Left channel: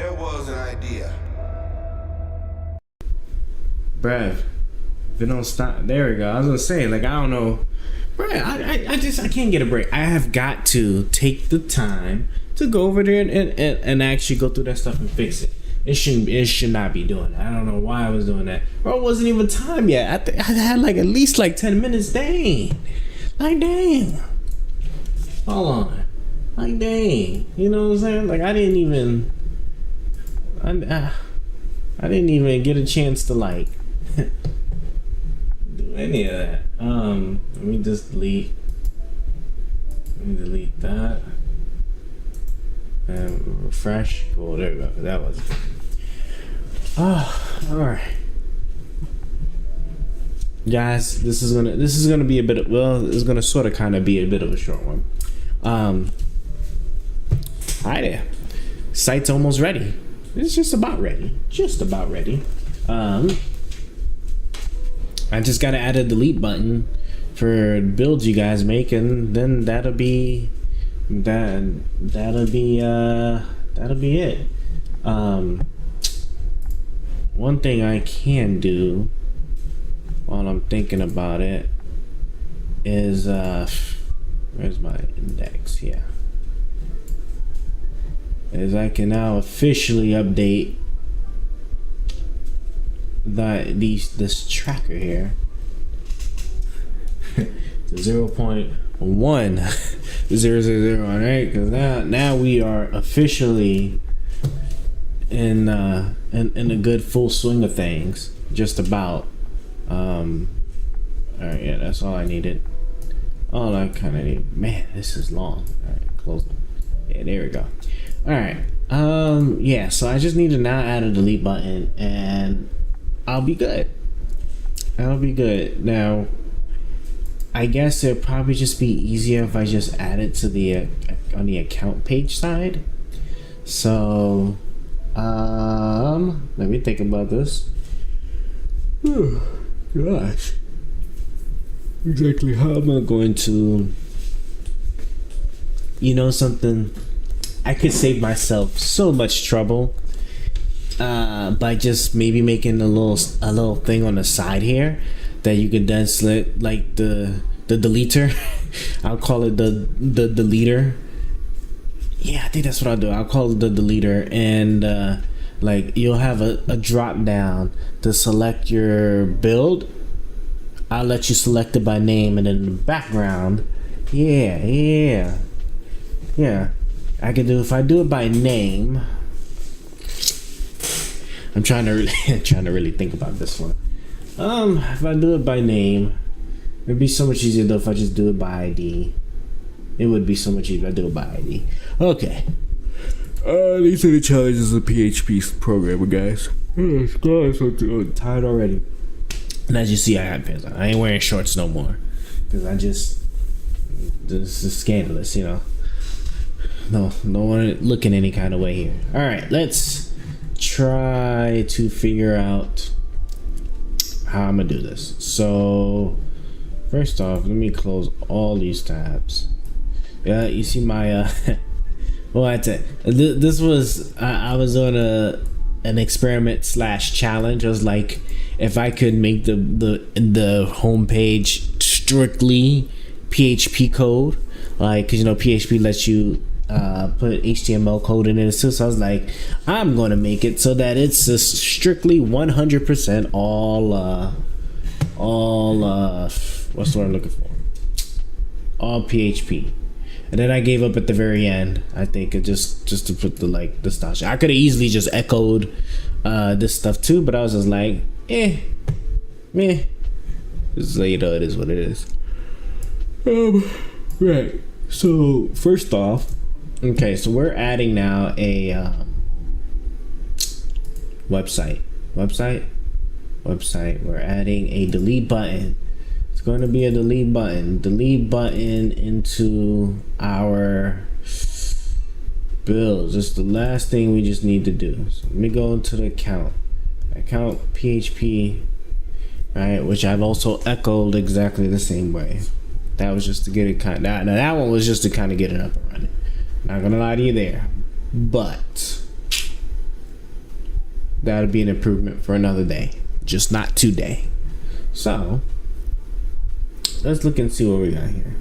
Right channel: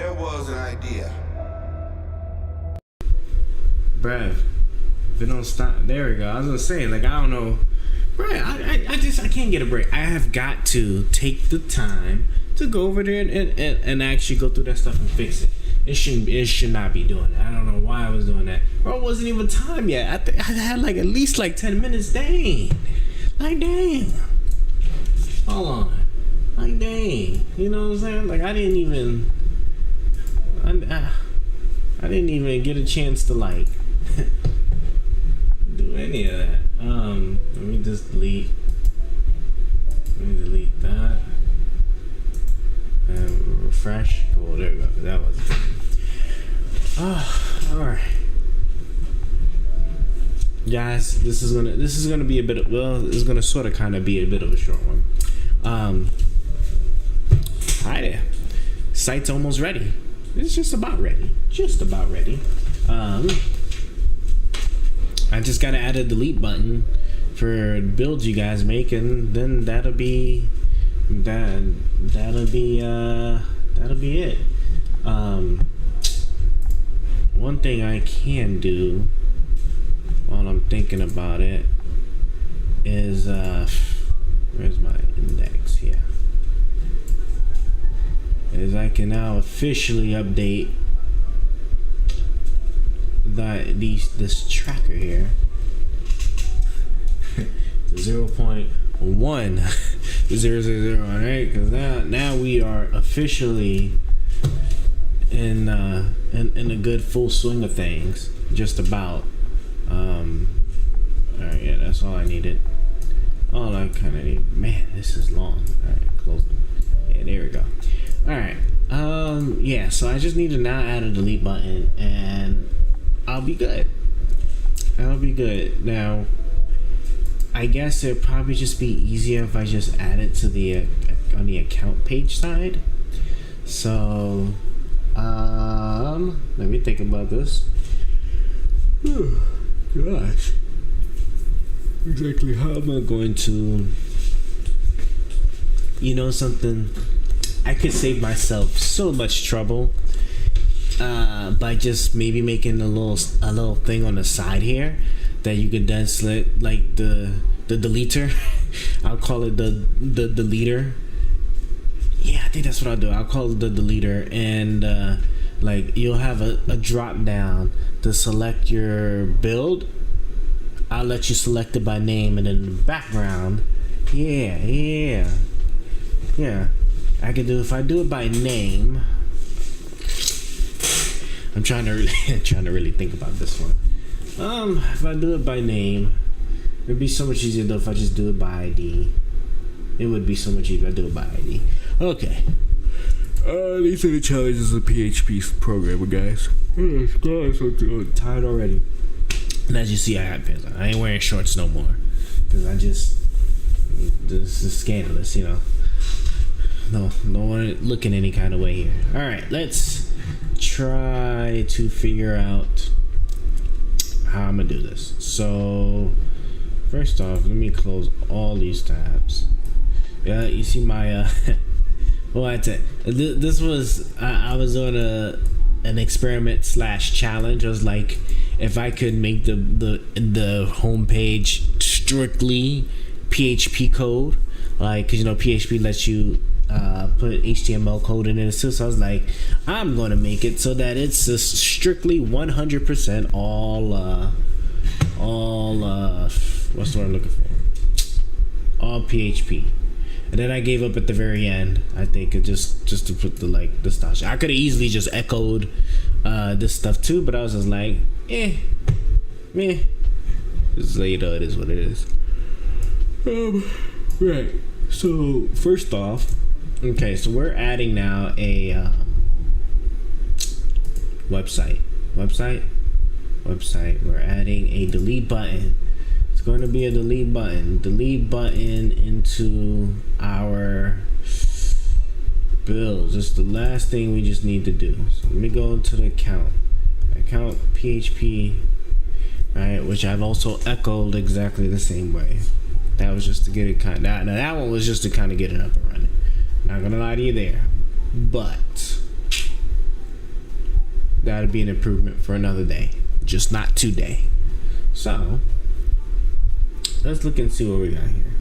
There was an idea. Bruh, if it don't stop, there we go. I was gonna say, like, I don't know, bruh, I can't get a break. I have got to take the time to go over there and actually go through that stuff and fix it. It should not be doing that. I don't know why I was doing that. Bro, it wasn't even time yet. I had like at least like 10 minutes. Dang. Like, dang. Hold on. Like, dang. You know what I'm saying? Like, I didn't even get a chance to like do any of that. Let me just delete. Let me delete that. And refresh. Cool, there we go. That was it. Alright. Guys, this is gonna be a bit of, well, it's gonna sort of kind of be a bit of a short one. Hi there. Site's almost ready. It's just about ready. Just about ready. I just gotta add a delete button for builds you guys make, and then that'll be it. One thing I can do while I'm thinking about it is where's my index here, is I can now officially update this tracker here to 0.1000, right? Because now we are officially in a good full swing of things, just about. All right, yeah, that's all I needed. All I kind of need. Man, this is long. All right, close it. Yeah, there we go. All right. Yeah, so I just need to now add a delete button, and I'll be good. I'll be good. Now, I guess it'd probably just be easier if I just add it to the on the account page side. So, let me think about this. Gosh, exactly how am I going to? You know something? I could save myself so much trouble by just maybe making a little thing on the side here that you could then slit, like the deleter. I'll call it the deleter. Yeah, I think that's what I'll do. I'll call it the deleter, and like you'll have a drop down to select your build. I'll let you select it by name, and then in the background, yeah. I can do, if I do it by name. I'm trying to really think about this one. If I do it by name, it'd be so much easier though if I just do it by ID. It would be so much easier if I do it by ID. Okay. These are the challenges of PHP programming, guys. Oh, gosh, I'm tired already. And as you see, I have pants on. I ain't wearing shorts no more, because this is scandalous, you know. No one looking any kind of way here. All right, let's try to figure out how I'm gonna do this. So first off, let me close all these tabs. Yeah, you see my well, that's it. This was I was on an experiment / challenge. I was like, if I could make the homepage strictly PHP code, like, because you know PHP lets you put HTML code in it too. So I was like, I'm gonna make it so that it's just strictly 100% all what's the word I'm looking for? All PHP. And then I gave up at the very end. I think it just to put the style. I could have easily just echoed this stuff too, but I was just like, meh. Just so you know, it is what it is. Right. So first off, okay, so we're adding now a website. We're adding a delete button. It's going to be a delete button into our builds. It's the last thing we just need to do. So let me go into the account PHP, right, which I've also echoed exactly the same way. That was just to get it that one was just to kind of get it up and running. Not gonna lie to you there, but that'll be an improvement for another day, just not today. So let's look and see what we got here.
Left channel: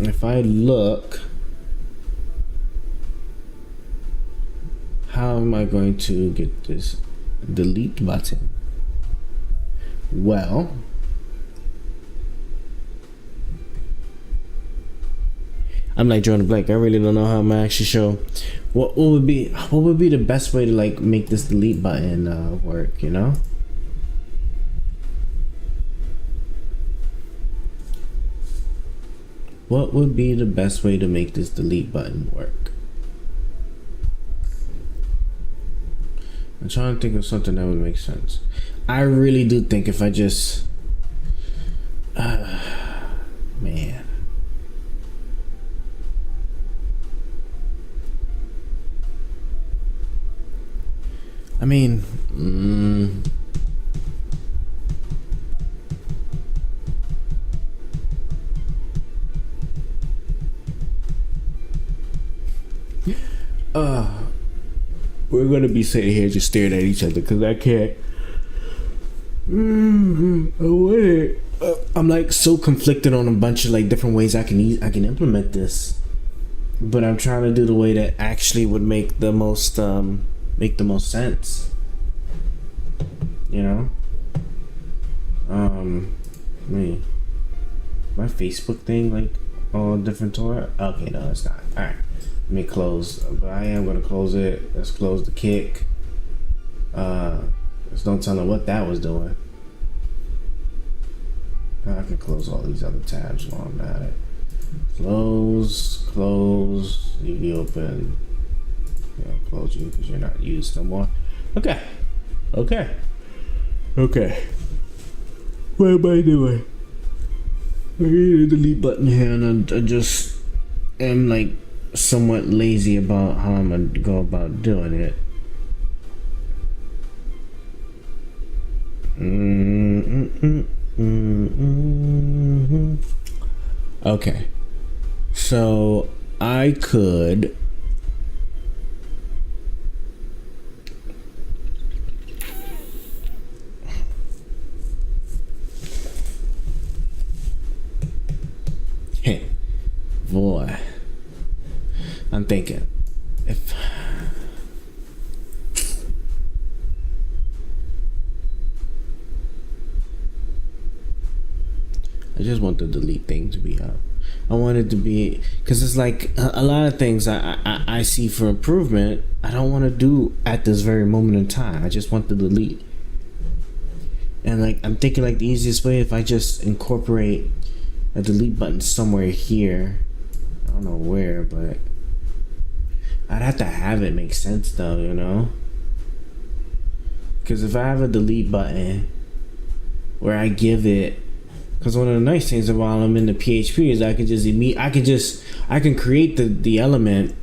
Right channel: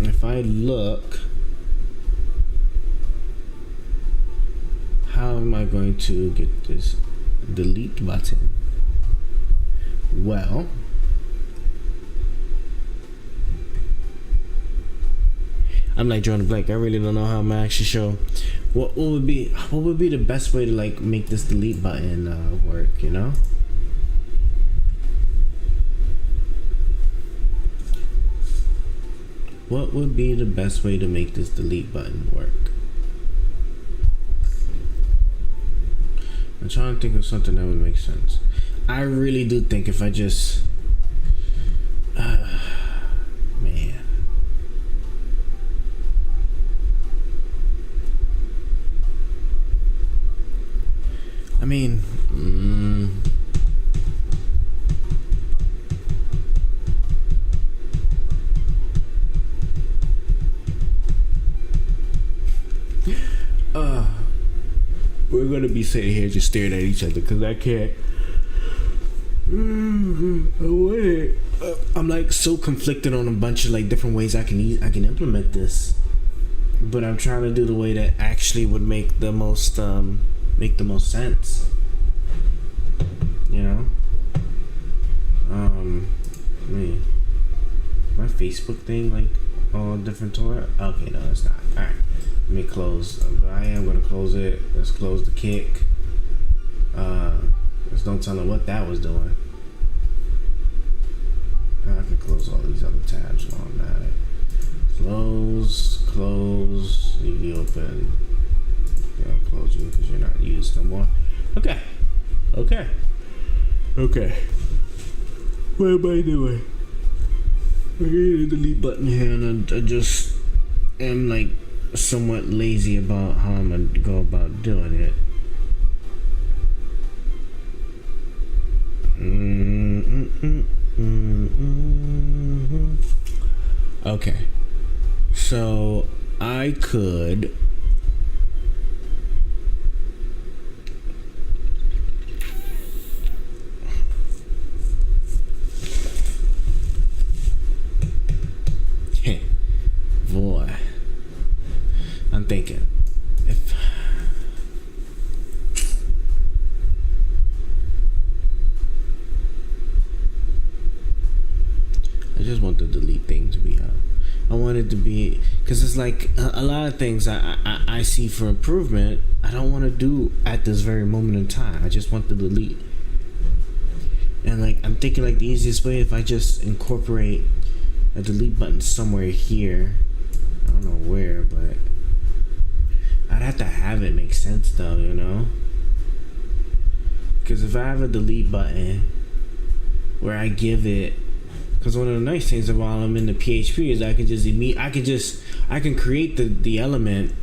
If I look, how am I going to get this delete button? Well, I'm like Jordan Blake. I really don't know how I'm gonna actually show what would be the best way to like make this delete button work, you know? What would be the best way to make this delete button work? I'm trying to think of something that would make sense. I really do think if I just man. I mean, we're gonna be sitting here just staring at each other because I can't. I'm like so conflicted on a bunch of like different ways I can implement this, but I'm trying to do the way that actually would make the most sense. You know, me, my Facebook thing like all different to it. Okay, no, it's not. All right. Let me close, but I am gonna close it. Let's close the kick. Just don't tell them what that was doing. I can close all these other tabs while I'm at it. Close, leave you open. Yeah, I'll close you because you're not used no more. Okay. What am I doing? I hit the delete button here, and I just am like somewhat lazy about how I'm gonna go about doing it. Okay, so I could boy, I'm thinking if I just want the delete thing to be up. I want it to be, because it's like a lot of things I see for improvement I don't want to do at this very moment in time. I just want the delete. And like I'm thinking like the easiest way, if I just incorporate a delete button somewhere here, I don't know where, but I'd have to have it make sense though, you know? Because if I have a delete button where I give it, because one of the nice things while I'm in the PHP is I can create the element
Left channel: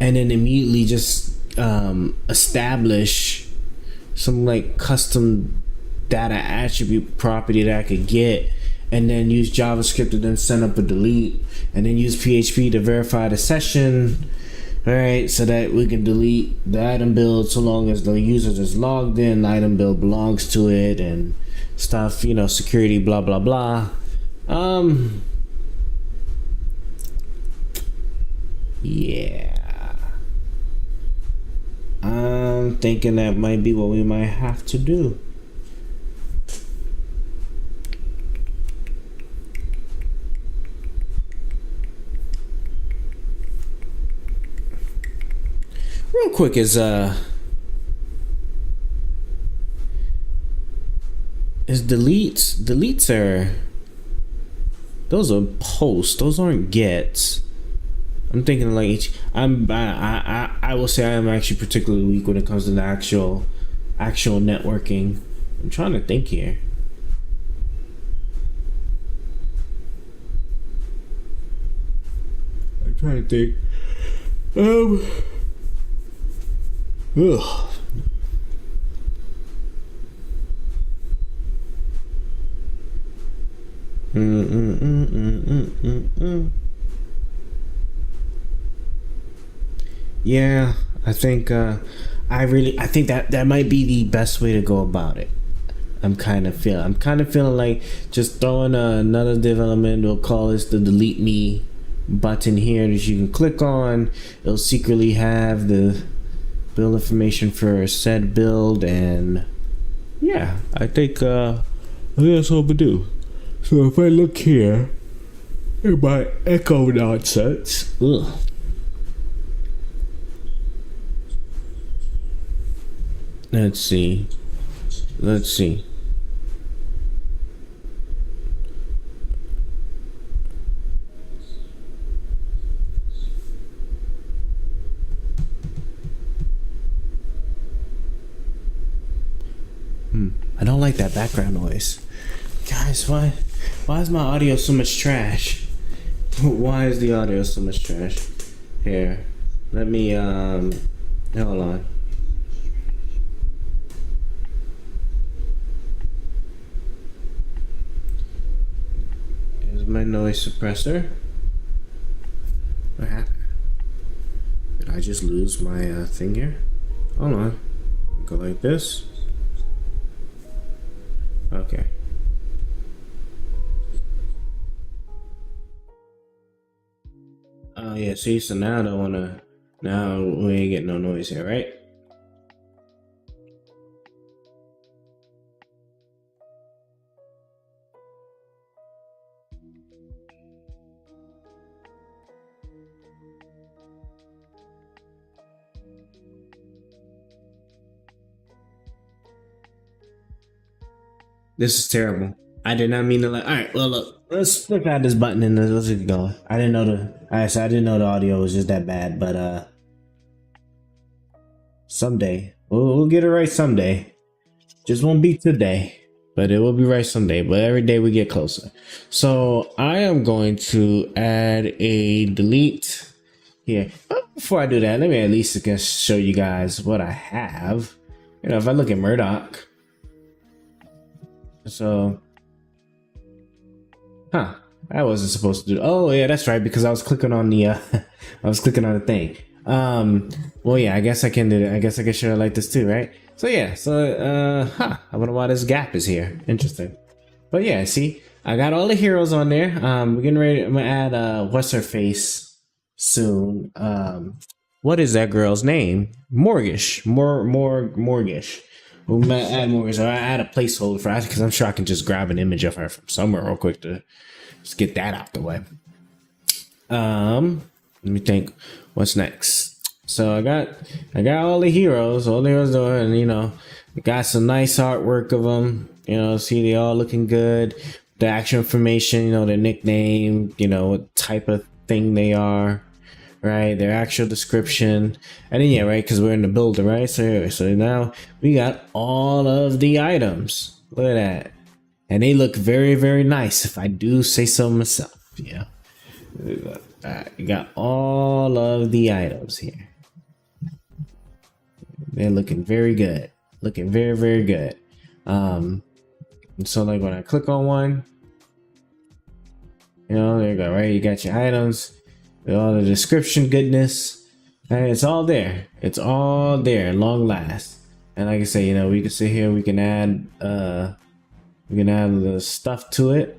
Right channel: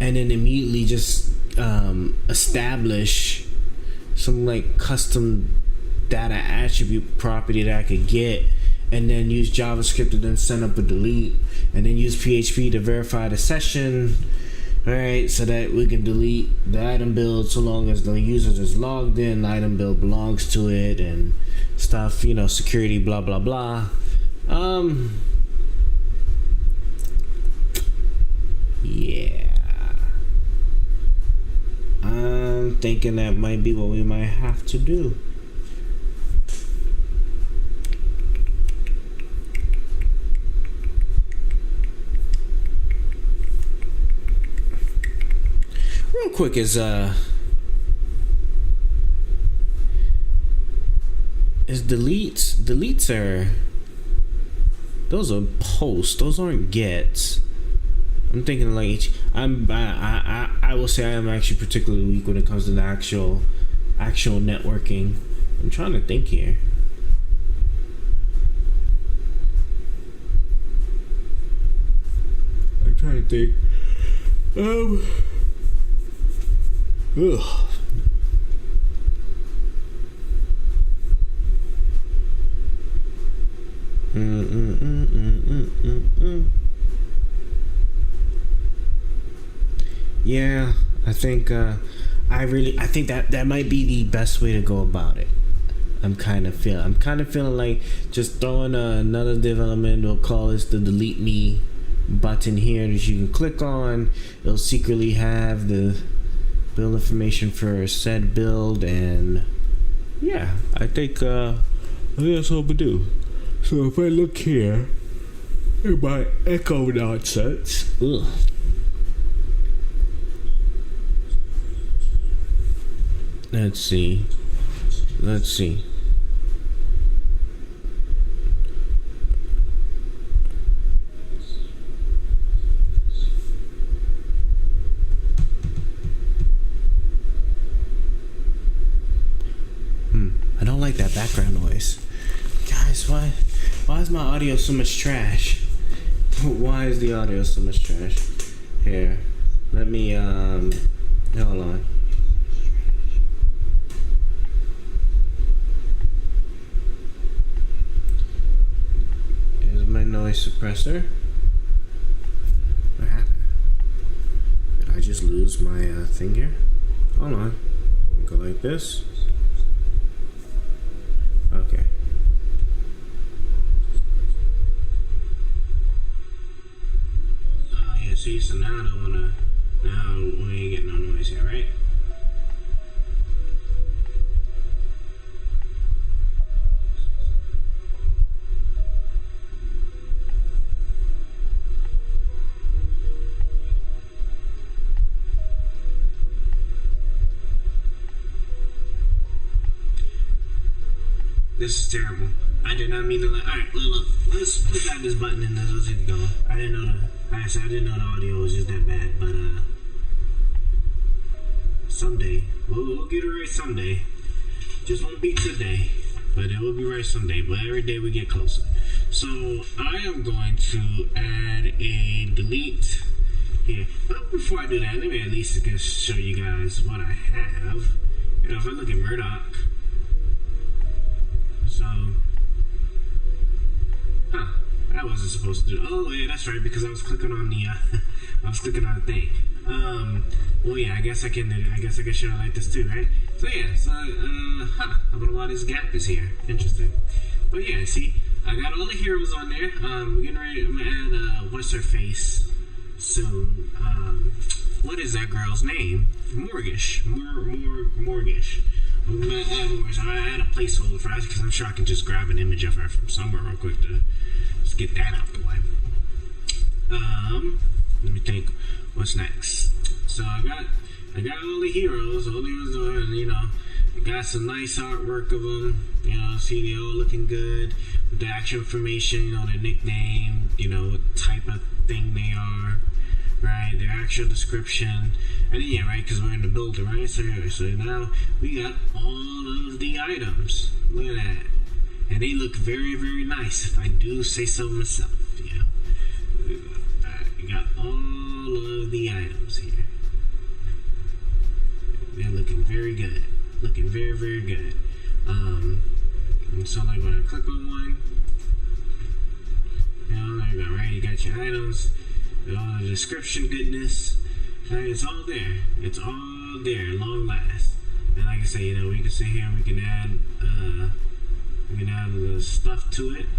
and then immediately just establish some like custom data attribute property that I could get, and then use JavaScript to then send up a delete, and then use PHP to verify the session, alright, so that we can delete the item build so long as the user is logged in, the item build belongs to it, and stuff, you know, security, blah blah blah. Yeah, I'm thinking that might be what we might have to do. Real quick, is deletes are, those are posts, those aren't gets. I'm thinking like I will say I am actually particularly weak when it comes to the actual networking. I'm trying to think here. I'm trying to think. Ugh. Yeah, I think I think that might be the best way to go about it. I'm kind of feeling like just throwing another development. We'll call this the delete me button here that you can click on. It'll secretly have the build information for said build, and yeah, I think that's all we do. So if I look here, it might echo nonsense. Ugh. Let's see. I don't like that background noise. Guys, why is my audio so much trash? Why is the audio so much trash? Here, let me, hold on. Here's my noise suppressor. What happened? Did I just lose my thing here? Hold on. Go like this. Okay. Oh yeah, see, so now I don't wanna, now we ain't getting no noise here, right? This is terrible. I did not mean to like. All right, well look, let's add this button and let's get going. I didn't know the audio was just that bad, but someday we'll get it right someday. Just won't be today, but it will be right someday. But every day we get closer. So I am going to add a delete here. But before I do that, let me at least show you guys what I have. You know, if I look at Murdoch. So, I wasn't supposed to do. Oh yeah, that's right, because I was clicking on the, I was clicking on the thing. Well yeah, I guess I can do that. I guess I can show it like this too, right? So yeah, I wonder why this gap is here. Interesting. But yeah, see, I got all the heroes on there. We're getting ready. I'm gonna add what's her face soon. What is that girl's name? Morgish. Morgish. We're gonna add more, so I add a placeholder for her because I'm sure I can just grab an image of her from somewhere real quick to just get that out the way. Let me think, what's next? So I got all the heroes doing, and you know, got some nice artwork of them. You know, see they all looking good. The actual information, you know, their nickname, you know, what type of thing they are. Right, their actual description, and then yeah, right, because we're in the builder, right? So now we got all of the items. Look at that, and they look very, very nice, if I do say so myself. Yeah, we got all of the items here. They're looking very good, looking very, very good. And so like when I click on one, you know, there you go, right? You got your items. All the description goodness, and it's all there. It's all there, long last. And like I say, you know, we can sit here. We can add the stuff to it.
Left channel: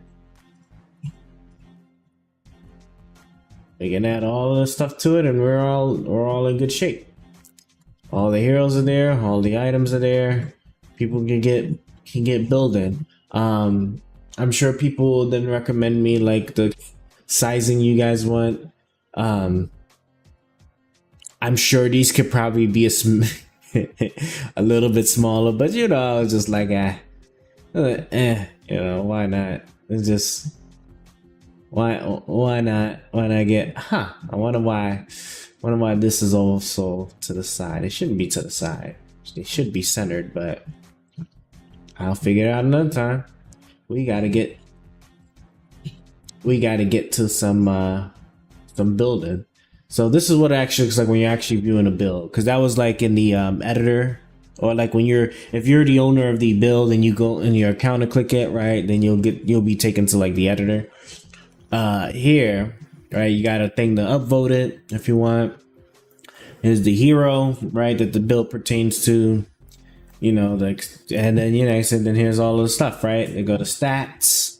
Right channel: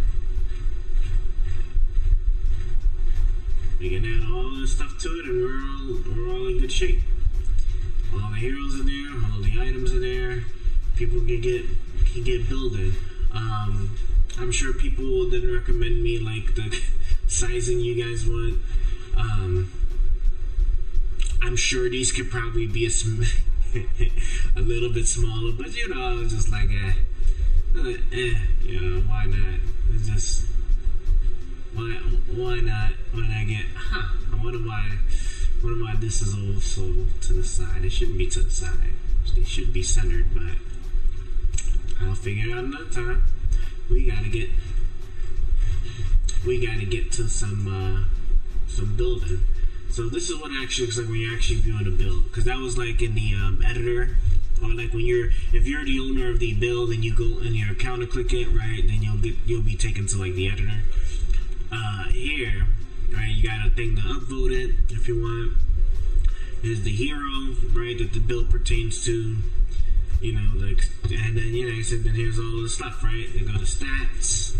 We can add all the stuff to it, and we're all in good shape. All the heroes are there. All the items are there. People can get building. I'm sure people didn't recommend me like the sizing you guys want. I'm sure these could probably be a little bit smaller, but you know, I was just like, you know, why not? It's just why not? When I get, I wonder why this is also to the side. It shouldn't be to the side. It should be centered, but I'll figure it out another time. We gotta get to some building. So this is what it actually looks like when you're actually viewing a build, because that was like in the editor, or like when if you're the owner of the build and you go in your account and click it, right, then you'll be taken to like the editor. Here, right, you got a thing to upvote it if you want. is the hero, right, that the build pertains to. You know, and then I said, then here's all of the stuff, right? They go to stats,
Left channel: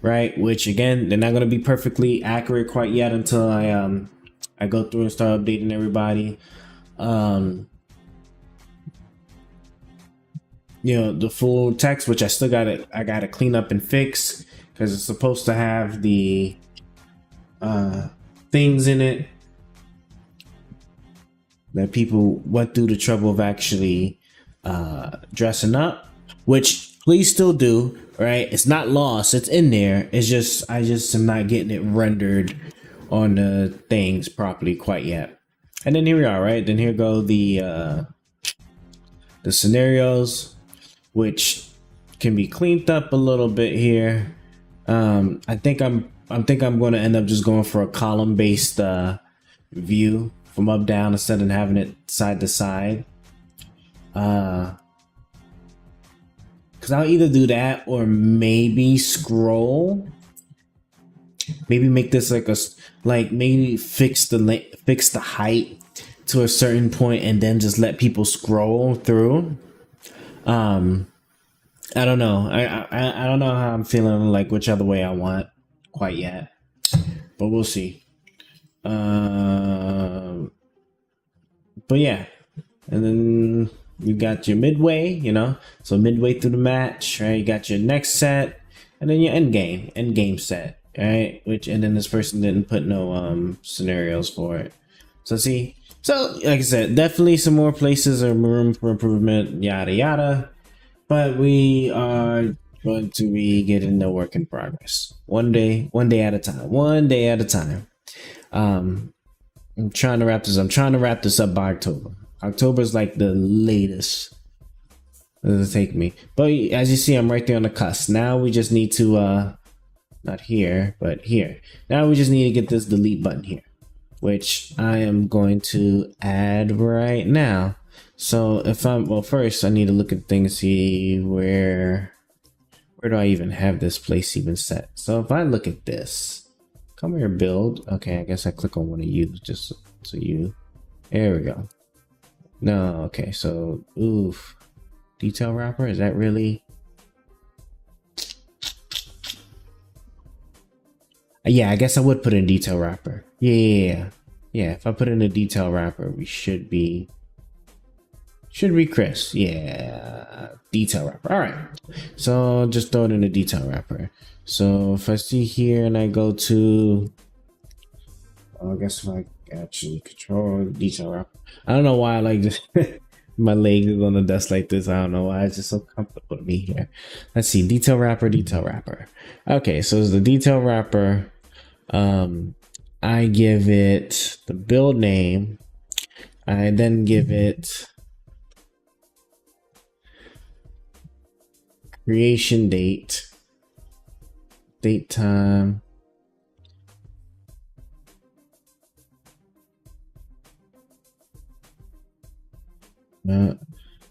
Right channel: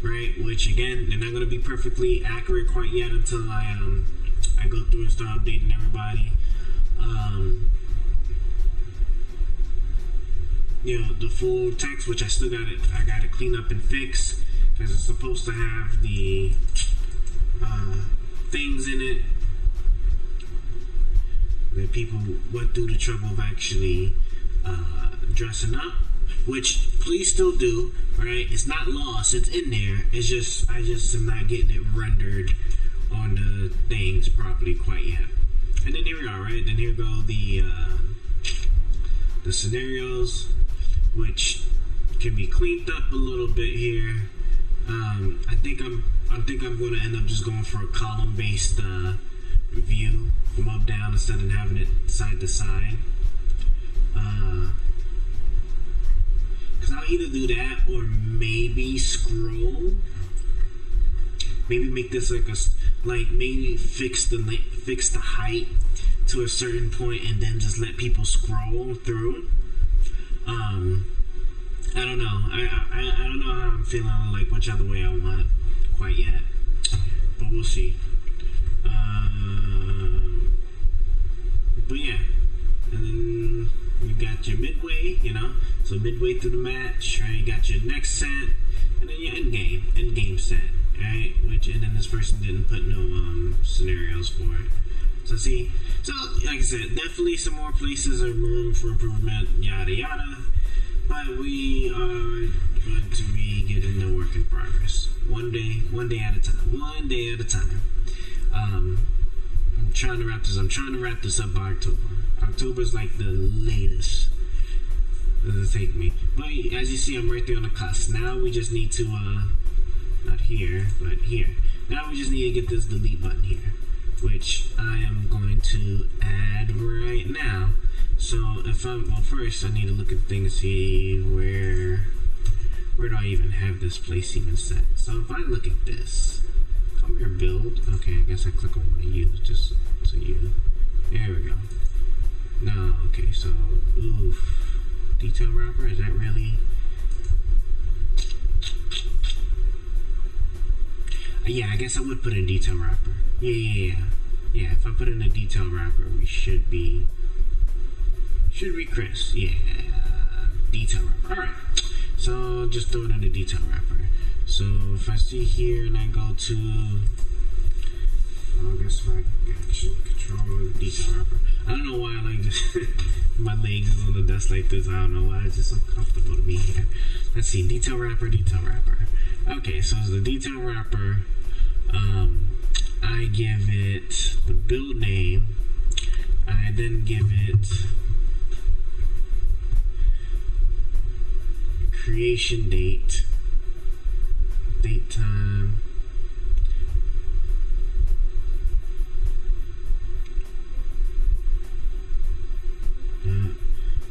right? Which again, they're not gonna be perfectly accurate quite yet until I go through and start updating everybody. You know, the full text, which I still gotta clean up and fix because it's supposed to have the things in it that people went through the trouble of actually dressing up, which please still do, right? It's not lost, it's in there. It's just I just am not getting it rendered on the things properly quite yet. And then here we are, right? Then here go the scenarios, which can be cleaned up a little bit here. I think I'm going to end up just going for a column based view from up down instead of having it side to side. Because I'll either do that or maybe scroll. Maybe make this maybe fix the height to a certain point and then just let people scroll through. I don't know. I don't know how I'm feeling, like which other way I want quite yet, but we'll see. But yeah, and then you got your midway, you know, so midway through the match, right? You got your next set, and then your end game set, right? And then this person didn't put no scenarios for it. So see, so like I said, definitely some more places or room for improvement, yada yada. But we are going to be getting the work in progress, one day at a time. I'm trying to wrap this up by October. October is like the latest it'll take me. But as you see, I'm right there on the cusp. Now we just need to not here, but here. Now we just need to get this delete button here, which I am going to add right now. So first I need to look at things, see where do I even have this place even set. So if I look at this, come here, build. Okay, I guess I click on one of you, just so you. There we go. No, okay, so detail wrapper, is that really? Yeah, I guess I would put in detail wrapper. Yeah. If I put in a detail wrapper, we should be crisp. Yeah, detail wrapper. All right, so just throw it in a detail wrapper. So if I see here and I go to, I guess if I actually control detail wrapper. I don't know why I like this. My legs is on the desk like this. I don't know why. It's just so comfortable to me here. Let's see, detail wrapper. Okay, so it's the detail wrapper. I give it the build name. I then give it creation date time.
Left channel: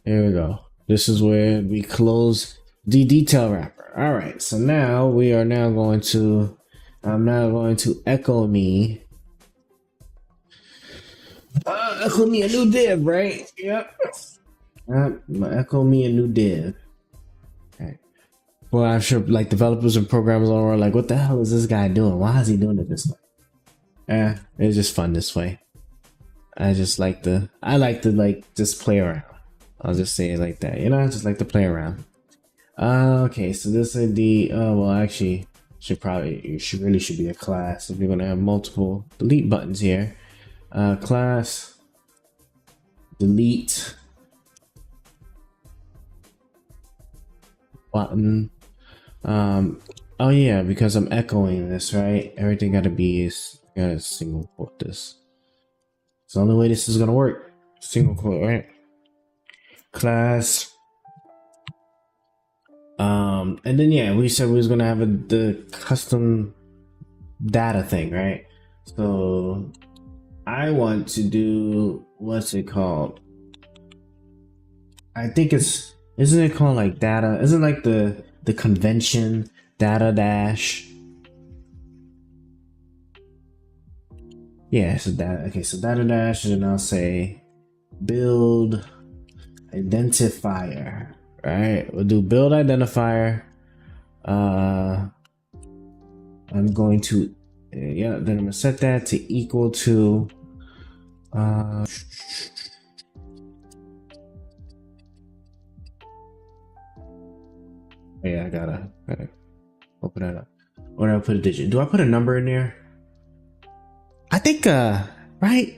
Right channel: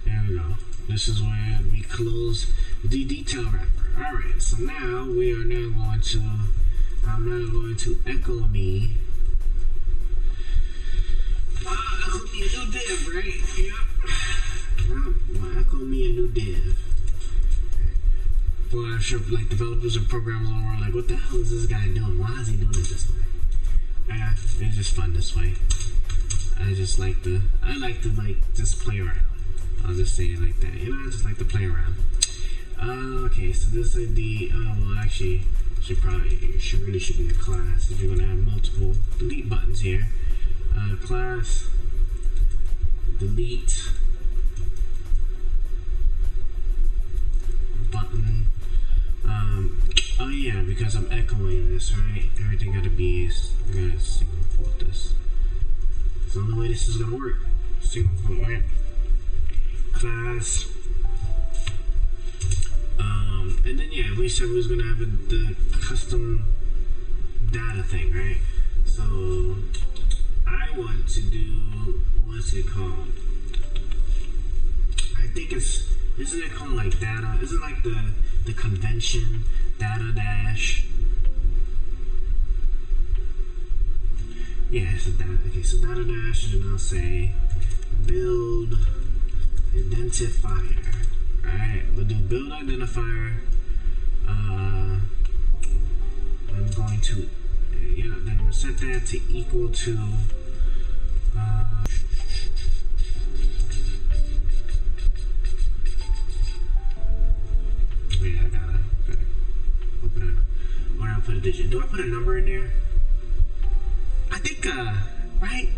There we go. This is where we close the detail wrapper. All right, so now we are going to echo me a new div, right? Yep. I'm gonna echo me a new div. Okay. Well, I'm sure like developers and programmers all are like, what the hell is this guy doing? Why is he doing it this way? It's just fun this way. I like to just play around. I'll just say it like that, you know. I just like to play around. Okay, so this is the well, actually, should be a class if you're gonna have multiple delete buttons here. Class delete button. Oh yeah, because I'm echoing this, right? Everything gotta single quote this. It's the only way this is gonna work. Single quote, right? Class. And then yeah, we said we was gonna have the custom data thing, right? So I want to do, what's it called? I think isn't it called like data? Isn't like the convention data dash? Yeah, so that, okay, so data dash, and then I'll say build identifier. Right, we'll do build identifier. I'm going to, yeah, then I'm gonna set that to equal to yeah, I gotta open it up. Or do I put a digit? Do I put a number in there? I think right,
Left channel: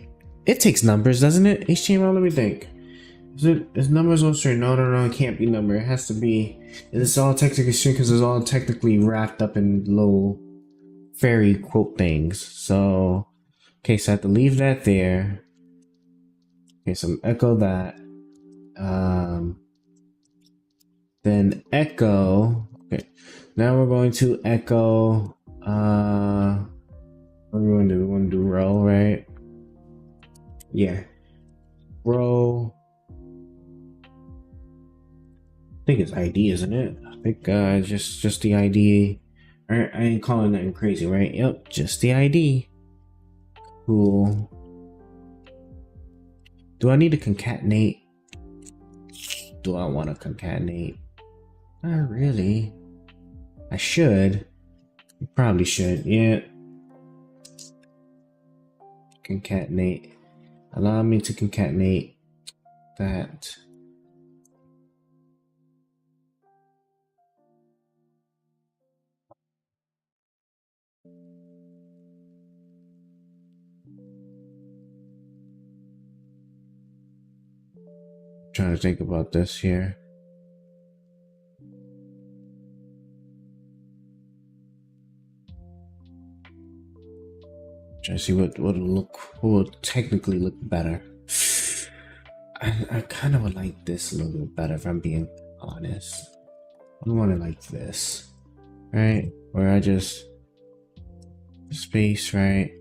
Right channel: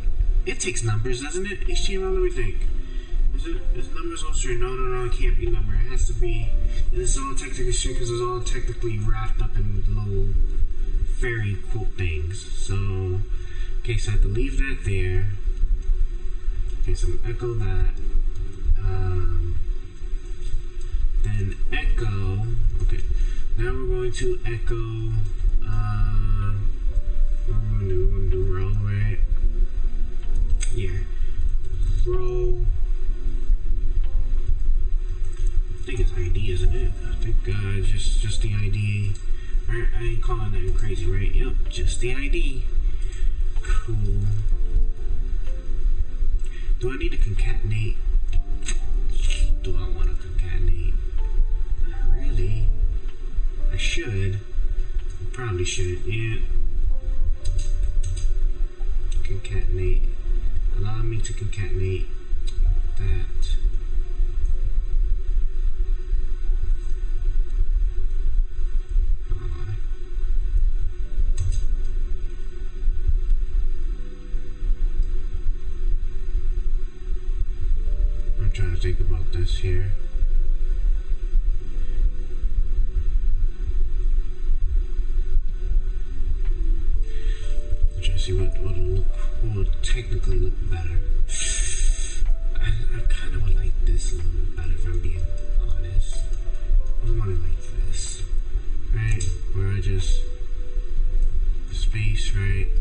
it takes numbers, doesn't it? HTML, let me think. Is numbers on string? No, it can't be number. It has to be, and it's all technically string because it's all technically wrapped up in little fairy quote things. So okay, so I have to leave that there. Okay, so echo that. Then echo. Okay, now we're going to echo. What are we going to do? We're going to do row, right? Yeah, row. I think it's ID, isn't it? I think just the ID. Alright, I ain't calling nothing crazy, right? Yep, just the ID. Cool. Do I need to concatenate? Do I want to concatenate? Not really. I should. Probably should. Yeah. Concatenate. Allow me to concatenate that. I'm trying to think about this here. Trying to see what will technically look better. I kind of would like this a little bit better, if I'm being honest. I don't want it like this, right? Where I just space, right?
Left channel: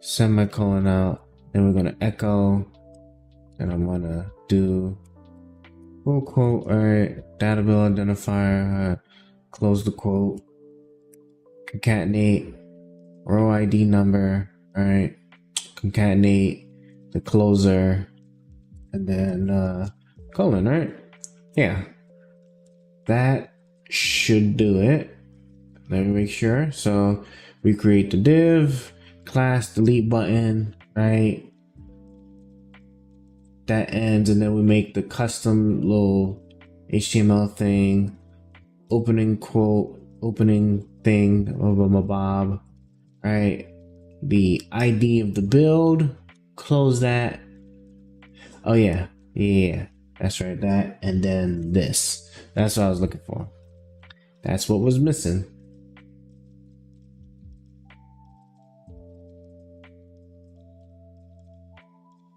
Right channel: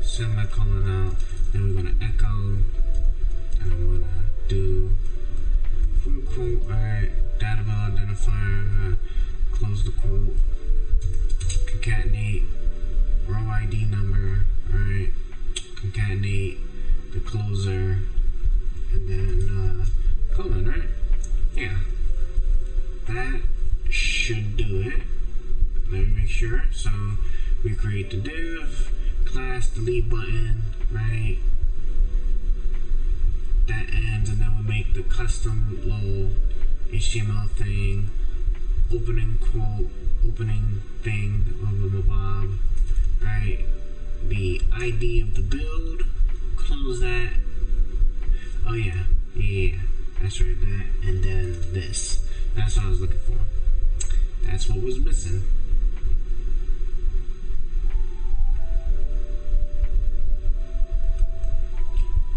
Semicolon out. Then we're gonna echo, and I'm gonna do full quote. All right, data build identifier. Close the quote. Concatenate. Row ID number, right? Concatenate the closer, and then colon, right? Yeah, that should do it. Let me make sure. So we create the div, class delete button, right? That ends, and then we make the custom little HTML thing, opening quote, opening thing, bob. Right, the ID of the build, close that. Oh yeah, that's right, that, and then this. That's what I was looking for. That's what was missing.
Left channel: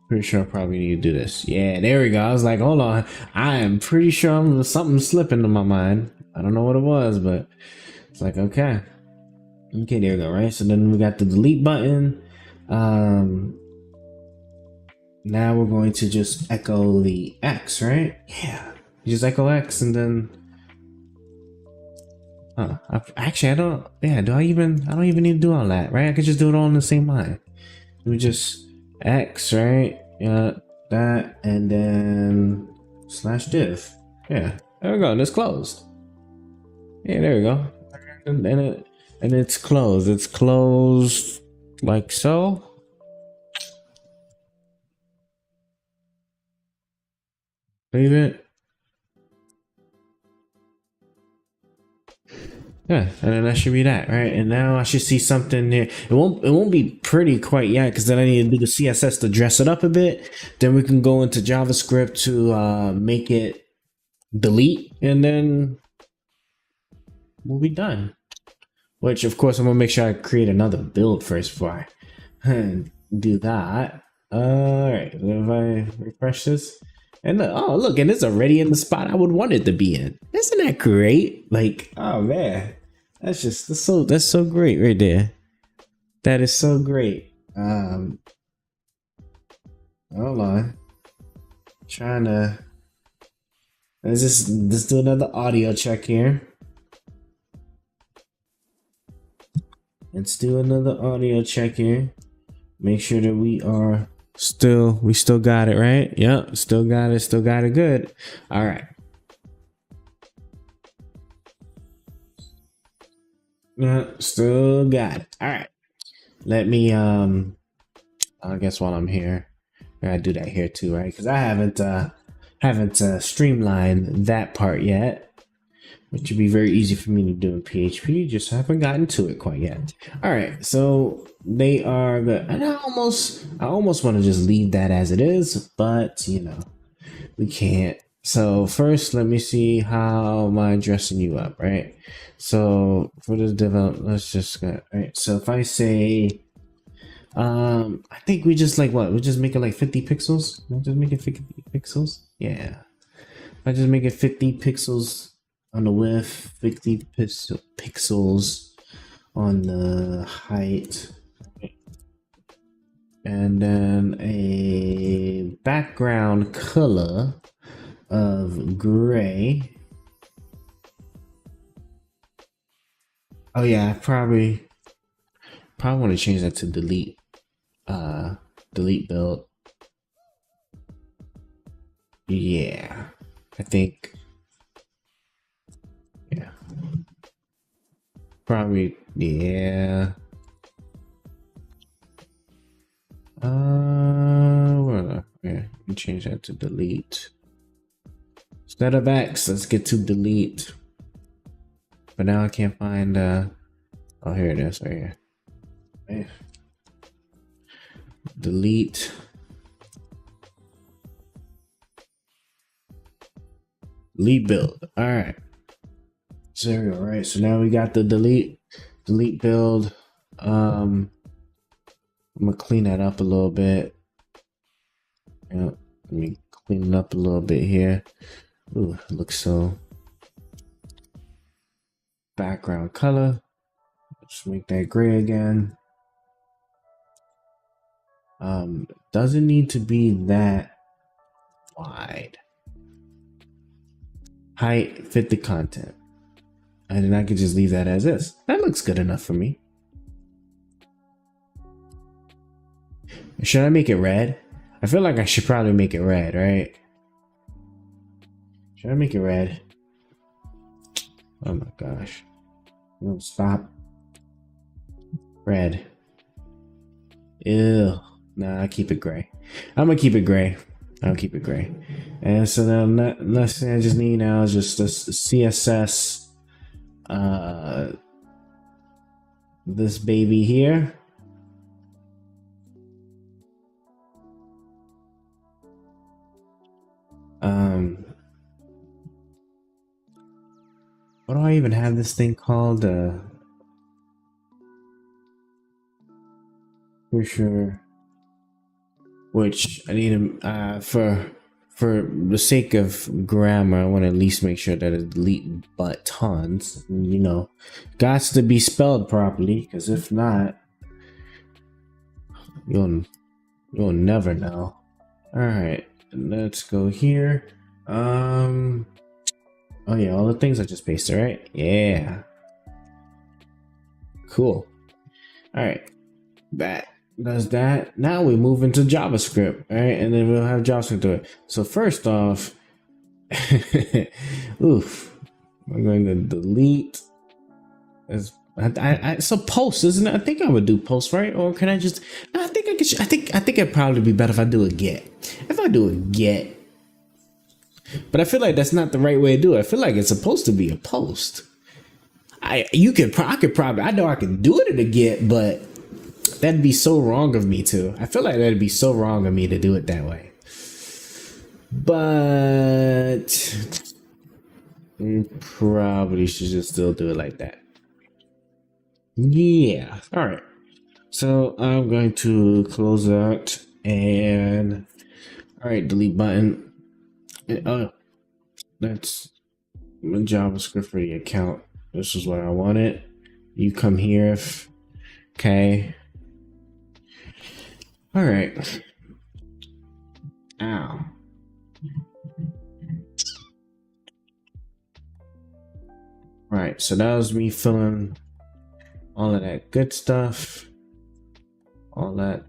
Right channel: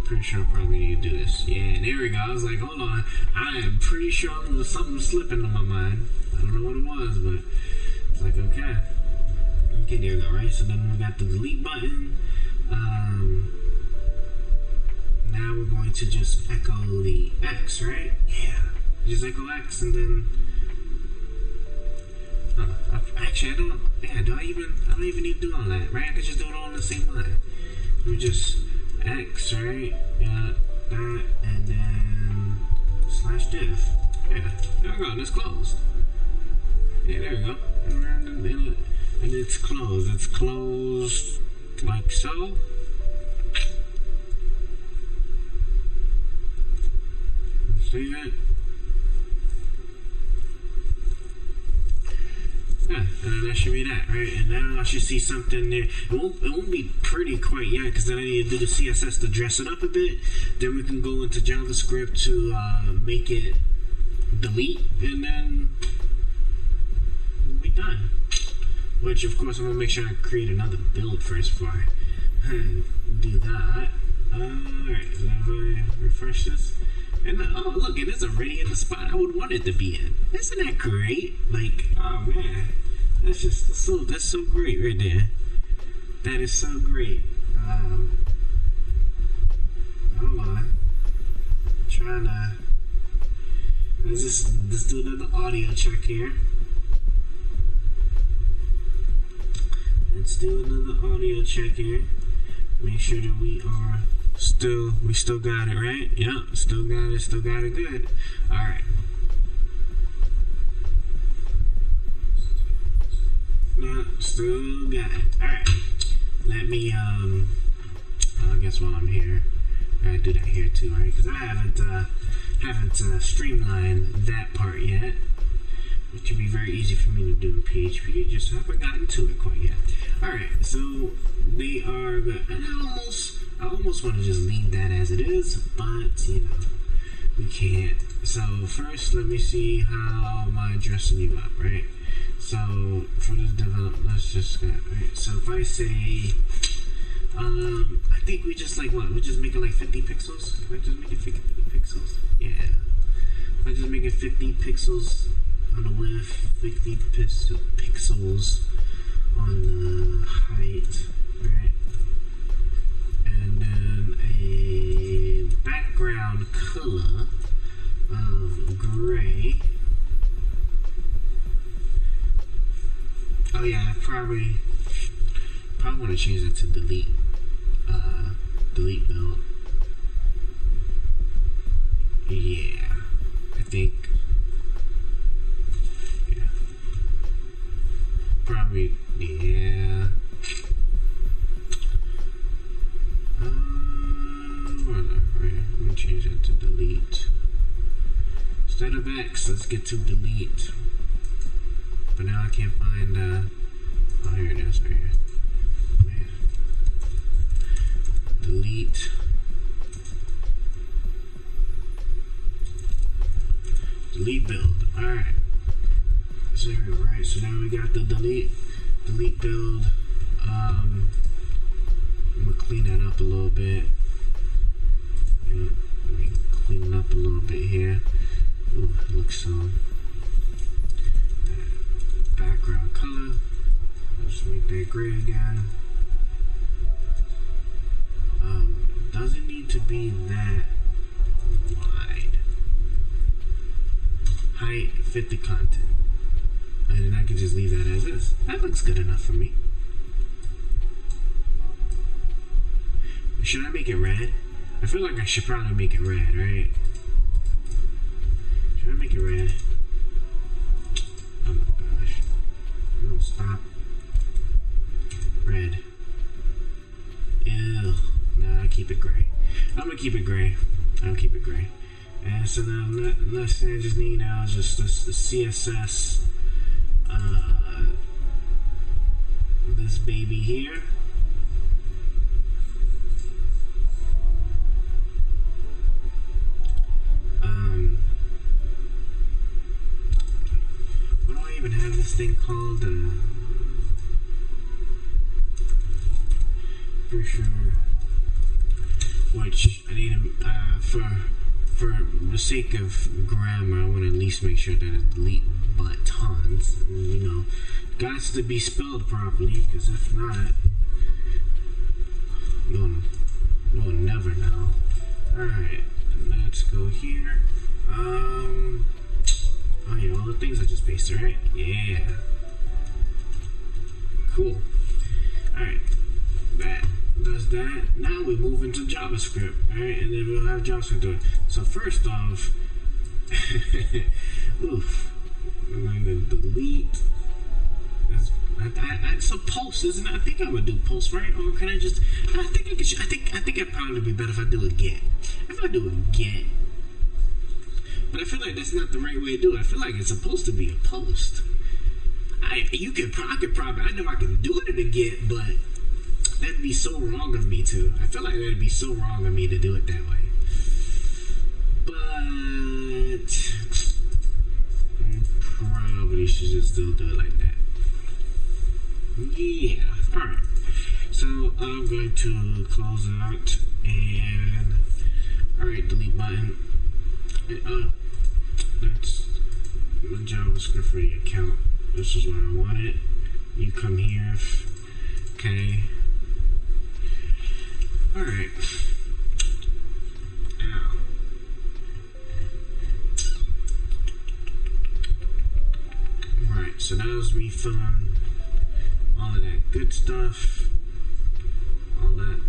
Pretty sure I probably need to do this. Yeah, there we go. I was like, hold on, I am pretty sure something slipping in my mind. I don't know what it was, but it's like, okay, there we go, right? So then we got the delete button. Now we're going to just echo the X, right? Yeah, you just echo X, and then actually I don't even need to do all that, right? I could just do it all in the same line. We just X, right? Yeah, that, and then /div. Yeah, there we go, and it's closed. Yeah, there we go. And it's closed. It's closed like so. Save it. Yeah, and then that should be that, right? And now I should see something here. It won't be pretty quite yet, because then I need to do the CSS to dress it up a bit. Then we can go into JavaScript to make it delete, and then we'll be done. Which, of course, I'm gonna make sure I create another build first before I do that. Alright, so if I refresh this, and look, and it's already in the spot I would want it to be in. Isn't that great? Like, oh man, that's so great right there. That is so great. Hold on, trying to. Let's do another audio check here. Let's do another audio check here. Make sure that we still got it, right? Yep, still got it good. All right. Yeah, still got it. All right. Let me I guess while I'm here, I gotta do that here too, right? Because I haven't streamlined that part yet, which would be very easy for me to do in PHP. Just haven't gotten to it quite yet. All right, so they are good, and I almost want to just leave that as it is, but you know, we can't. So first, let me see how am I dressing you up, right? So for the develop, let's just go right. So if I say, I think we just like what? We just make it like 50 pixels. Can I just make it 50 pixels? Yeah. If I just make it 50 pixels on the width, 50 pixels on the height, right? And then a background color of gray. Oh yeah, I probably want to change that to delete build. Yeah, I think. Yeah, probably. Yeah. Okay, let me change that to delete. Instead of X, let's get to delete. But now I can't find. Oh, here it is, right here. Man. Delete. Delete build. All right. So there we go. Right. So now we got the delete build. I'm gonna clean that up a little bit. Yeah. Let me clean it up a little bit here. Ooh, it looks so. Background color. Let's make that gray again. Doesn't need to be that wide. Height, fit the content. And then I could just leave that as is. That looks good enough for me. Should I make it red? I feel like I should probably make it red, right? Should I make it red? Oh my gosh. No, stop. Red. Ew. Nah, I keep it gray. I'm gonna keep it gray. I'll keep it gray. And so then next thing I just need now is just this CSS this baby here. What do I even have this thing called? For sure. Which I need to for the sake of grammar, I want to at least make sure that it's delete buttons. You know, gots to be spelled properly, because if not, you'll never know. All right, let's go here. Oh yeah, all the things I just pasted, right? Yeah. Cool. All right, that does that. Now we move into JavaScript, all right, and then we'll have JavaScript do it. So first off, oof, I'm going to delete. It's a post, isn't it? I think I would do post, right? Or can I just? No, I think I could. I think it'd probably be better if I do a get. If I do a get, but I feel like that's not the right way to do it. I feel like it's supposed to be a post. I could probably. I know I can do it in a get, but that'd be so wrong of me too. I feel like that'd be so wrong of me to do it that way. But probably should just still do it like that. Yeah. All right. So I'm going to close out and all right, delete button. Oh, that's my JavaScript for the account. This is what I wanted. You come here if okay. All right. Ow. Right, so that was me filling all of that good stuff. All that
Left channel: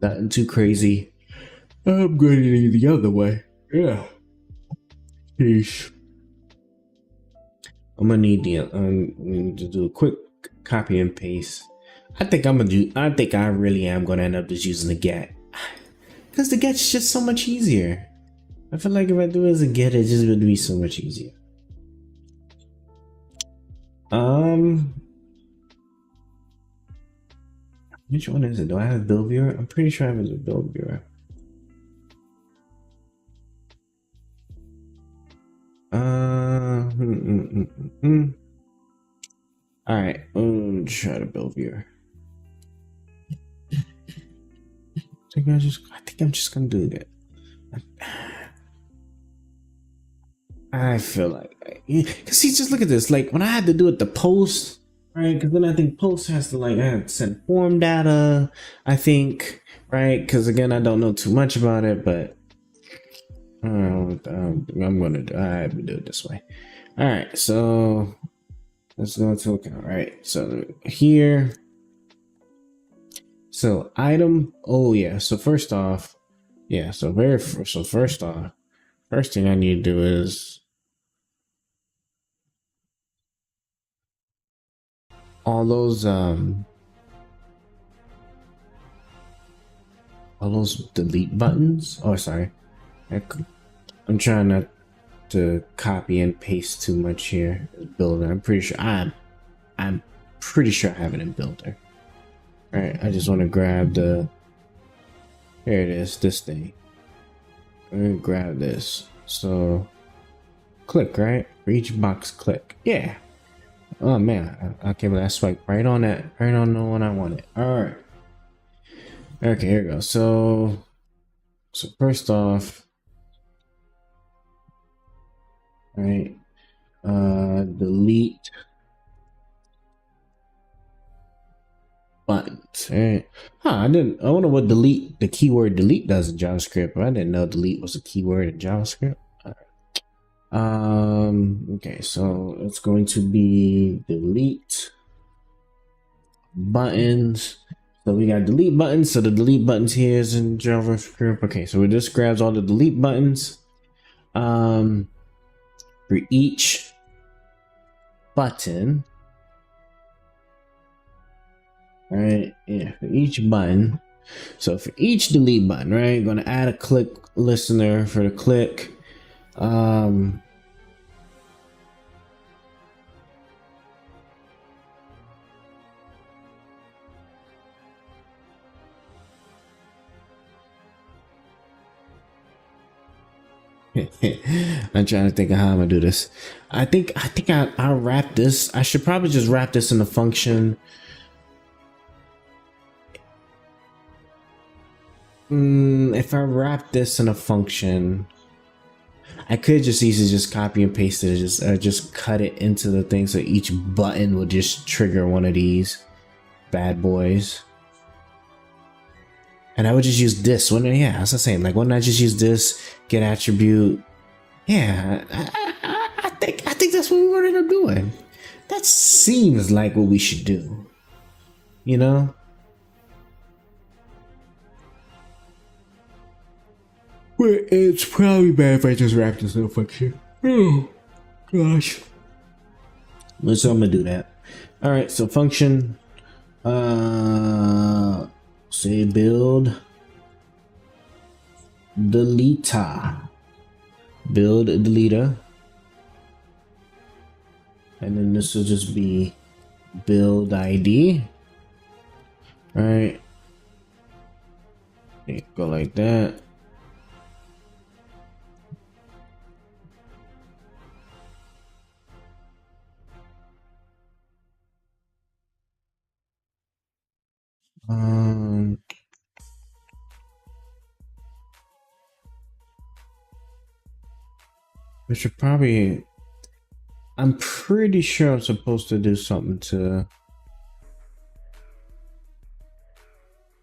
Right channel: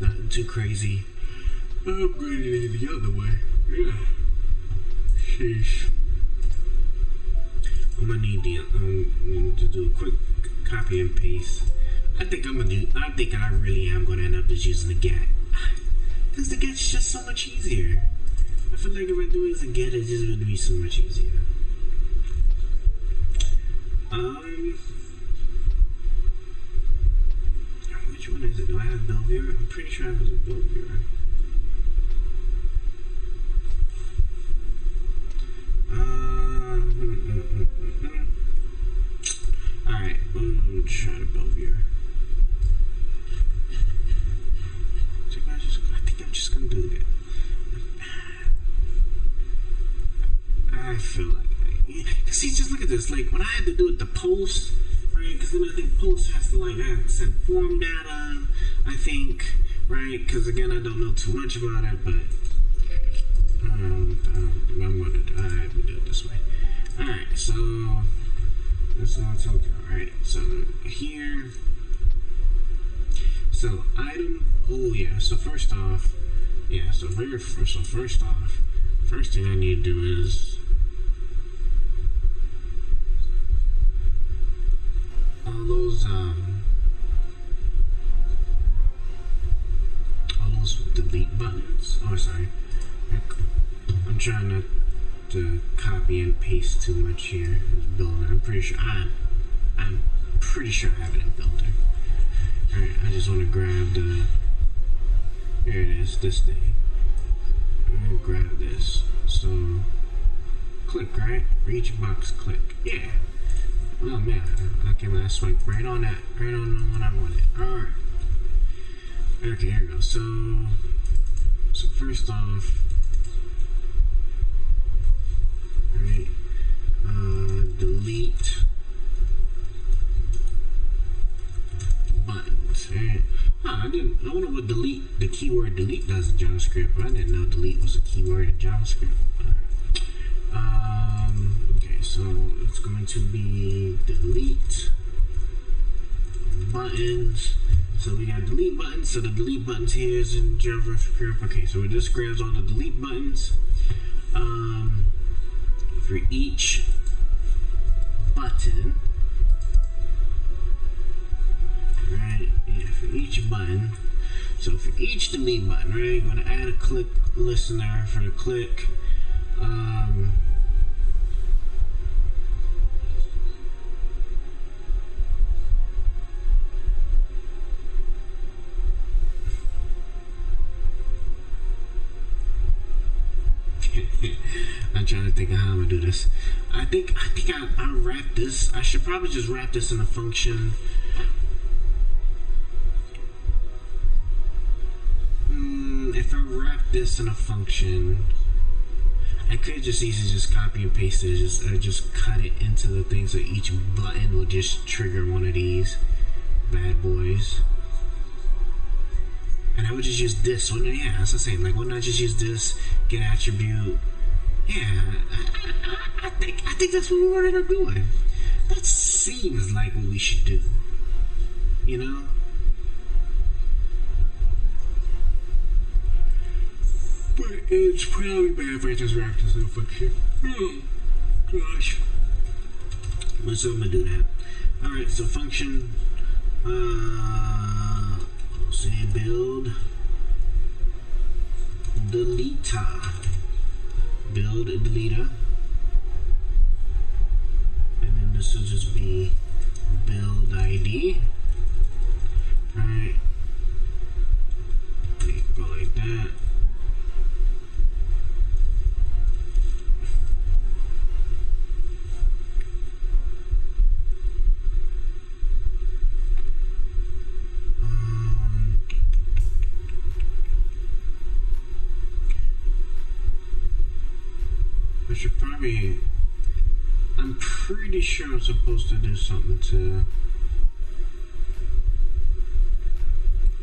Nothing too crazy. I'm going to the other way. Yeah. Sheesh. I'm gonna need to do a quick copy and paste. I think I really am gonna end up just using the get, because the get's just so much easier. I feel like if I do it as a get, it just would be so much easier. Which one is it? Do I have build viewer? I'm pretty sure I have a build viewer. All right, try to build viewer. I think I'm just gonna do that. I feel like, cause see, just look at this. Like when I had to do it, the post, right? Because then I think post has to I have to send form data. I think, right? Because again, I don't know too much about it, but I'm gonna do it this way. All right, so let's go to account. Right, so here. So item, oh yeah, so first off, yeah, so first off, first thing I need to do is all those delete buttons. Oh, sorry, I'm trying not to copy and paste too much here. Builder, I'm pretty sure I have it in Builder. Alright, I just want to grab the, here it is, this thing. I'm gonna grab this. So click, right? For each box, click. Yeah. Oh man, I can't believe I swiped right on that, right on the one I wanted. Alright. Okay, here we go. So first off, right, delete buttons. Right. I wonder what the keyword delete does in JavaScript. I didn't know delete was a keyword in JavaScript. Okay, so it's going to be delete buttons. So we got delete buttons. So the delete buttons here is in JavaScript. Okay, so it just grabs all the delete buttons. For each button. Right, yeah, for each button. So for each delete button, right, going to add a click listener for the click. I'm trying to think of how I'm gonna do this. I think I'll wrap this. I should probably just wrap this in a function. If I wrap this in a function, I could just easily just copy and paste it, just cut it into the thing, so each button will just trigger one of these bad boys. And I would just use this one. Yeah, that's the same. Like, why not just use this, get attribute? Yeah, I think that's what we were gonna doing. That seems like what we should do. You know? But it's probably bad if I just wrap this little function. Oh, gosh. So I'm gonna do that. Alright, so function, say build deleter. Build a deleter. And then this will just be build ID. Right. Okay, go like that. We should probably, I'm pretty sure I'm supposed to do something to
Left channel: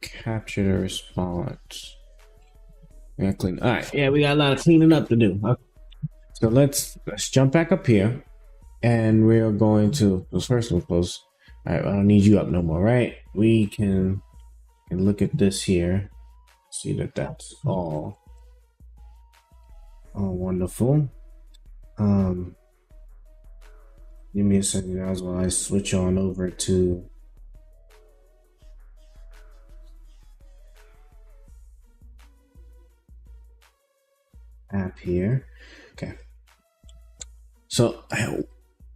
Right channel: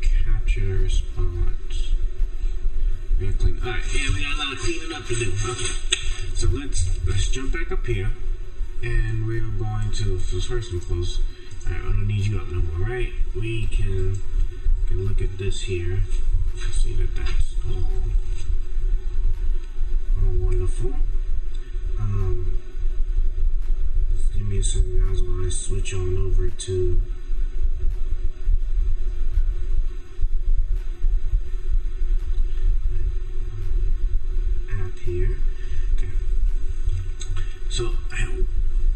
capture the response. We gotta clean. All right, yeah, we got a lot of cleaning up to do. Okay, so let's jump back up here, and we're going to first and close. All right, I don't need you up no more, right? We can can look at this here, see that that's all wonderful. Give me a second, guys, while I switch on over to app here. Okay, so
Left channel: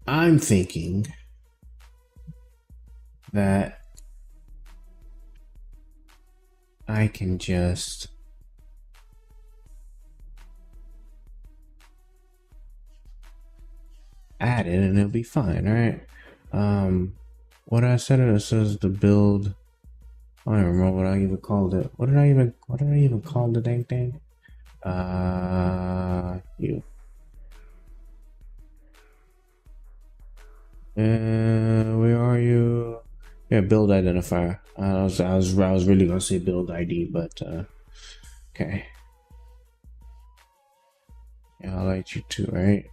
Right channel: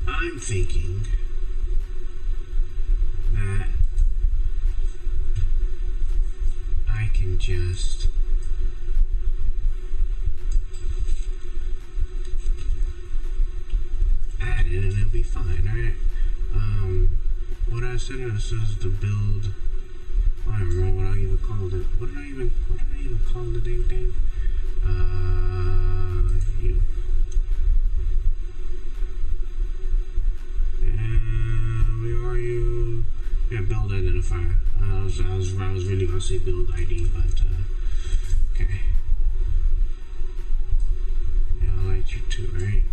I'm thinking that I can just add it and it'll be fine. All right. What I said, it says the build. I don't even remember what I even called it. What did I even call the dang thing? You. Where are you? Yeah, build identifier. I was really gonna say build ID, but okay. Yeah, I'll let you too, right?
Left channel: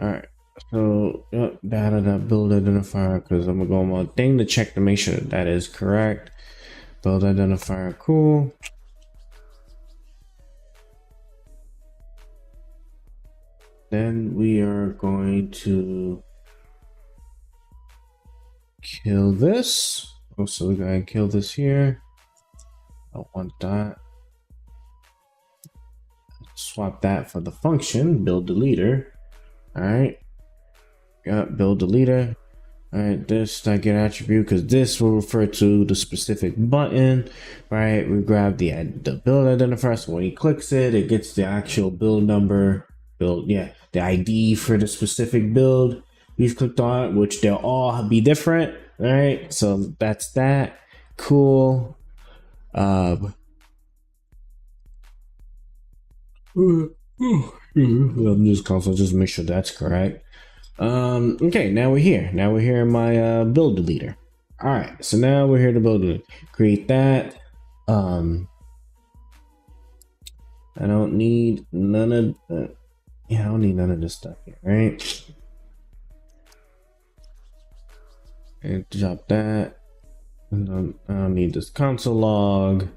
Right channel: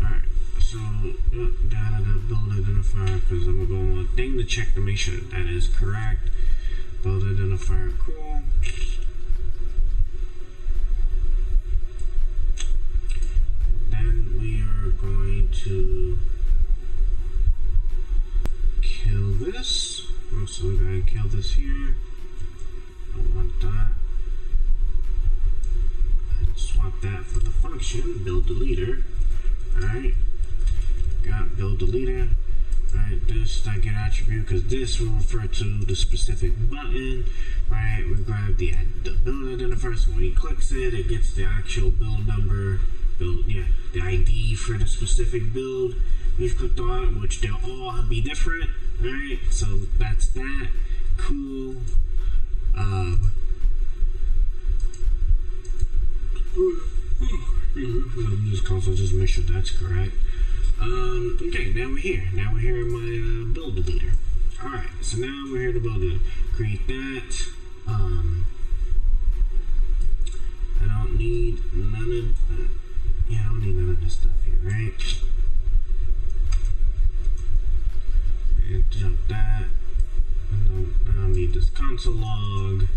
All right. So data that build identifier, because I'm gonna go on my thing to check to make sure that is correct. Build identifier, cool. Then we are going to kill this. So we're gonna kill this here. I don't want that. Swap that for the function build deleter. All right, got build deleter. All right, this I get attribute because this will refer to the specific button. Right, we grab the build identifier, so when he clicks it, it gets the actual build number, the ID for the specific build we've clicked on, which they'll all be different. Right, so that's that. Cool. I'm just console, just make sure that's correct. Okay, now we're here. Now we're here in my build deleter. All right, so now we're here to build it. Create that. I don't need none of that. Yeah, I don't need none of this stuff here, right? And drop that. And I don't need this console log.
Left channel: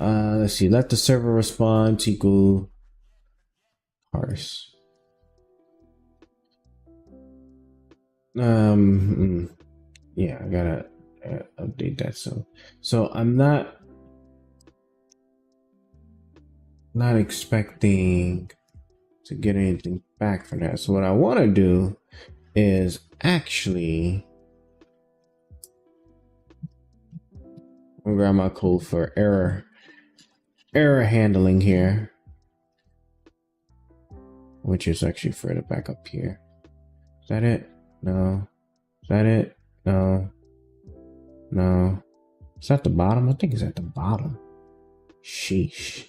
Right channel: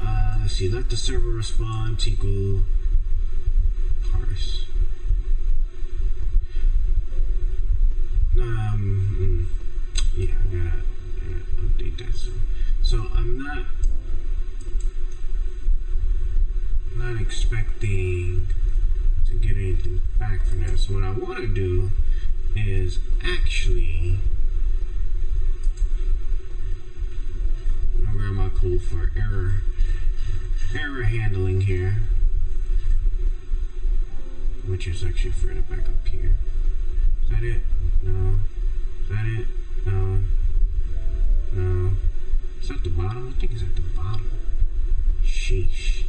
Let's see. Let the server response equal parse. Yeah, I gotta update that soon. So I'm not expecting to get anything back from that. So what I want to do is actually I'll grab my code for error handling here, which is actually further back up here. Is that it? No. Is that it? No. No. Is that the bottom? I think it's at the bottom. Sheesh.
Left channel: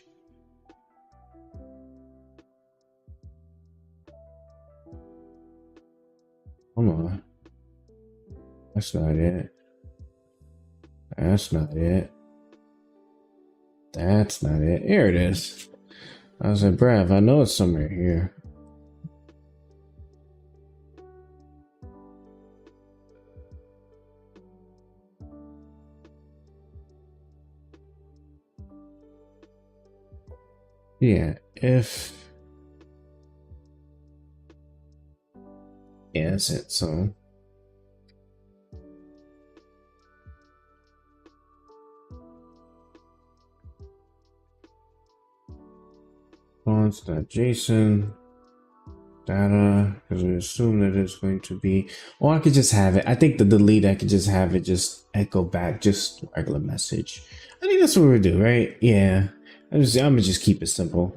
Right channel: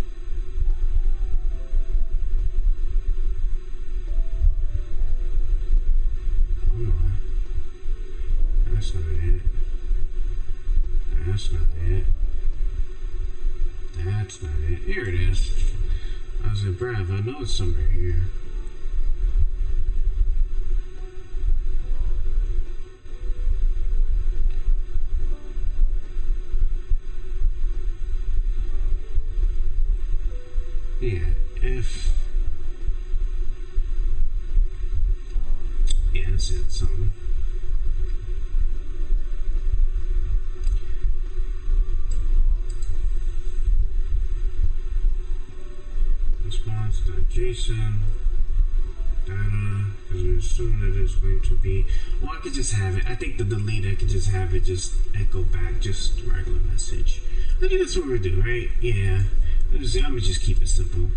Hold on. That's not it. That's not it. That's not it. Here it is. I was like, bruv, I know it's somewhere here. Yeah, yeah, that's it. So response.json data, because we assume that it's going to be, or I could just have it. I think the delete, I could just have it just echo back just regular message. I think that's what we do, right? Yeah. I'm gonna just keep it simple.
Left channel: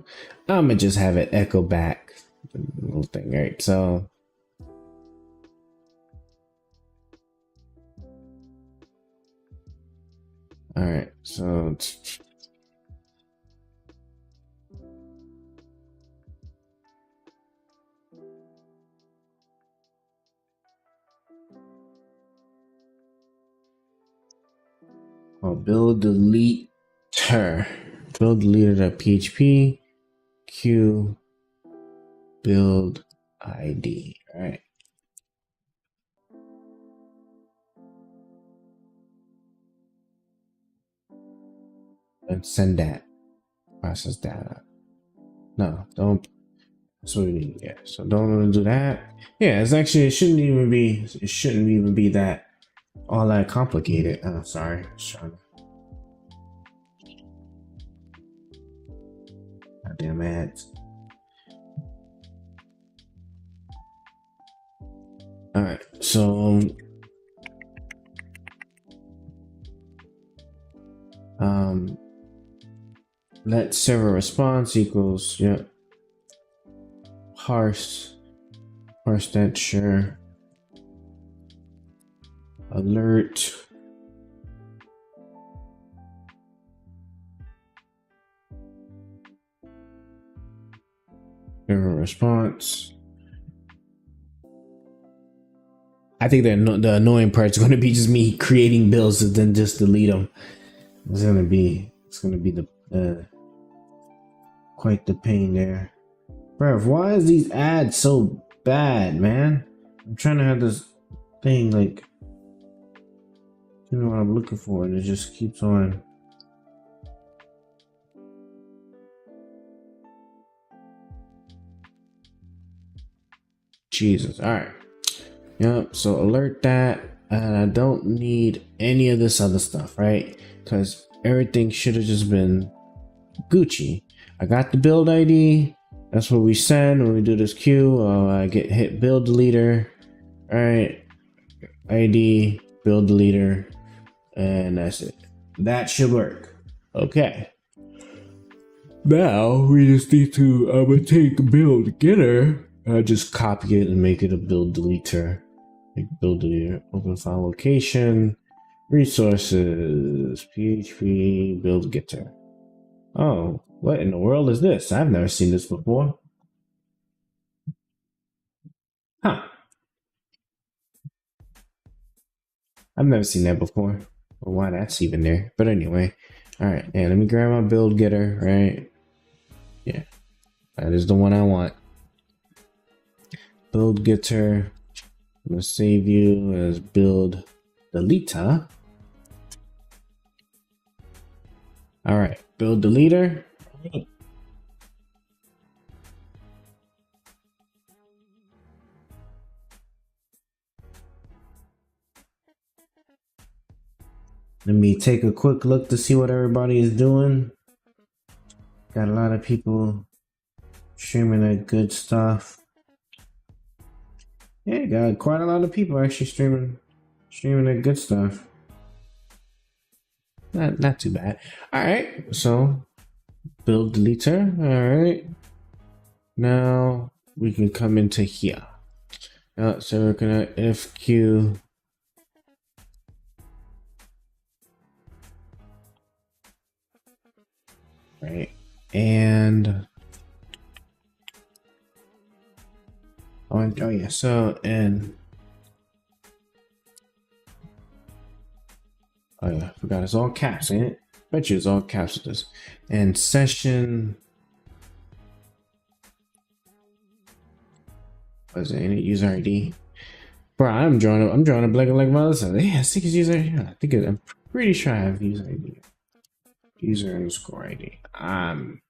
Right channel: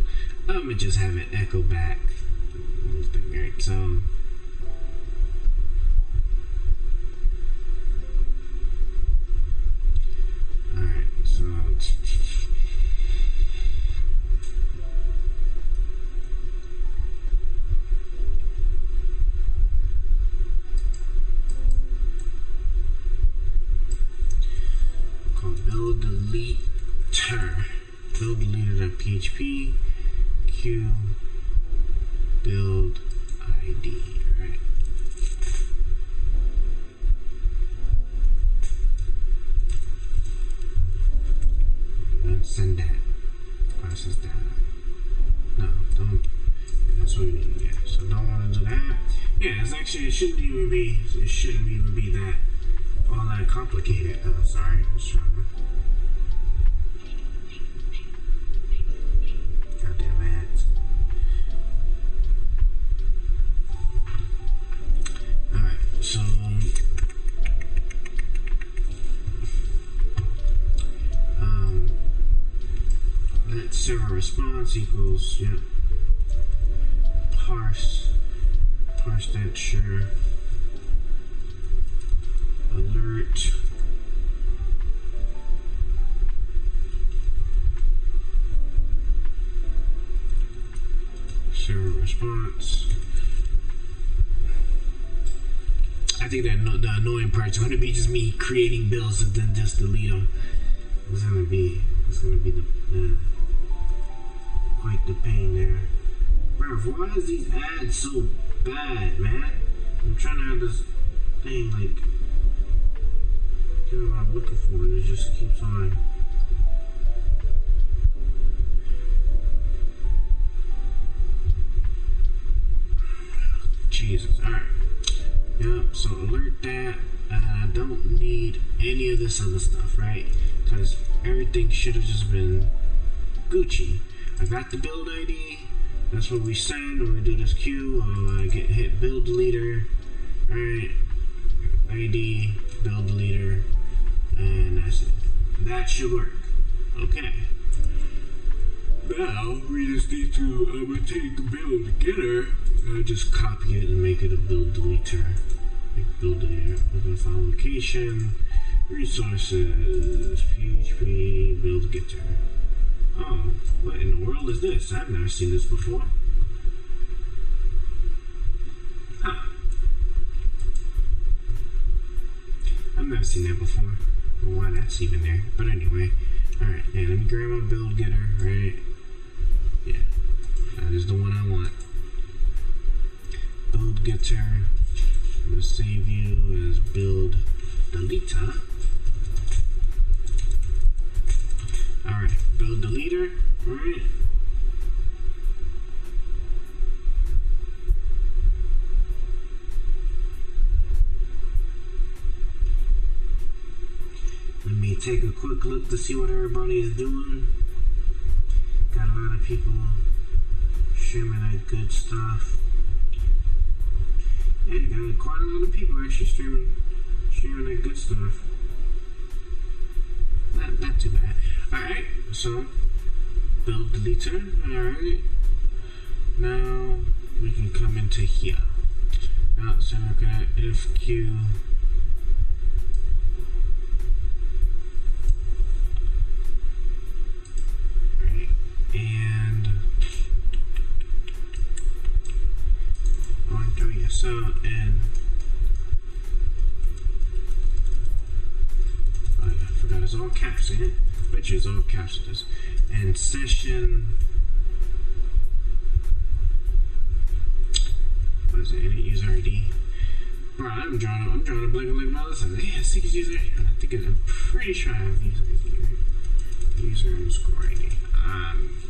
I'm gonna just have it echo back the little thing, right? So all right, so called build deleter. Build deleter.php q build ID. All right. send that. Process data. No, don't. That's what we need. Yeah. So don't want to do that. Yeah, it's actually it shouldn't even be that all that complicated. Oh, sorry. I was trying to. Goddamn ads. All right. So. Let server response equals parse that, sure. Alert server response. I think that the annoying part is going to be just me creating builds and then just delete them. It's gonna be the quite the pain there. Bruh, why is these ads so bad, man? I'm trying to have this thing like give me what I'm looking for and it just keeps on. Jesus. Alright. Yep, so alert that, and I don't need any of this other stuff, right? Because everything should have just been Gucci. I got the build ID. That's what we send when we do this queue. I hit build deleter. Alright. ID, build deleter, and that's it. That should work. Okay. Now we just need to take build getter. I just copy it and make it a build deleter. Like build deleter. Open file location. Resources. PHP build getter. Oh, what in the world is this? I've never seen this before. Huh. I've never seen that before. Or why that's even there. But anyway. Alright, yeah, let me grab my build getter, right? Yeah. That is the one I want. Build getter. I'm gonna save you as build deleter. Alright, build deleter. Let me take a quick look to see what everybody is doing. Got a lot of people streaming that good stuff. Yeah, got quite a lot of people actually streaming that good stuff. Not too bad. Alright, so build deleter. Alright. Now we can come into here. So we're gonna FQ. Right. And oh yeah, so and oh yeah, I forgot it's all caps, ain't it? Bet you it's all caps with this. And session, what's it? Any user ID? Bro, I'm drawing a blank like my other side. Yeah, I think it's user ID. I'm pretty sure I have user ID. User underscore ID. I'm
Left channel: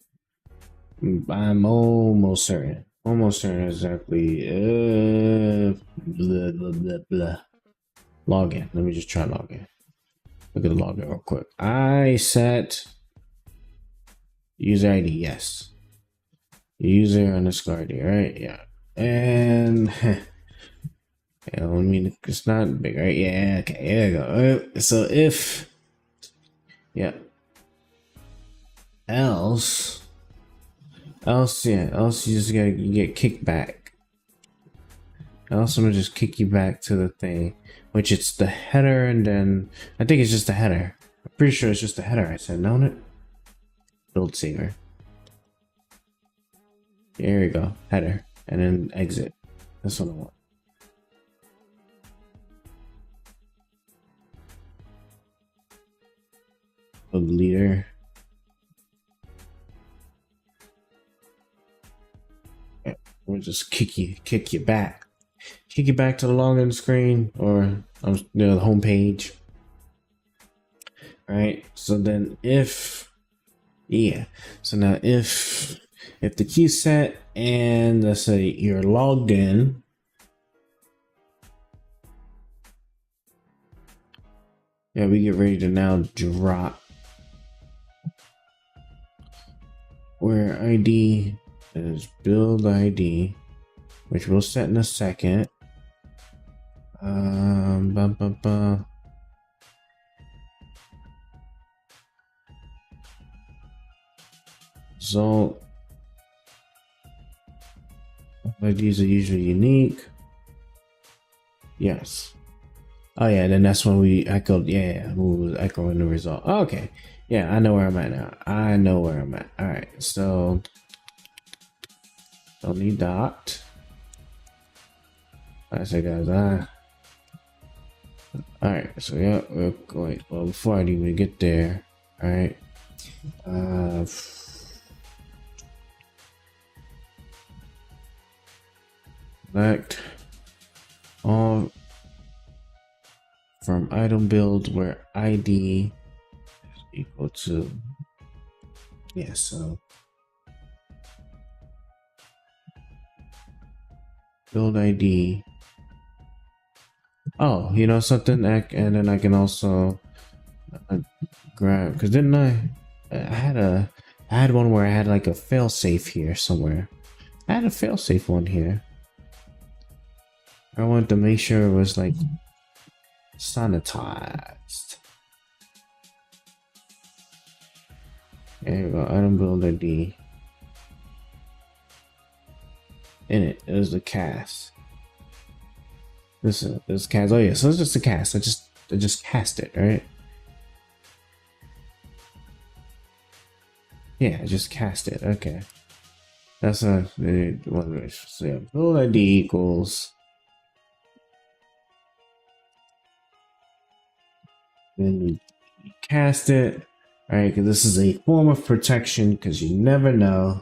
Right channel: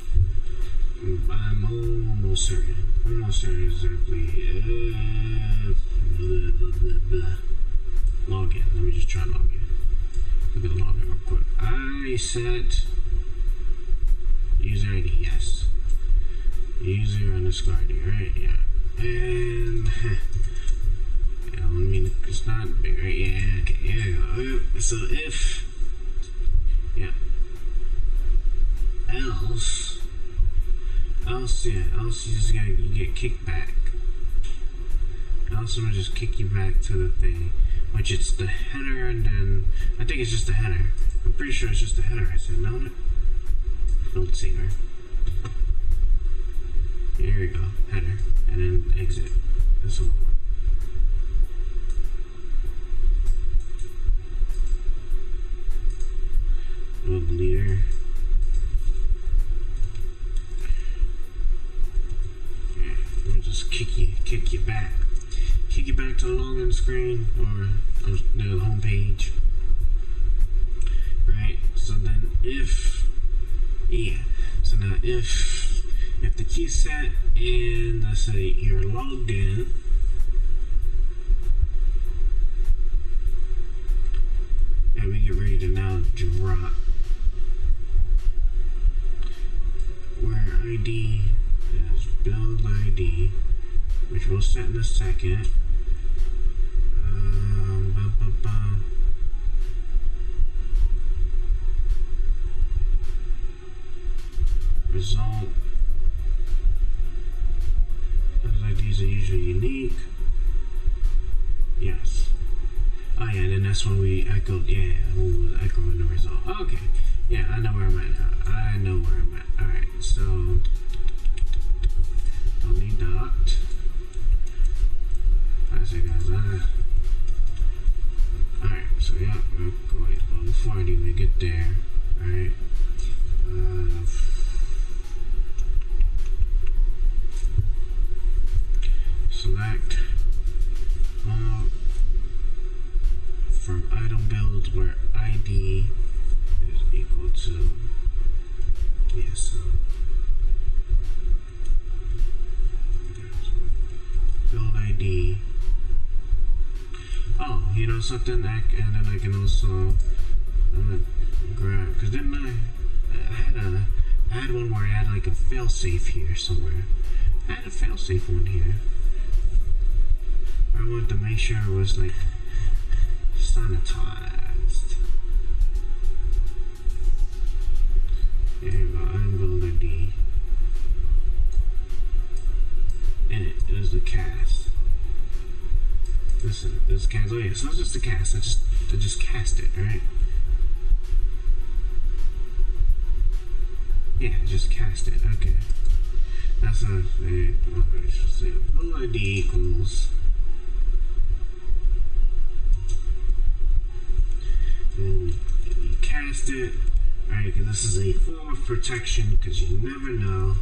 almost certain. Almost certain exactly. Blah blah blah blah. Login. Let me just try login. Look at the login real quick. I set user ID. Yes. User underscore ID. Right? Yeah. And yeah, I mean it's not big, right? Yeah. Okay. There you go. So if yeah. Else you just get kicked back. Else I'm gonna just kick you back to the thing, which it's the header, and then I think it's just the header. I'm pretty sure it's just the header I said, don't it? Build saver. There you go, header, and then exit. That's what I want. Build leader. We'll just kick you back to the login screen or the home page, right? So then if Yeah. So now if the queue's set and let's say you're logged in, yeah, we get ready to now drop where ID is build ID, which we'll set in a second. Result. IDs are usually unique. Yes. Oh yeah, then that's when we echoed. Yeah, we was echoing the result. Oh, okay. Yeah, I know where I'm at now. I know where I'm at. All right, so don't need dot. I say, guys, all right. So yeah, we're going. Well, before I even get there, all right. Select all from item build where ID is equal to, yeah, so build ID. Oh, you know something, and then I can also grab, because didn't I had one where I had like a failsafe here somewhere. I had a failsafe one here. I wanted to make sure it was like sanitized. Yeah, here we go. Item build ID. In it was the cast. This cast. Oh yeah, so it's just a cast. I just cast it, right? Yeah, I just cast it. Okay. That's a one. So yeah, build ID equals. Then we cast it. All right, because this is a form of protection, because you never know.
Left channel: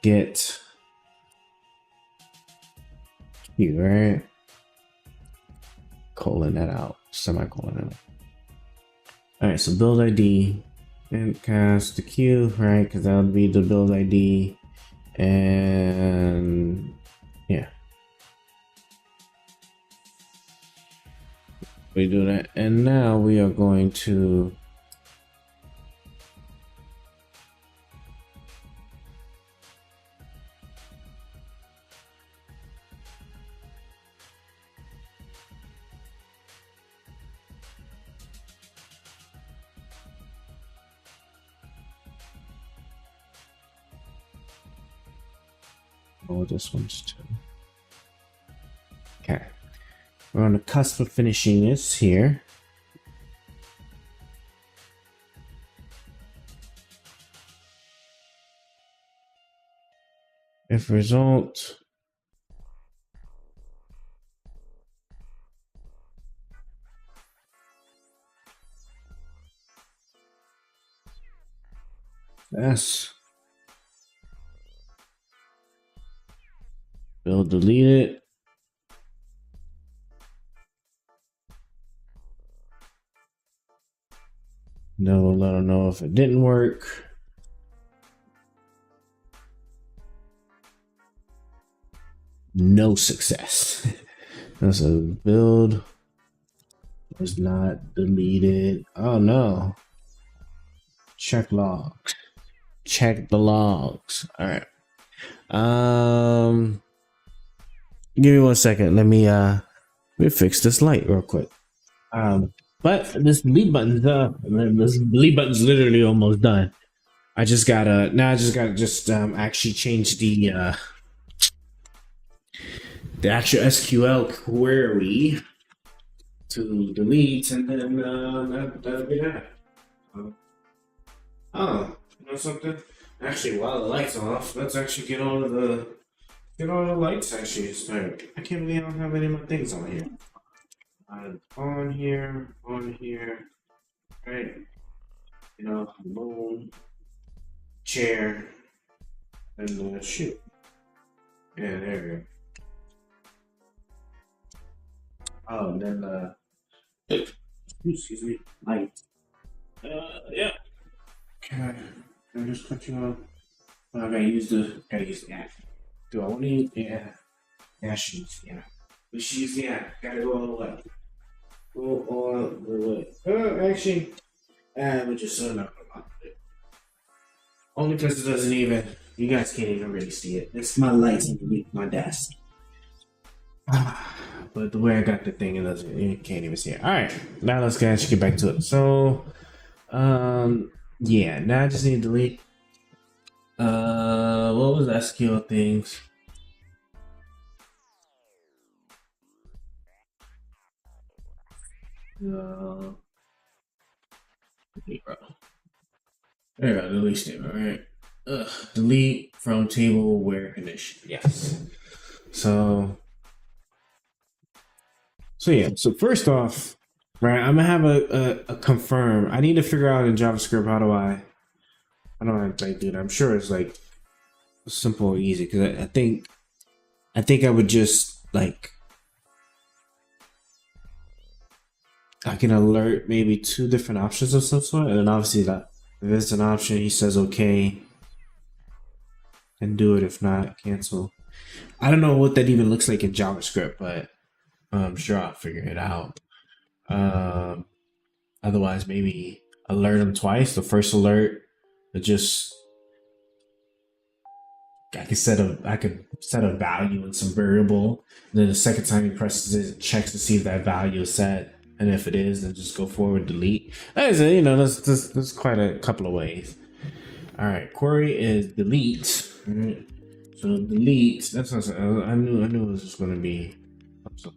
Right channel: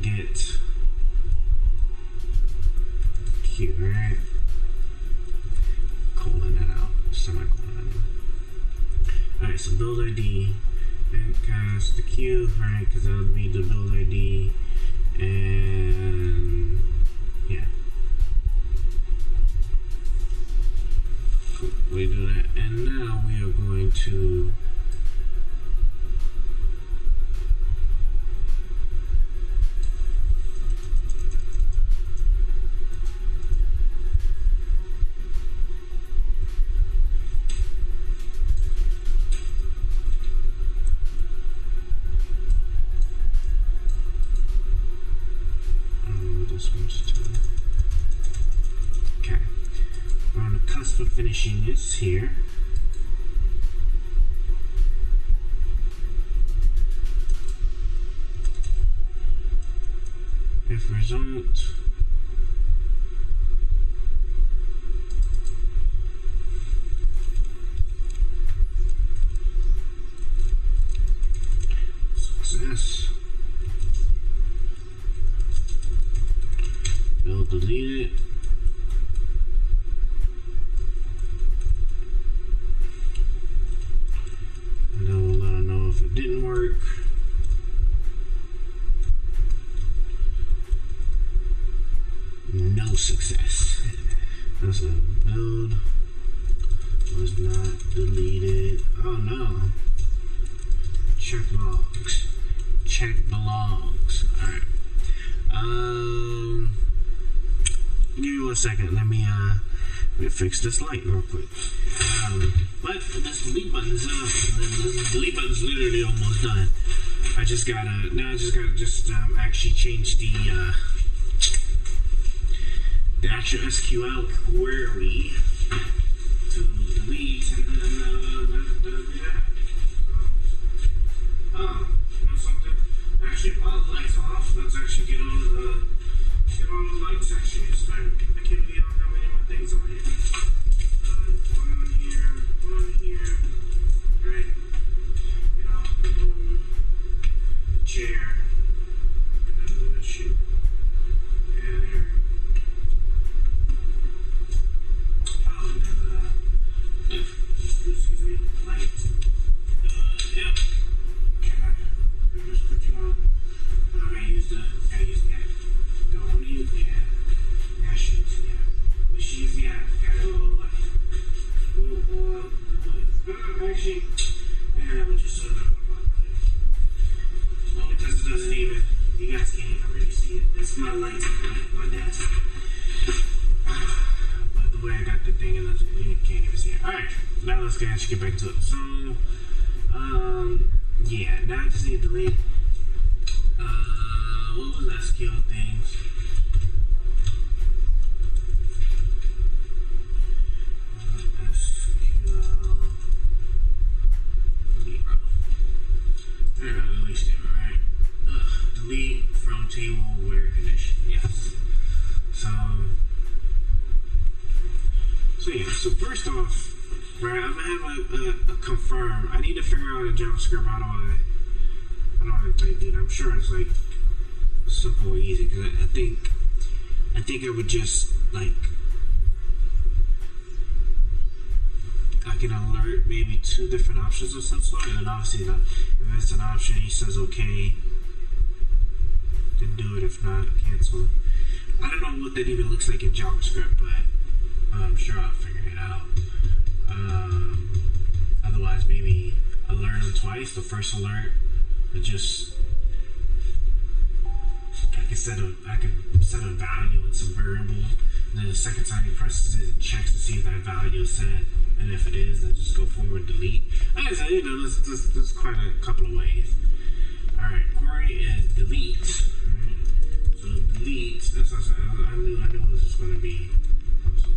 Get Q, right? Colon that out, semicolon that out. All right, so build ID and cast the Q, right? Because that would be the build ID, and yeah. We do that, and now we are going to load this one's too. Okay. We're on the cusp of finishing this here. If result success, build delete it. Then we'll let them know if it didn't work. No success. That's a build was not deleted. Oh no. Check logs. Check the logs. All right. Give me 1 second. Let me fix this light real quick. But this delete button's literally almost done. I just gotta actually change the actual SQL query to delete, and then that'll be that. Oh, you know something? Actually, while the lights are off, let's actually get all the lights actually started. I can't believe I don't have any of my things on here. On here, right? You know, the moon, chair, and the shoe. Yeah, there we go. Oh, and then excuse me, light. Yeah. Okay. I'm just cut you off. Oh, gotta use the app. Do I want to use sheets? Yeah. Let's use the app. Gotta go all the way. Go all the way. Actually, we'll just not about it. Only because it doesn't even. You guys can't even really see it. It's my lights underneath my desk. But the way I got the thing, it doesn't. You can't even see it. All right, now let's actually get back to it. So, yeah. Now I just need to delete. What was SQL things? Delete, bro. There you go. Delete statement, right? Delete from table where condition. Yes. So yeah. So first off, right, I'm gonna have a confirm. I need to figure out in JavaScript how do I like do that. I'm sure it's like simple, easy, because I think I would just like I can alert maybe 2 different options of some sort, and then obviously that if it's an option, he says okay, and do it. If not, cancel. I don't know what that even looks like in JavaScript, but I'm sure I'll figure it out. Otherwise, maybe alert him twice. The first alert, it just I could set a value in some variable. And then the second time he presses it, checks to see if that value is set, and if it is, then just go forward, delete. As there's quite a couple of ways. All right, query is delete. Right. So delete. That's not. I knew it was just going to be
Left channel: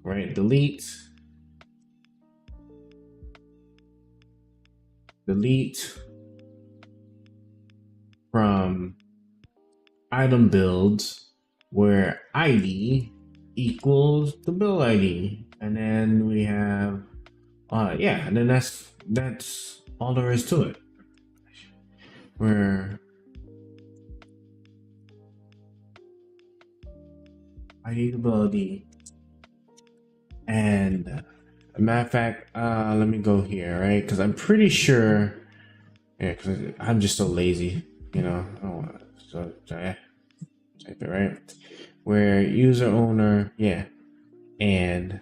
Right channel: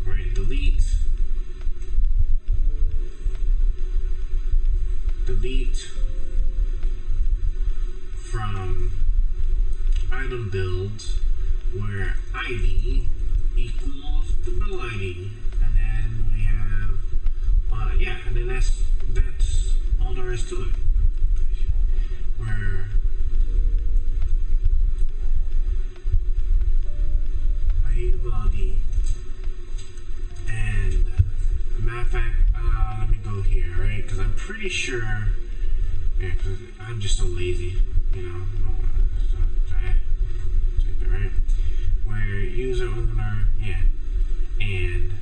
right. Delete from item builds where ID equals the build ID, and then we have and then that's all there is to it. Where ID the build ID, and matter of fact, let me go here, right? Because I'm pretty sure, because I'm just so lazy, I don't want to type it, right? Where user owner, and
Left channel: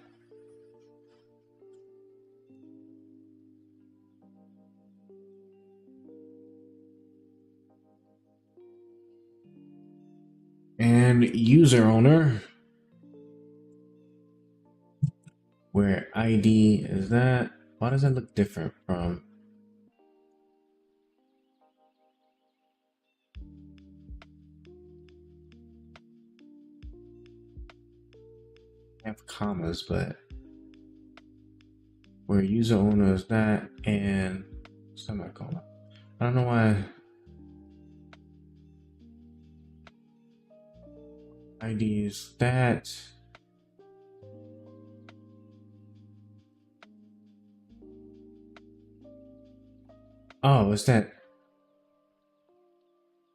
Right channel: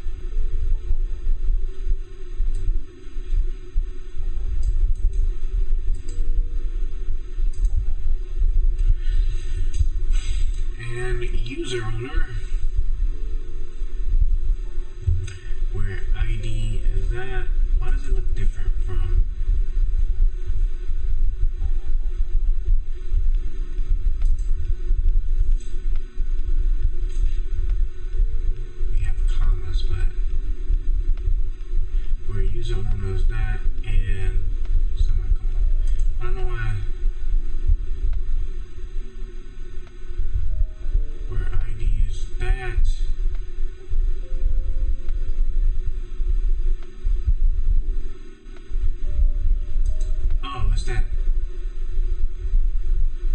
user owner, where ID is that. Why does that look different from? We have commas, but where user owner is that and semicolon. I don't know why. Where ID is that. Oh, is that?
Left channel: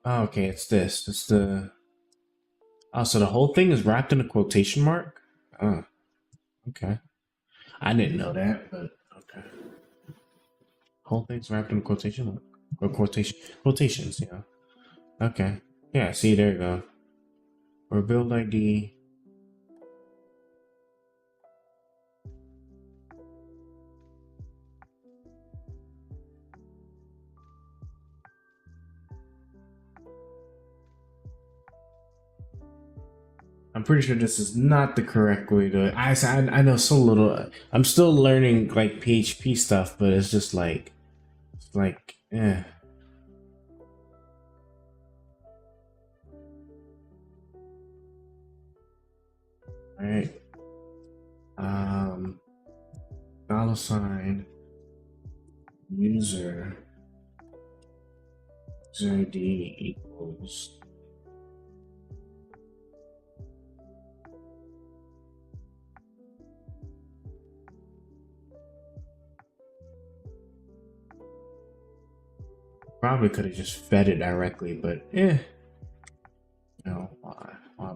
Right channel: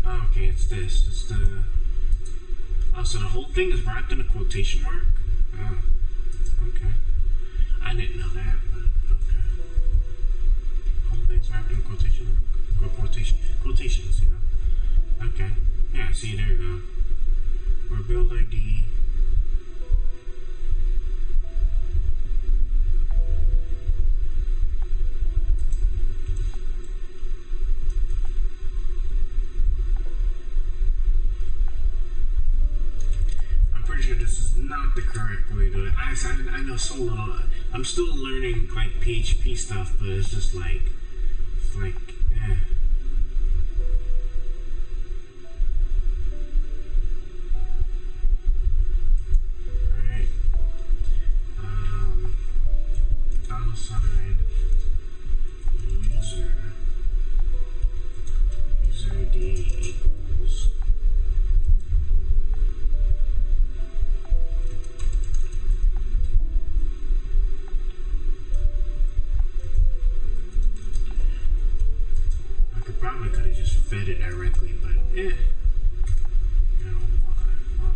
Oh, okay, it's this. It's the. Oh, so the whole thing is wrapped in a quotation mark? Oh, okay. I didn't know that, but okay. Whole thing's wrapped in a quotation mark. Or quotations, Okay. Yeah, see, there you go. Or build ID. I'm pretty sure this is not the correct way to. I know so little. I'm still learning like PHP stuff, but it's just like, eh. Right. $sign user ID equals. Probably could have just fed it directly, but why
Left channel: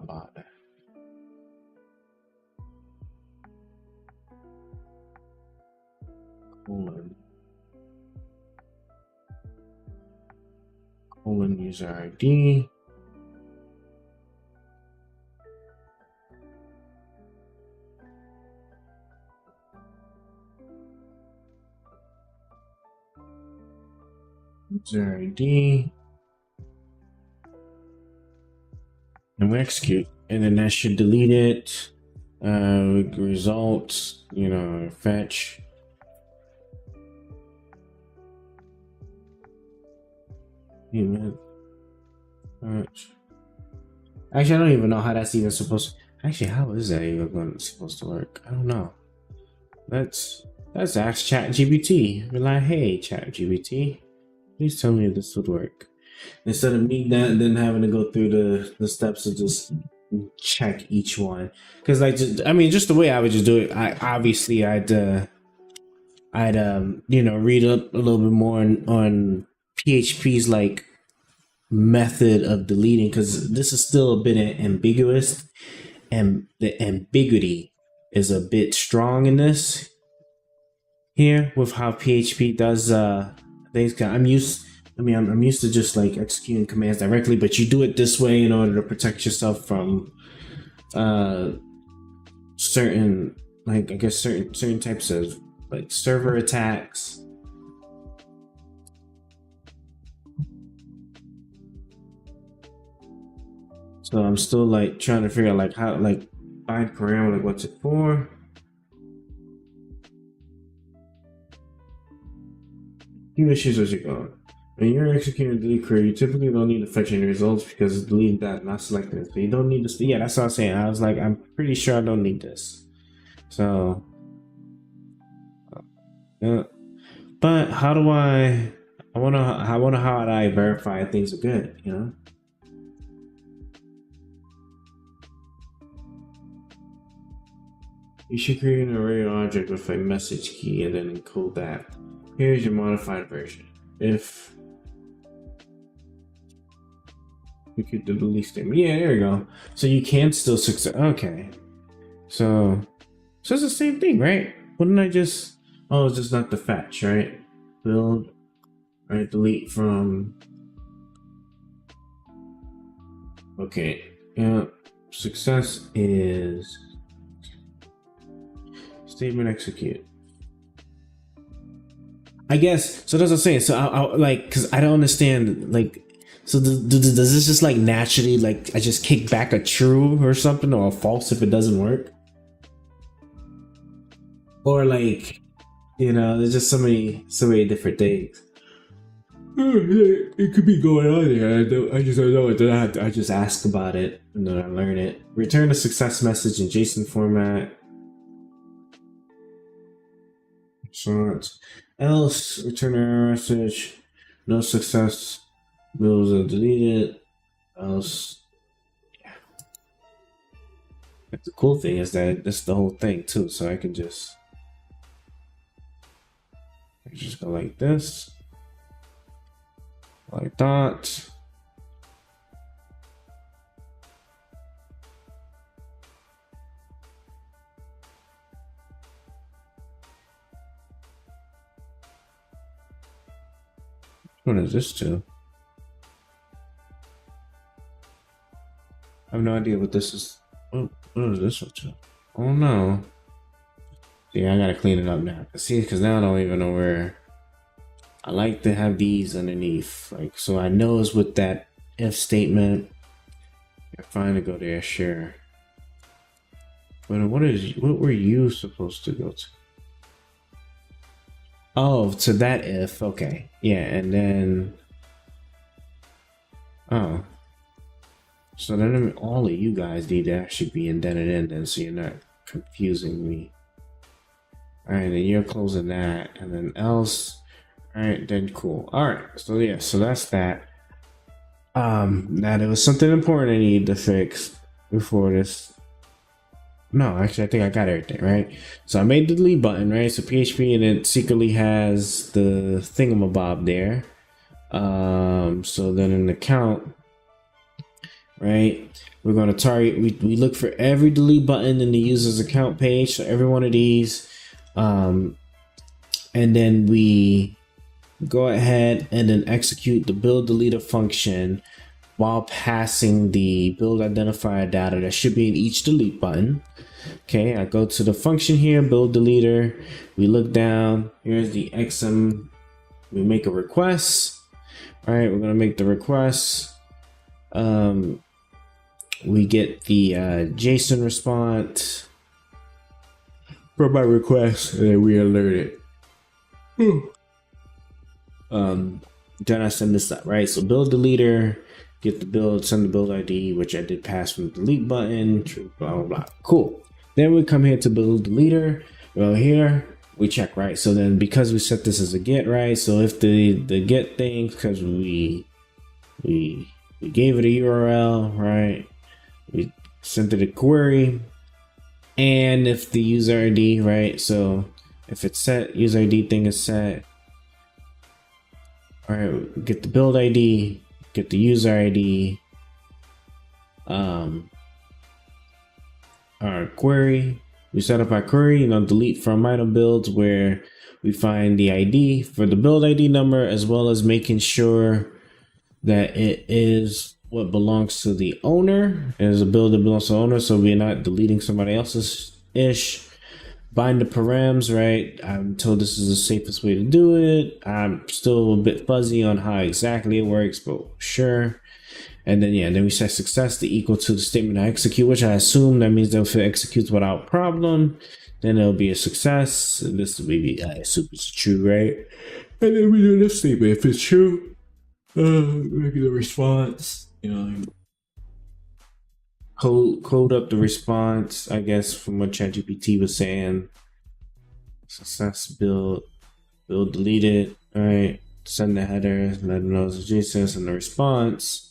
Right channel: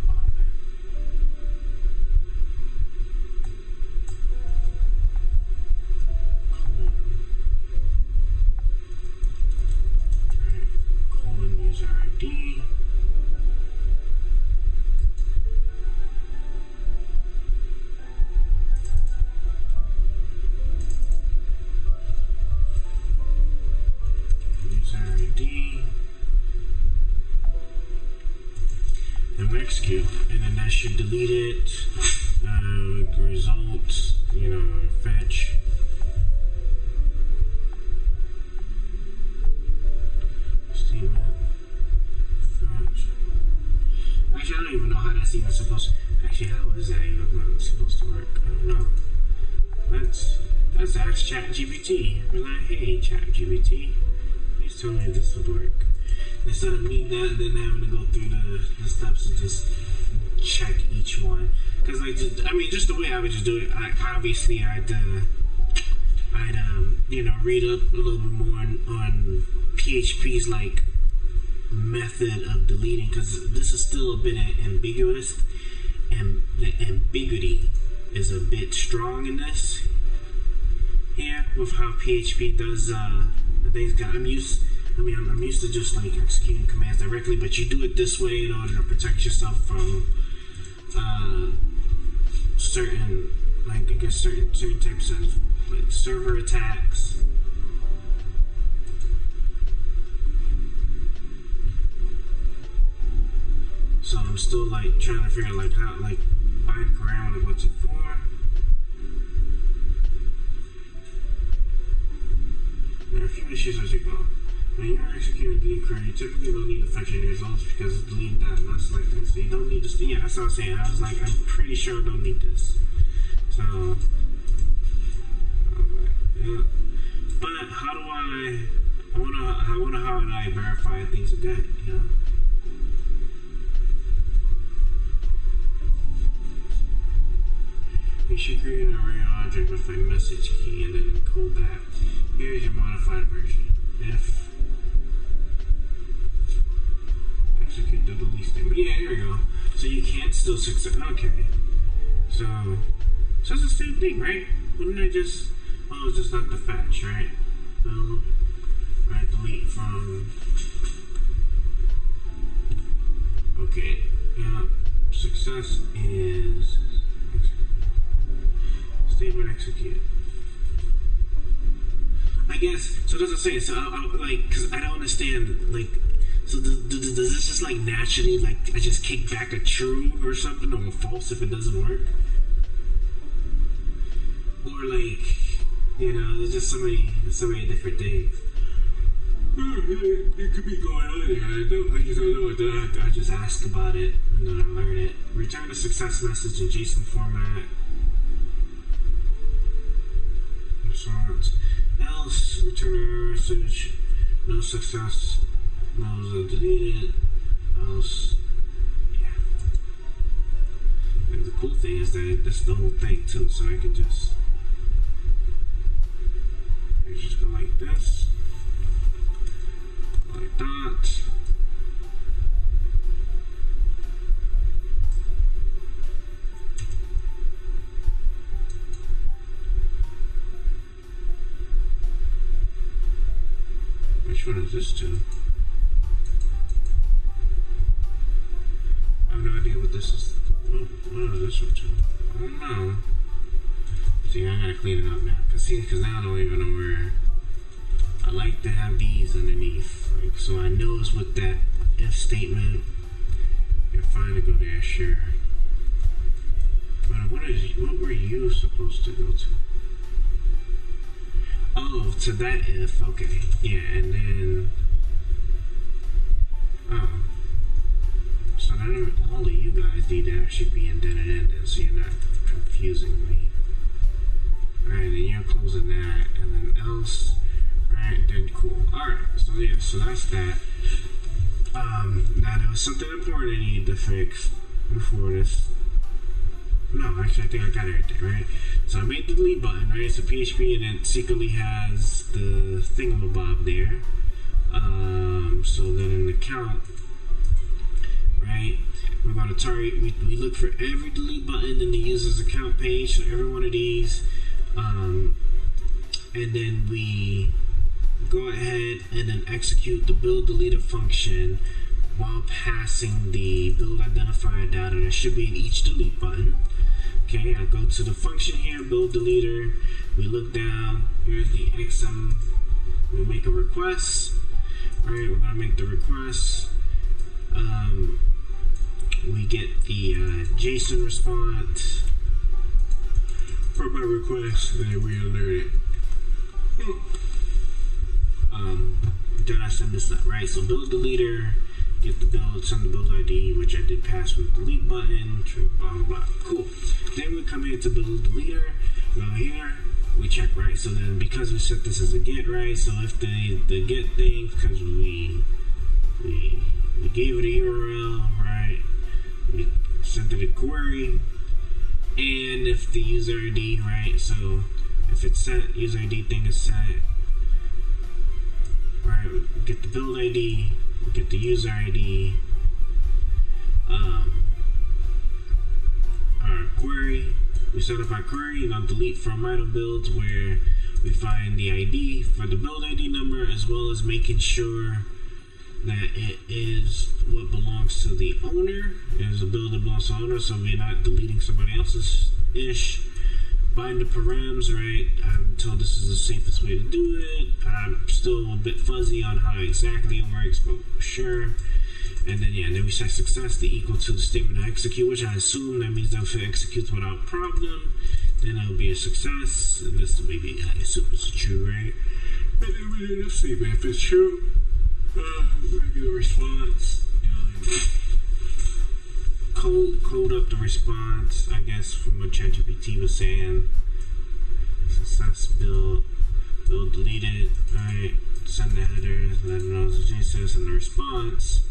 bother? User ID. User ID. And we execute, and then that should delete it. Results, you know, fetch. Statement. Fetch. Actually, I don't even know how that's even supposed to. Actually, how is that even supposed to work? I don't know. Let's ask ChatGPT. We're like, hey, ChatGPT, please tell me if this would work. Instead of me then having to go through the steps of just check each one, because like just the way I would just do it, I'd you know, read up a little bit more on PHP's like method of deleting, because this is still a bit ambiguous, and the ambiguity is a bit strong in this here with how PHP does things. I'm used to just like executing commands directly, but you do it this way in order to protect yourself from certain, like, I guess certain types of like server attacks. So I'm still like trying to figure out like how, like, bind parameter, like what's it for. A few issues as you go. When you're executing a delete query, you typically don't need to fetch any results because delete that, not selecting it. So you don't need this. Yeah, that's what I was saying. I was like, I'm pretty sure I don't need this. So, yeah. But how do I wonder how do I verify things are good, you know? You should create an array object with a message key and then encode that. Here's your modified version. If execute the delete statement. Yeah, there we go. So you can still success. Okay. So it's the same thing, right? Wouldn't I just? Oh, it's just not the fetch, right? Build, right? Delete from. Okay. Yeah. Success is statement execute. I guess so. That's what I'm saying. So I like, because I don't understand, like, so does this just like naturally, like, I just kick back a true or something, or a false if it doesn't work, or like, you know, there's just so many different things. It could be going on there. I just don't know it. I just ask about it and then I learn it. Return a success message in JSON format. So else, return an error message. No success. Rules are deleted. Else, yeah. Like, the cool thing is that that's the whole thing too. So I can just go like this. Like that. Which one is this to? I have no idea what this is. What is this one to? Oh no. See, I gotta clean it up now. Cause now I don't even know where. I like to have these underneath, like, so I know it's with that if statement. You're fine to go there, sure. But what were you supposed to go to? Oh, to that if, okay. Yeah, and then, oh. So then all of you guys need to actually be indented in then, so you're not confusing me. Alright, then you're closing that, and then else. Alright, then cool. Alright, so yeah, so that's that. Now there was something important I needed to fix before this. No, actually I think I got everything, right? So I made the delete button, right? So PHP, and it secretly has the thingamabob there. So then in the count, right, we're going to target, we look for every delete button in the user's account page, so every one of these, and then we go ahead and then execute the build deleter function while passing the build identifier data that should be in each delete button. Okay, I go to the function here, build deleter. We look down, here's the XM. We make a request. All right, we're gonna make the request. We get the JSON response from my request, and then we alert it. Then I send this up, right? So build deleter, get the build, send the build ID, which I did pass from the delete button, blah blah blah. Cool. Then we come here to build deleter. Well, here we check, right? So then because we set this as a get, right? So if the get thing, because we gave it a URL, right? We sent it a query, and if the user ID, right? So if it's set, user ID thing is set. All right, get the build ID, get the user ID, our query. We set up our query, delete from item builds, where we find the ID for the build ID number, as well as making sure that it is what belongs to the owner. There's a build that belongs to the owner, so we're not deleting somebody else's ish. Bind the params, right? I'm told this is the safest way to do it. I'm still a bit fuzzy on how exactly it works, but sure. And then then we set success to equal to the statement I execute, which I assume that means that if it executes without problem, then it'll be a success. And this maybe I assume it's true, right? And then we do this statement. If it's true, make the response. Code up the response, I guess, from what ChatGPT was saying. Success build delete it, right? Send the header, let them know it's JSON, and the response.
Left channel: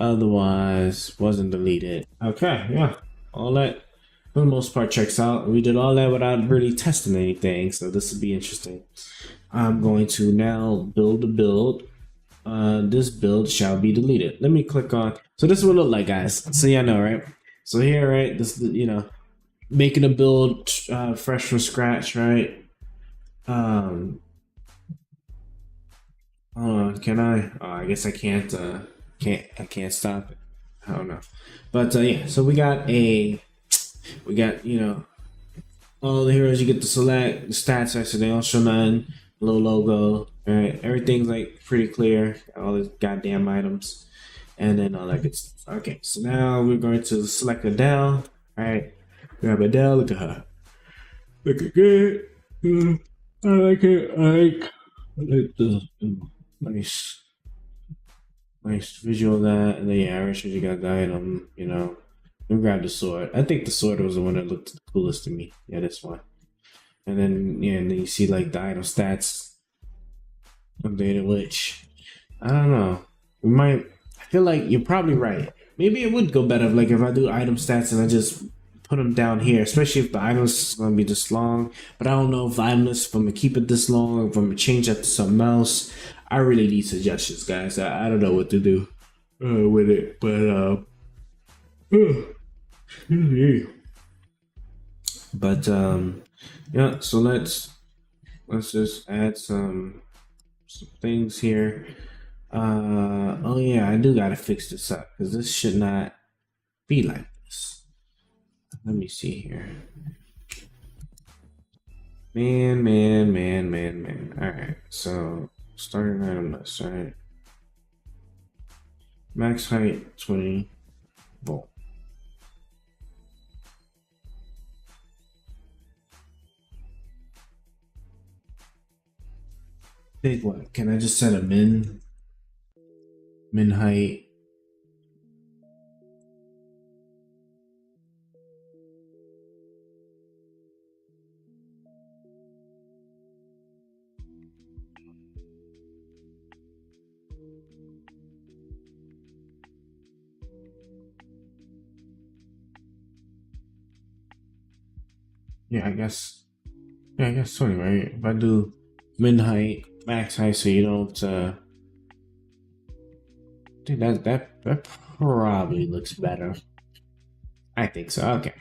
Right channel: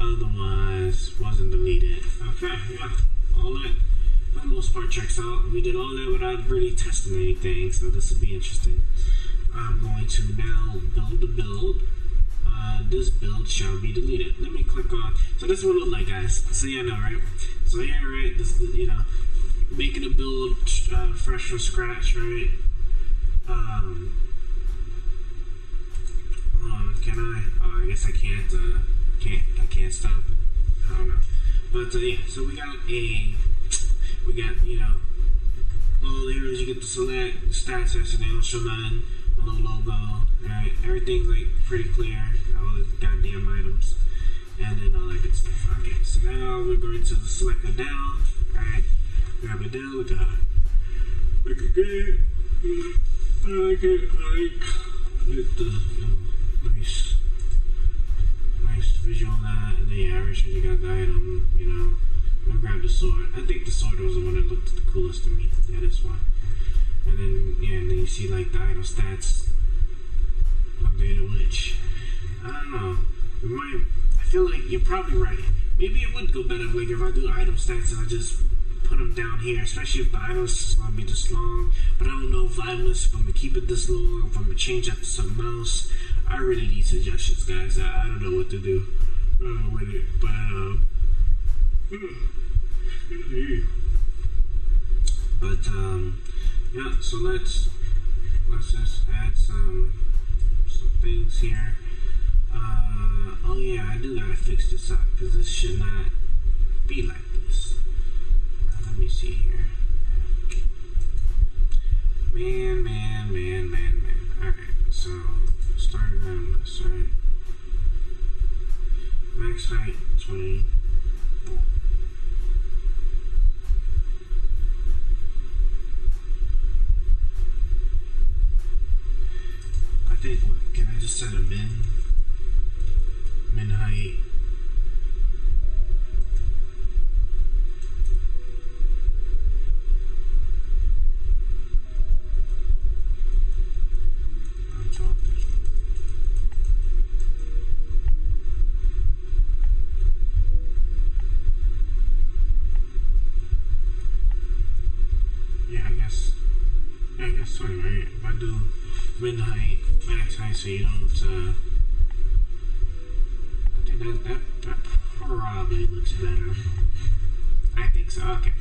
Otherwise, wasn't deleted. Okay, yeah, all that for the most part checks out. We did all that without really testing anything, so this will be interesting. I'm going to now build a build. This build shall be deleted. Let me click on. So this is what it look like, guys. So yeah, I know, right? So here, right? This, making a build fresh from scratch, right? Hold on, can I? Oh, I guess I can't. I can't stop it. I don't know. But yeah, so we got all the heroes you get to select. The stats actually they don't show nothing. Little logo, right? Everything's like pretty clear. All the goddamn items, and then all that good stuff. Okay, so now we're going to select Adele. All right, grab Adele. Look at her. Looking good. I like it. I like the nice visual of that. And then yeah, I already showed you guys the item. Let me grab the sword. I think the sword was the one that looked the coolest to me. Yeah, this one. And then and then you see like the item stats updated, which I don't know. I feel like you're probably right. Maybe it would go better if I do item stats and I just put them down here, especially if the item is gonna be this long. But I don't know if I'm gonna keep it this long, if I'm gonna change that to something else. I really need suggestions, guys. I don't know what to do with it, but yeah, so let's just add some things here. Oh yeah, I do gotta fix this up because this should not be like this. Let me see here. Man. Alright, so starting item list, right? Max height 20 volt. I think what? Can I just set a min height? Yeah, I guess 20, right? If I do min height, max height, so you don't I think that probably looks better. I think so. Okay.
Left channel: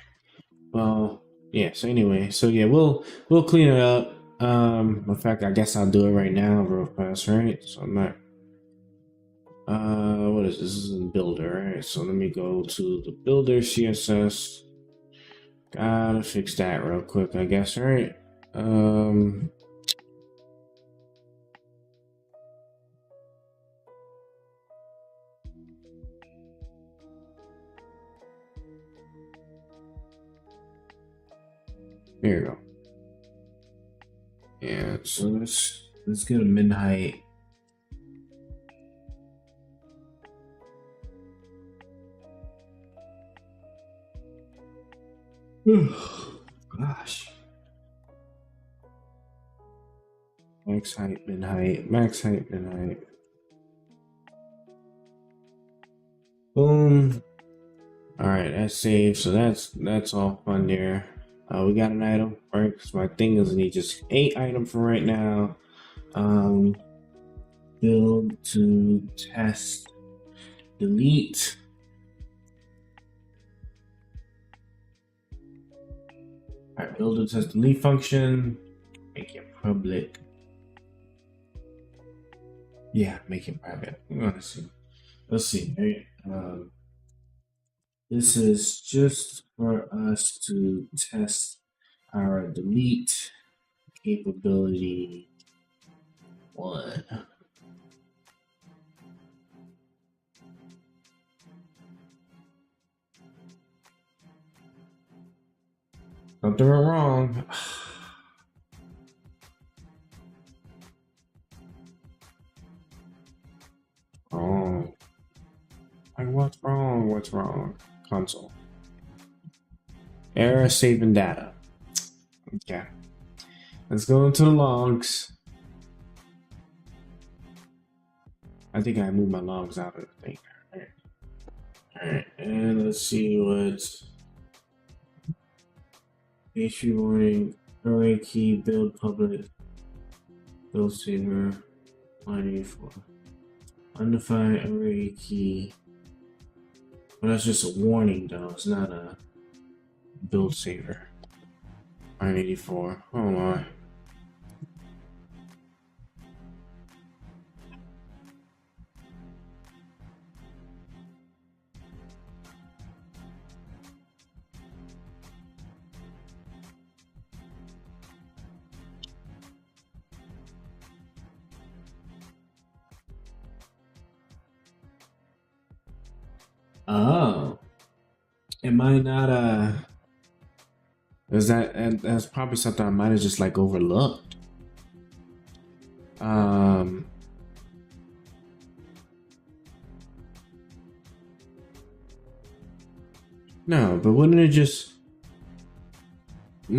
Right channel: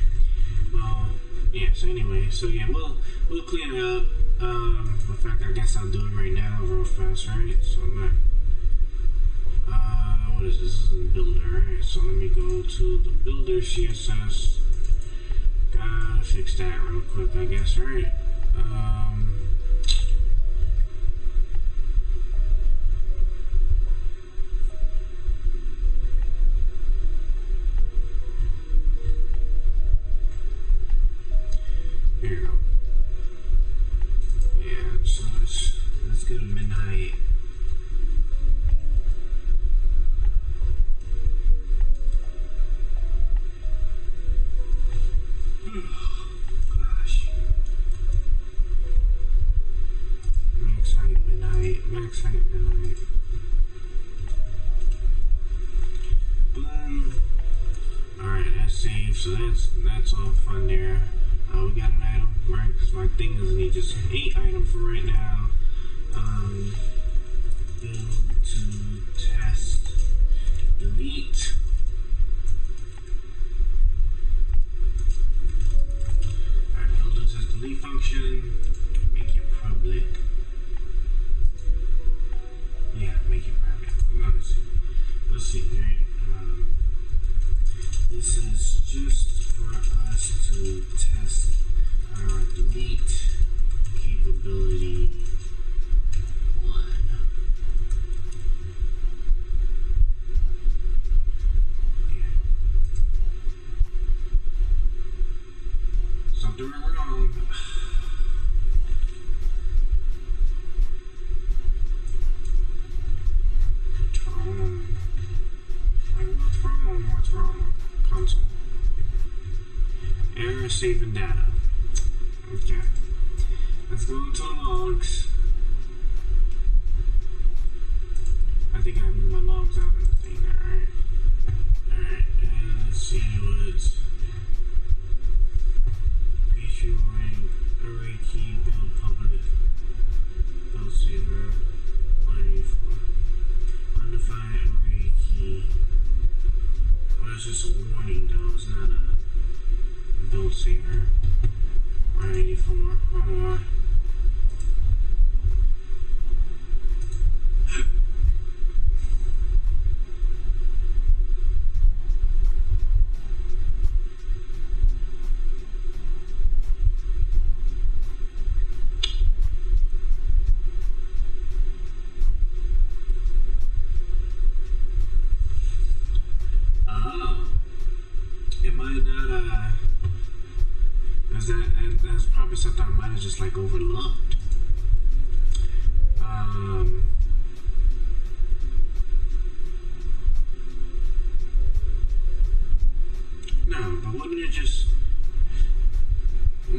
Well, yeah, so anyway, so yeah, we'll clean it up. In fact, I guess I'll do it right now real fast, right? So I'm not what is this? This is in builder, right? So let me go to the builder CSS. Gotta fix that real quick, I guess, right? There you go. Yeah, so let's get a mid height. Gosh. Max height, mid height, max height, mid height. Boom. Alright, that's saved, so that's all fun there. We got an item, right? Because my thing is need just 8 items for right now. Build to test, delete. Alright, build to test delete function. Make it public. Yeah, make it private. We're gonna see. Let's see, right? This is just for us to test our delete capability 1. Something went wrong. Oh. Like, what's wrong? What's wrong? Console. Error saving data. Okay. Let's go into the logs. I think I moved my logs out of the thing. Alright. Alright, and let's see what's PHP warning, array key, build public, build saver, line 84. Undefined array key. Well, that's just a warning though, it's not a build saver. 984. Oh my. Oh. It might not is that, and that's probably something I might have just like overlooked. No, but wouldn't it just yeah,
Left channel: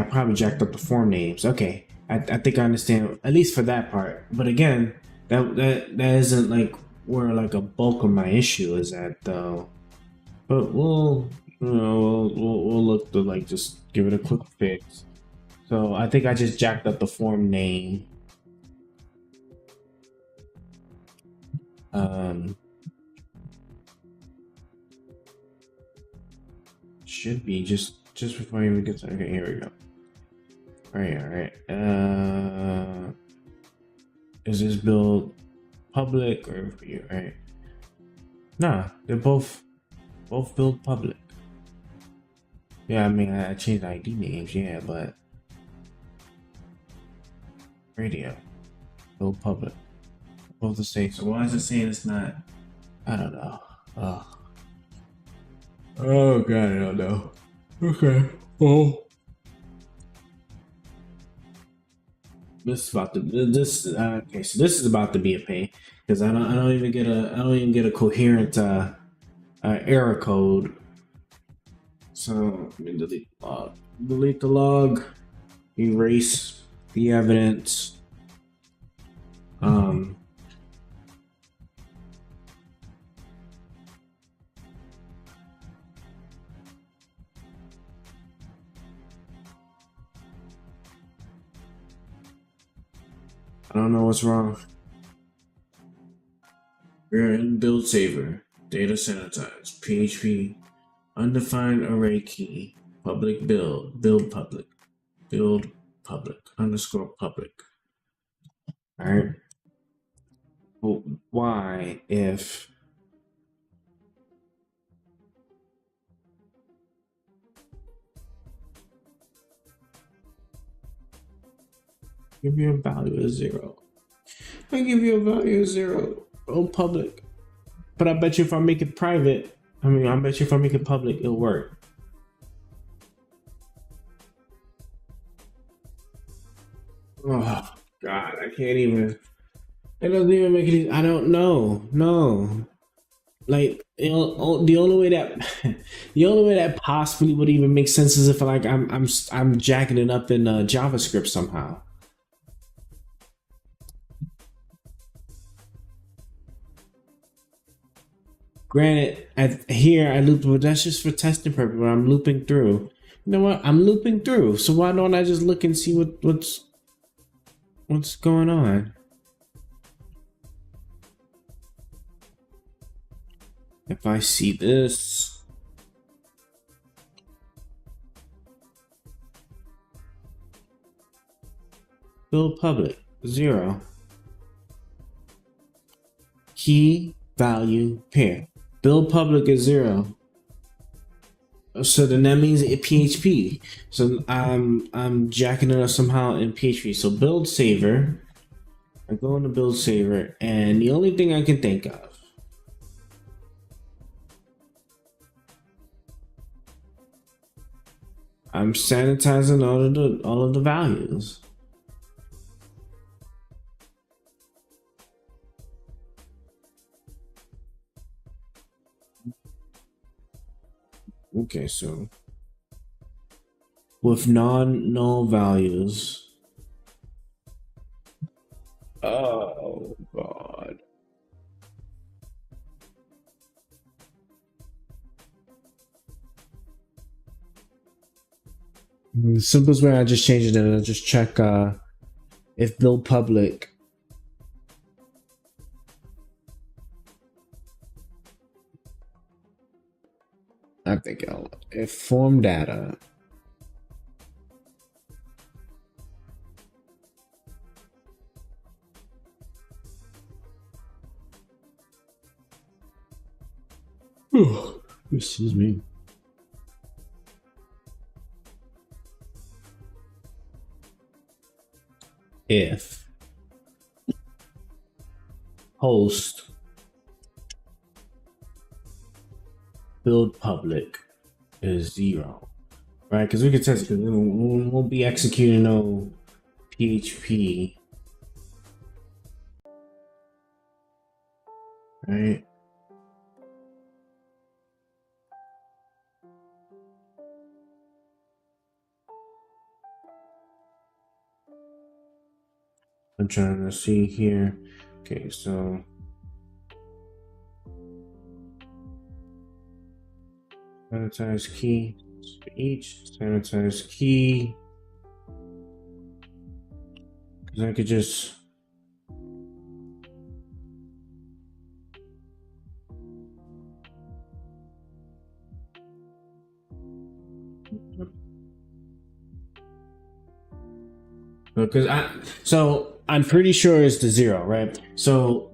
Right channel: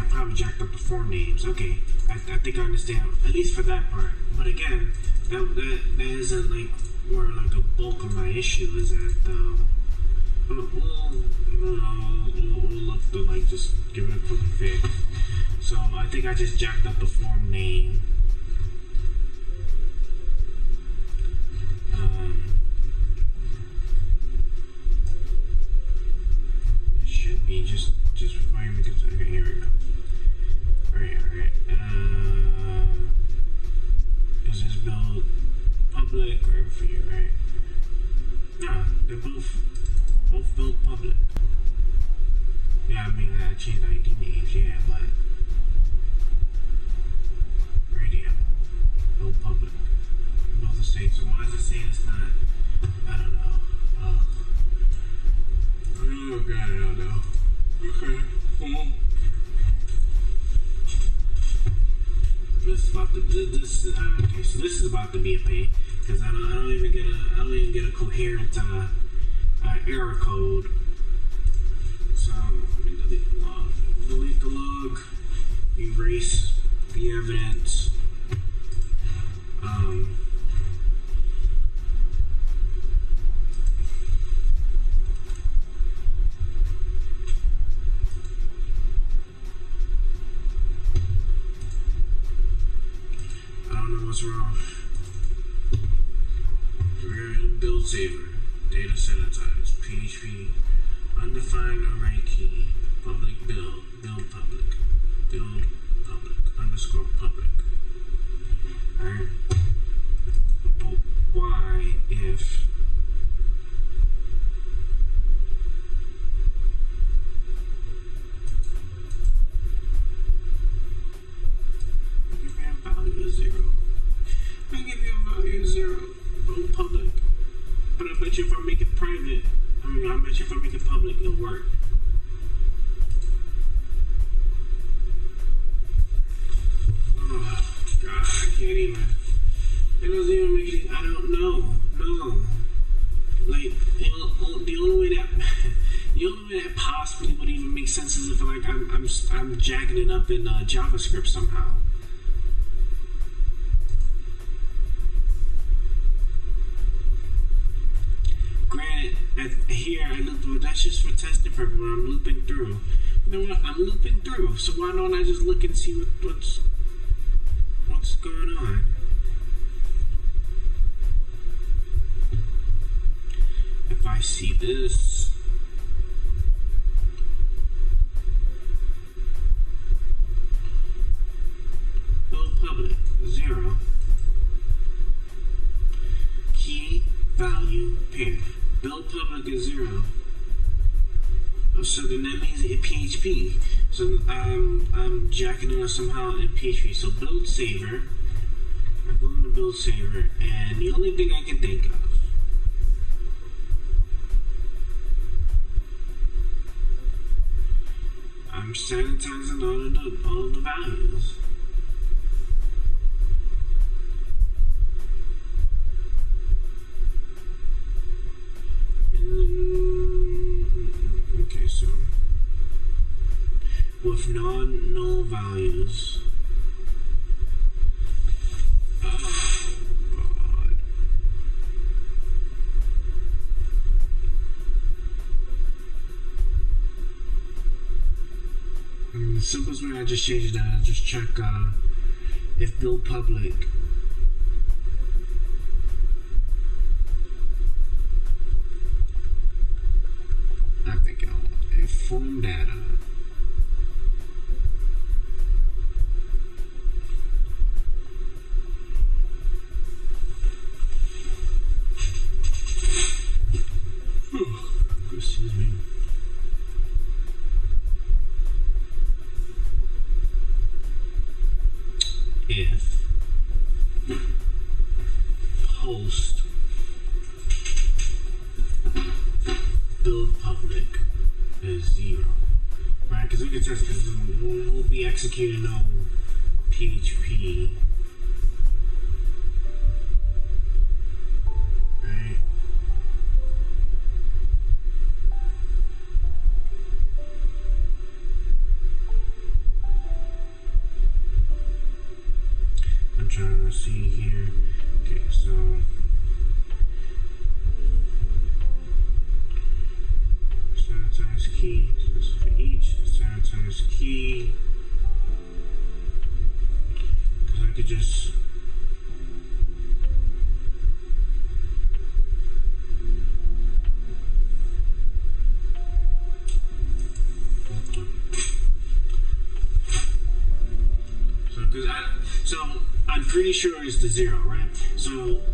I probably jacked up the form names. Okay. I think I understand, at least for that part. But again, that isn't like where like a bulk of my issue is at though. But we'll look to like just give it a quick fix. So I think I just jacked up the form name. Should be just before I even get to, okay, here we go. Alright. Is this build public or for you, right? Nah, they're both build public. Yeah, I mean I changed ID names, yeah, but radio build public, both the same. So why is it saying it's not? I don't know. Oh god, I don't know. Okay. Well, this is about to okay. So this is about to be a pain because I don't even get a coherent error code. So let me delete the log. Delete the log. Erase the evidence. I don't know what's wrong. We're in build saver, data sanitize, PHP, undefined array key, public build public underscore public. All right. But why if give you a value of 0? I give you a value of 0 on public, but I bet you if I make it private, I bet you if I make it public, it'll work. Oh God, I can't even. It doesn't even make it. I don't know. No, like the only way that possibly would even make sense is if like I'm jacking it up in JavaScript somehow. Granted, here I looped, but that's just for testing purpose. But I'm looping through. You know what? I'm looping through. So why don't I just look and see what's going on? If I see this, build public 0, key value pair. Build public is 0. So then that means it PHP. So I'm jacking it up somehow in PHP. So build saver. I go into build saver, and the only thing I can think of, I'm sanitizing all of the values. Okay, so with non-null values. Oh God. The simplest way, I just change it and I just check if build public I think if form data excuse me. If host build public is 0, right? Because we can test it, because we'll be executing no PHP, right? I'm trying to see here. Okay, so sanitize key for each sanitize key, because I could just so I'm pretty sure it's the 0, right? So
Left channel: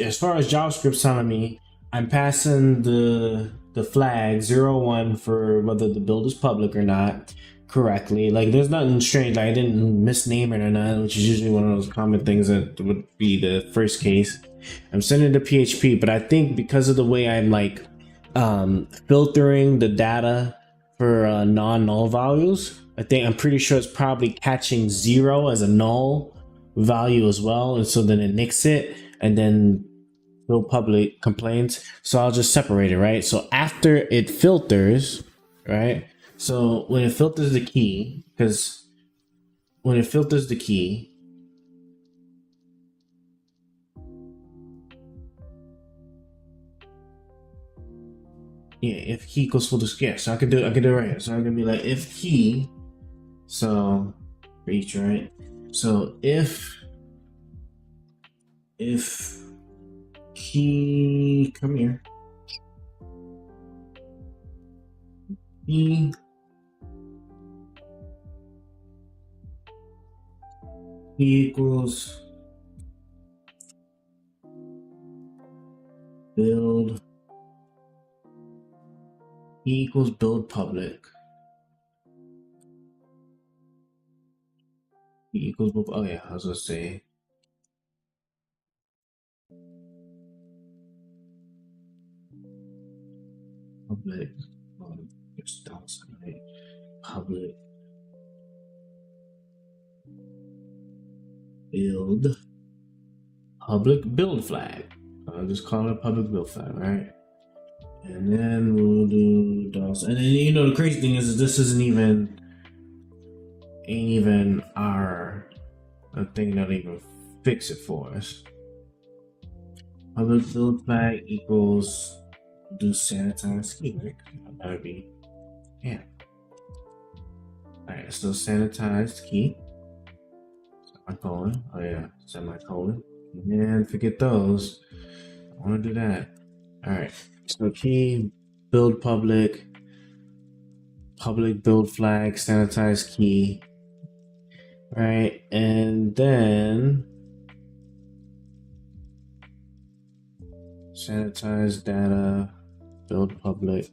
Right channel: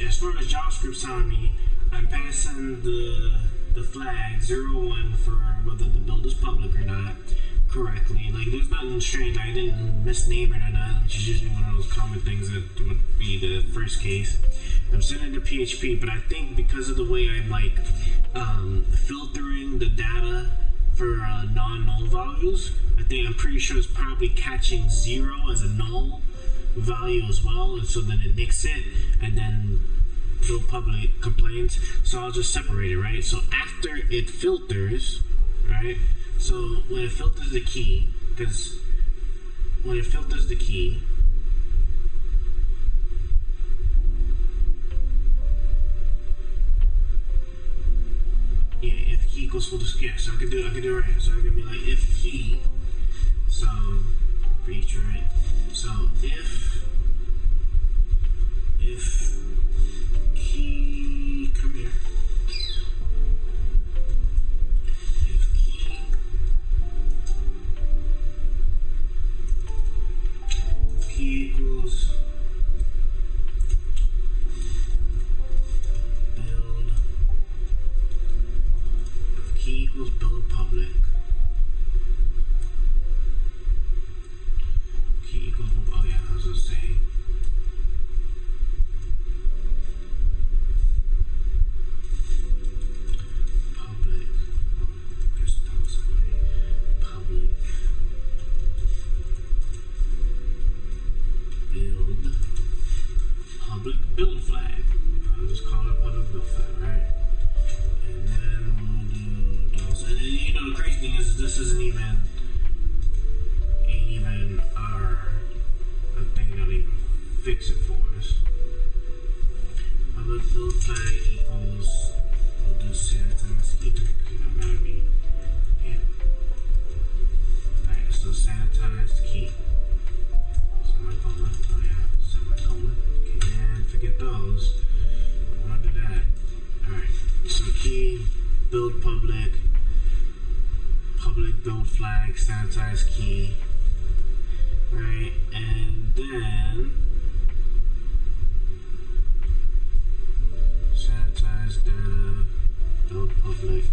as far as JavaScript's telling me, I'm passing the flag 0, 1 for whether the build is public or not correctly. Like there's nothing strange, like I didn't misname it or not, which is usually one of those common things that would be the first case. I'm sending to PHP, but I think because of the way I'm like filtering the data for non-null values, I'm pretty sure it's probably catching 0 as a null value as well, and so then it nicks it, and then build public complains. So I'll just separate it, right? So after it filters, right? So when it filters the key, because when it filters the key, yeah, if key equals full display, yeah, so I can do it right here. So I can be like if key, so for each, right? So if key, come here, if key key equals build. Key equals build public. Key equals, oh yeah, I was gonna say. Public, there's dots, right? Public build, public build flag. I'll just call it a public build flag, right? And then we'll do DOS. And then, you know, the crazy thing is this isn't even, ain't even our thing that'll even fix it for us. Public build flag equals, we'll do sanitized key, right? That'll be, yeah. Alright, so sanitized key. Semicolon. Oh yeah, semicolon. And forget those. I want to do that. Alright, so key, build public build flag, sanitized key. Right, and then sanitize data, build public.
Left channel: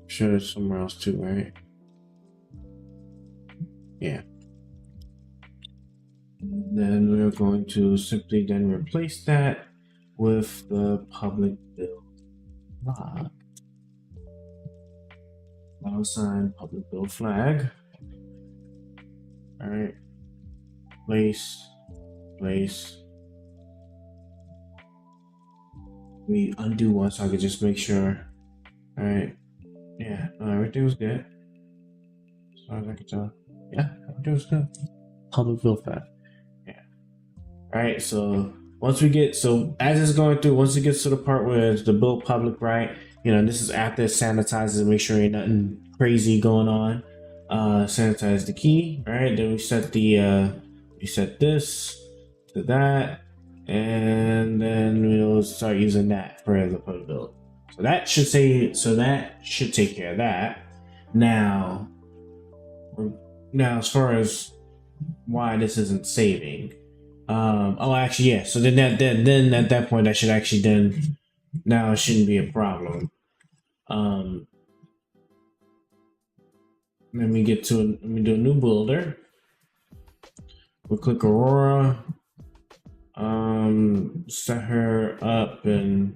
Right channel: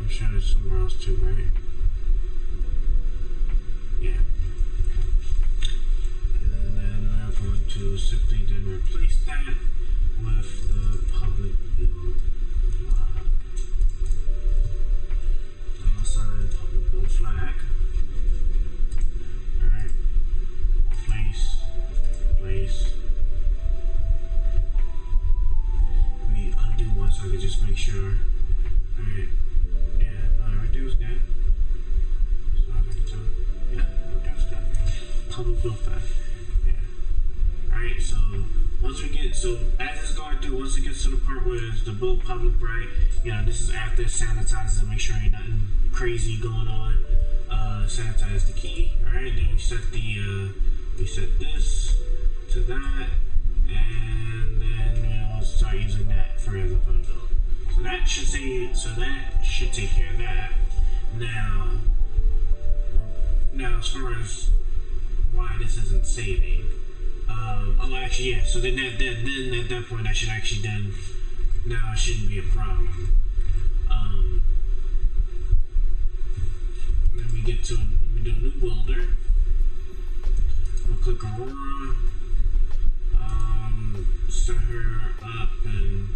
I'm sure there's somewhere else too, right? Yeah. And then we're going to simply then replace that with the public build log. $sign public build flag. Alright. Place. Let me undo one so I can just make sure. Alright. Yeah, no, everything was good. As far as I can tell. Yeah, everything was good. Public build flag. Yeah. Alright, so once we get, so as it's going through, once it gets to the part where it's the build public, right? You know, this is after it sanitizes, make sure ain't nothing crazy going on. Sanitize the key, right? Then we set the we set this to that, and then we'll start using that for the public build. So that should say, so that should take care of that. Now as far as why this isn't saving, oh actually yeah, so then at that point I should actually then, now it shouldn't be a problem. Let me get to let me do a new builder. We'll click Aurora, set her up, and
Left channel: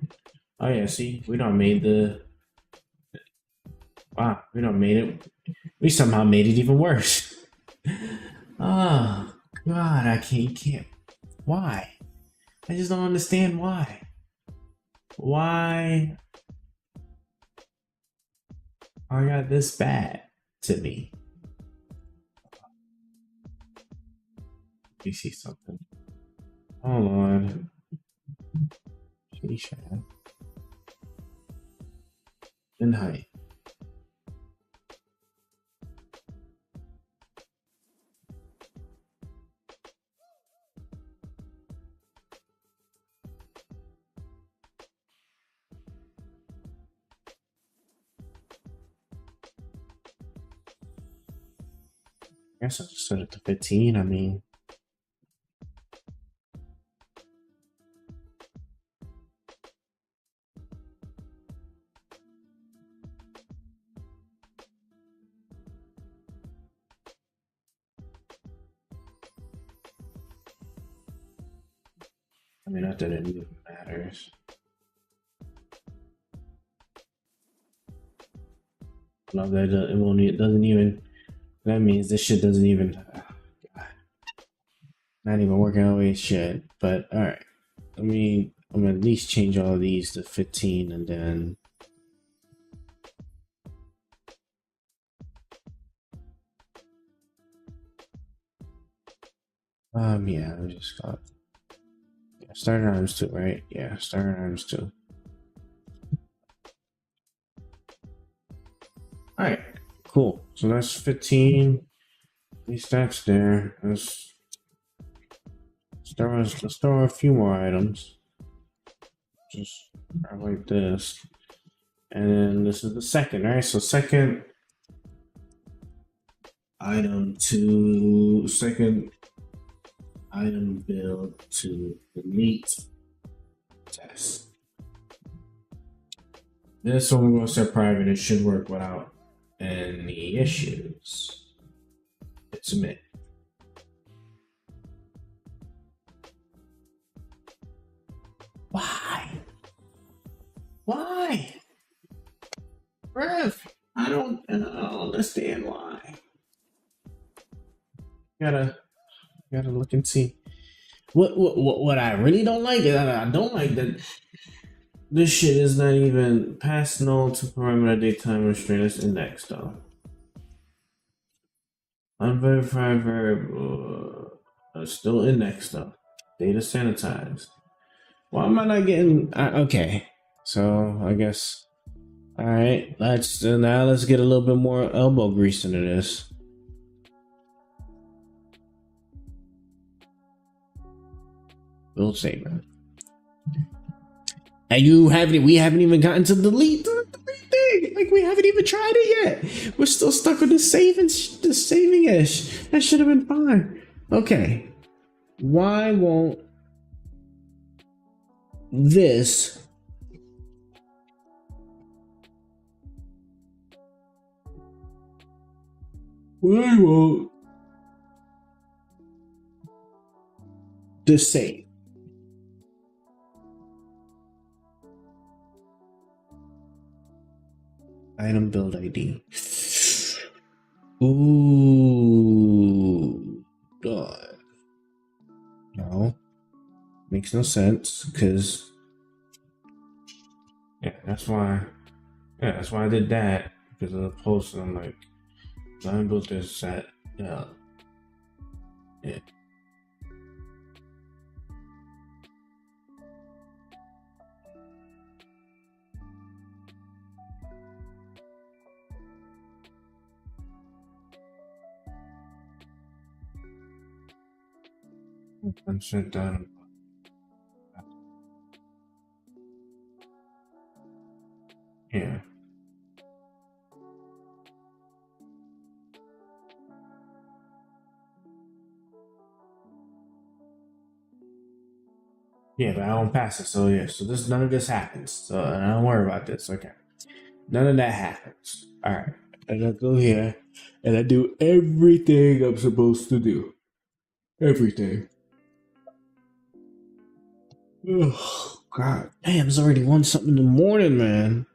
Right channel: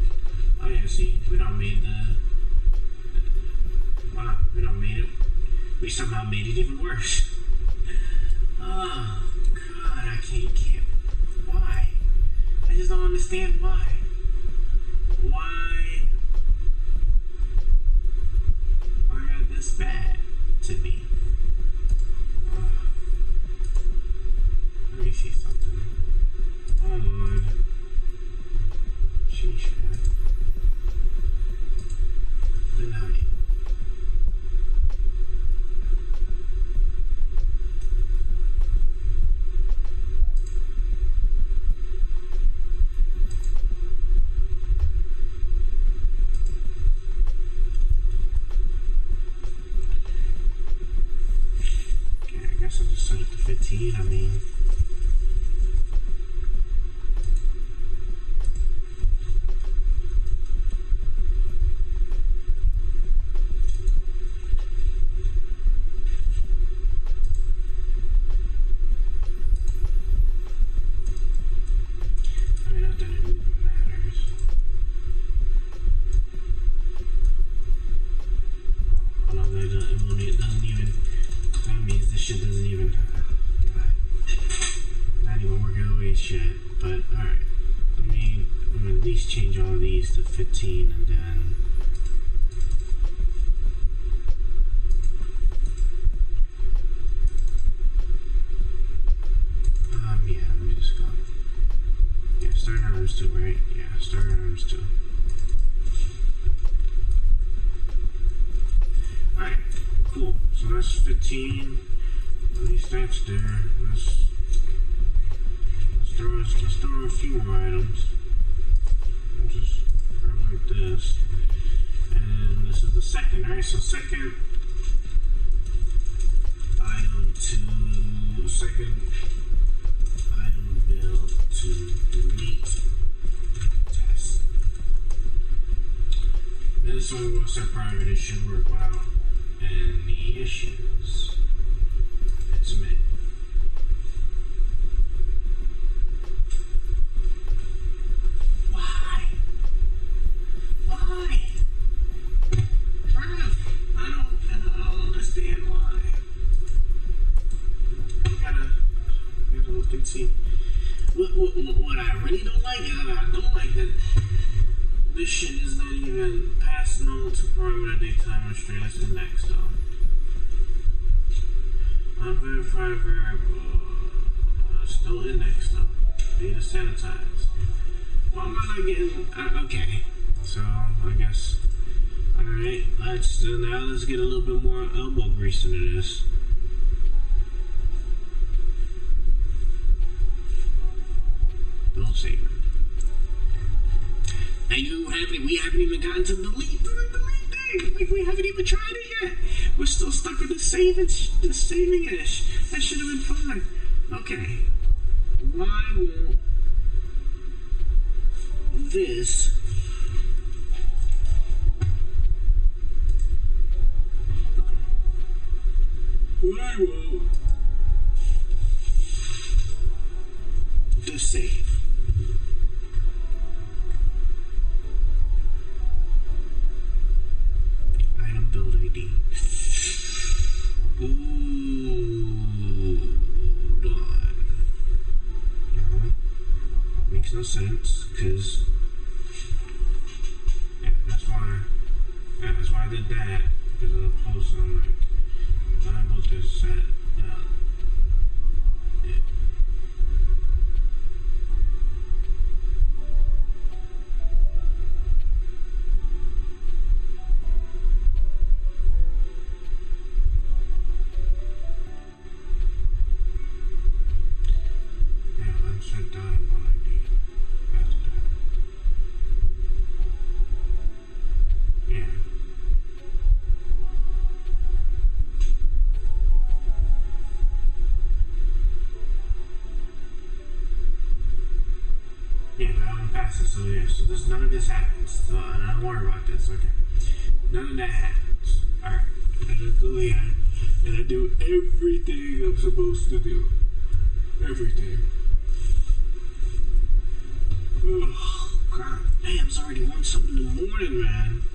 oh yeah, see, we done made the, wow, we done made it, we somehow made it even worse. Oh god, I can't, why? I just don't understand why I got this bad to me. Let me see something. Hold on. Sheesh. And height. I guess I'll just set it to 15. I mean, not that it really matters. I love that it doesn't even. That means this shit doesn't even, not even working the way it should. But all right, I'm gonna at least change all of these to 15, and then yeah, we just got, yeah, starting items 2, right? Yeah, starting items 2. All right. Cool. So that's 15. At least that's there. Let's throw a few more items. Just grab like this. And then this is the second, right? So second item to second item build to delete test. This one we're going to set private. It should work without any issues. Hit submit. Why? Rev, I don't understand why. Gotta look and see. What I really don't like is I don't like that this shit is not even past null to parameter daytime restraint. It's indexed though. Unverified variable still indexed though. Data sanitized. Why am I not getting? Okay, so I guess. All right, let's get a little bit more elbow grease into this. Build statement. And we haven't even gotten to delete thing. Like we haven't even tried it yet. We're still stuck with the saving ish. That should have been fine. Okay. Why won't this save? Item build ID. Ooh, God. No, makes no sense because that's why I did that, because of the post. I'm like, I built this set. Yeah. Unsent down. Yeah. Yeah, but I won't pass it. So yeah, so none of this happens. So and I don't worry about this. Okay, none of that happens. All right, and I go here and I do everything I'm supposed to do. Everything. Ugh, God damn, it's already 1 something in the morning, man.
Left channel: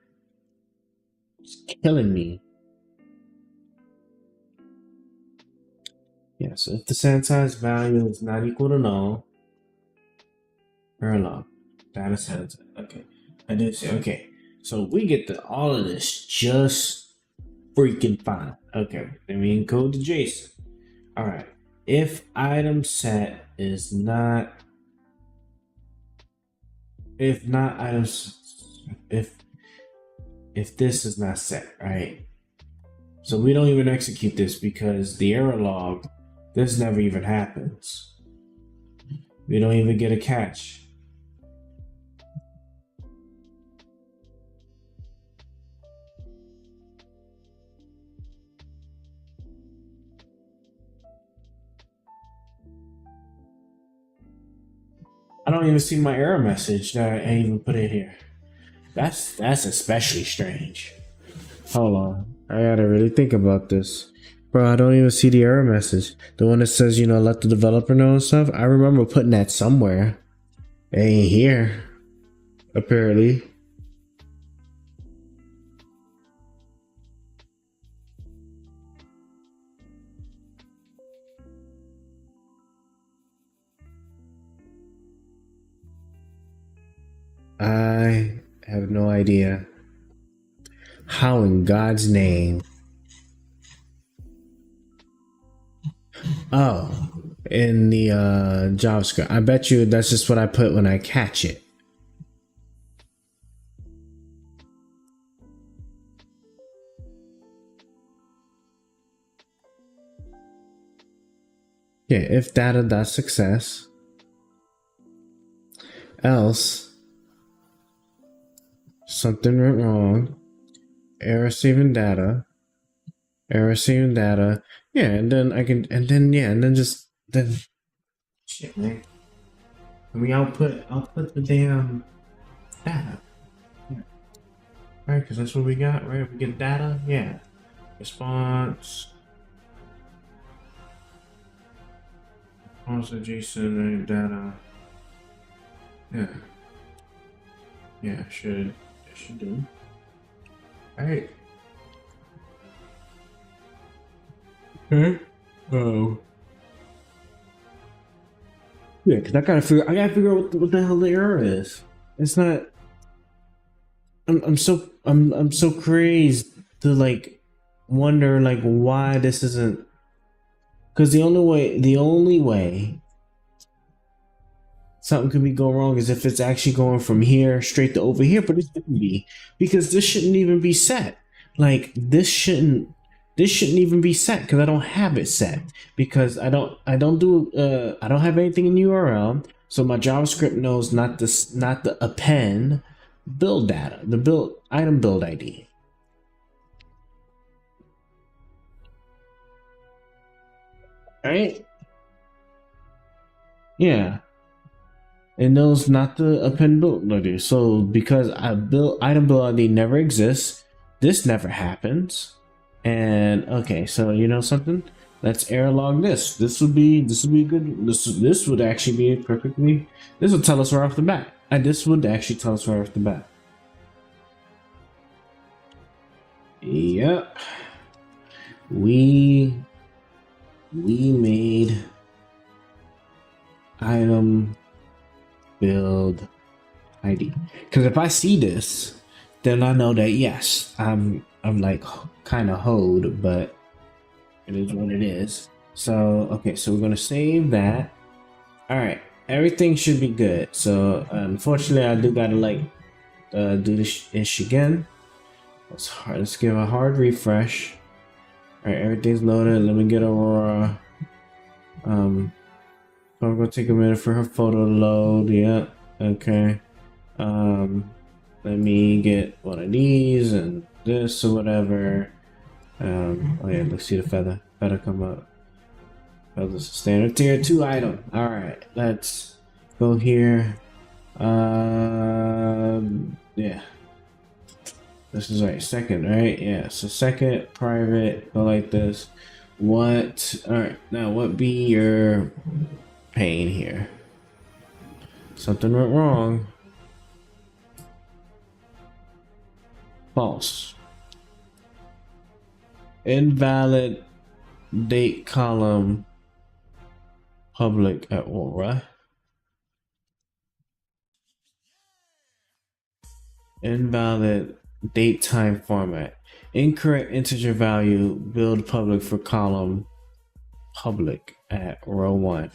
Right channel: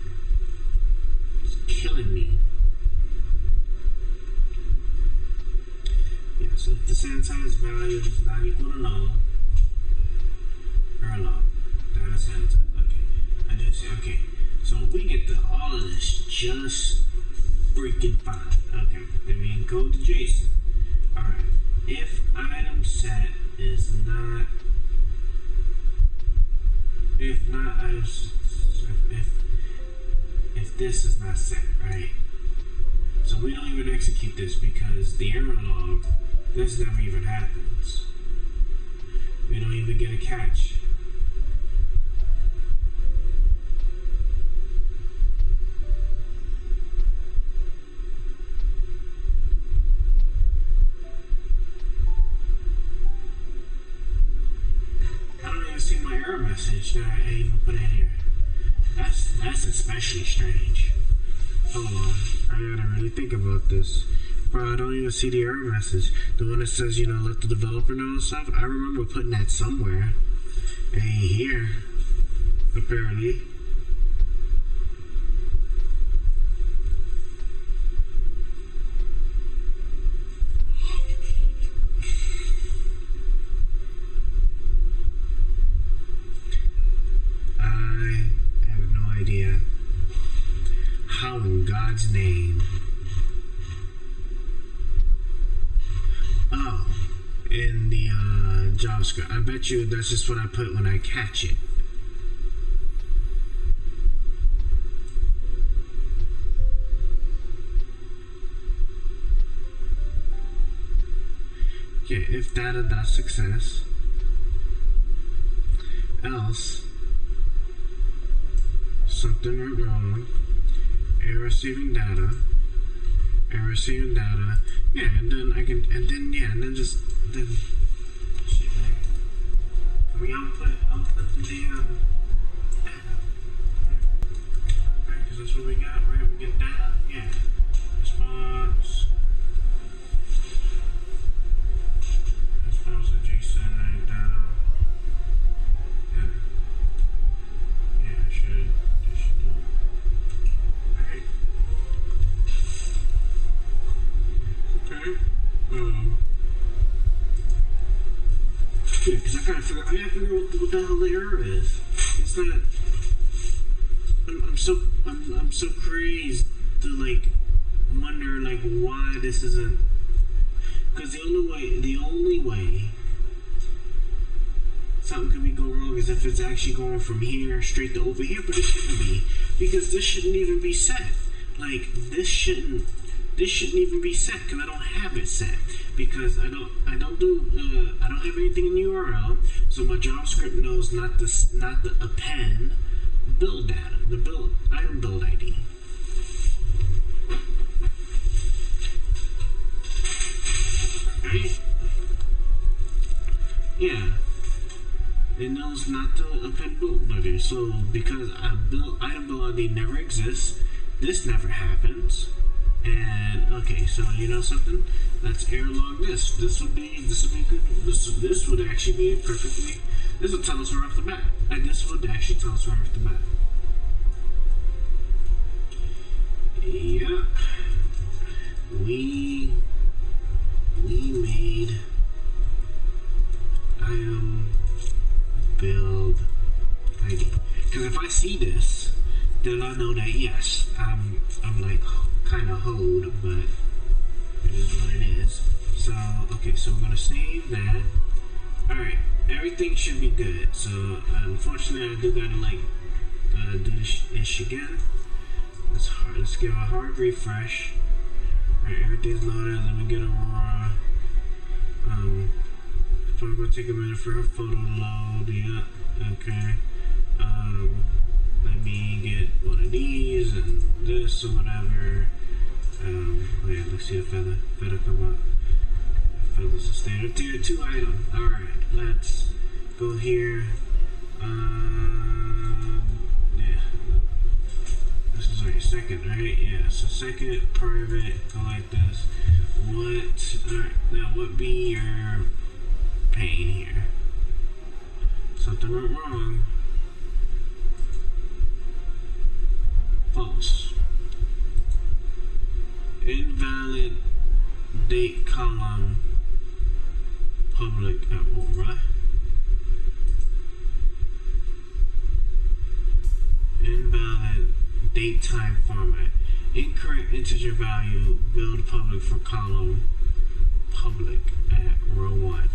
It's killing me. Yeah, so if the sanitized value is not equal to null, error log, data sanitized. Okay, I did say, okay. So we get all of this just freaking fine. Okay, then we encode to JSON. Alright, if item set is not, if this is not set, right? So we don't even execute this because the error log, this never even happens. We don't even get a catch. I don't even see my error message that I even put in here. That's especially strange. Hold on, I gotta really think about this. Bro, I don't even see the error message. The one that says, let the developer know and stuff. I remember putting that somewhere. It ain't here, apparently. I have no idea how in God's name. Oh, in the JavaScript. I bet you that's just what I put when I catch it. Yeah, if data.success, else something went wrong, error saving data, error receiving data. Yeah, and then I can, and then yeah, and then just then. Shit, man. Can we output the damn data? Yeah. Right, because that's what we got, right? We get data, yeah. Response to JSON, right? Data. Yeah. Yeah, should do. Alright. Okay. Oh. Yeah, because I gotta figure out what the hell the error is. It's not. I'm so crazed to like wonder like why this isn't. Because the only way something could go wrong is if it's actually going from here straight to over here, but it shouldn't be, because this shouldn't even be set. Like this shouldn't even be set because I don't have it set, because I don't have anything in URL, so my JavaScript knows not the append build data, the build item build ID. Right? Yeah. It knows not to append build ID. So because item build ID never exists, this never happens. And okay, so you know something? Let's error log this. This would be good. This would actually be perfectly. This would tell us right off the bat. This would actually tell us right off the bat. Yep. We made item build ID, because if I see this, then I know that yes, I'm like kind of hoed, but it is what it is. So okay, so we're gonna save that. All right, everything should be good. So unfortunately, I do gotta like do this ish again. Let's give a hard refresh. All right, everything's loaded. Let me get Aurora. So I'm gonna take a minute for her photo to load. Yeah, okay. Let me get one of these and this or whatever. Oh yeah, let's see the feather come up. Feather's a standard tier 2 item. All right, let's go here. Yeah, this is right, second, right? Yeah, so second private, go like this. What? All right, now what be your pain here? Something went wrong. False. Invalid date column public at Aura. Invalid date time format. Incorrect integer value build public for column public at row 1.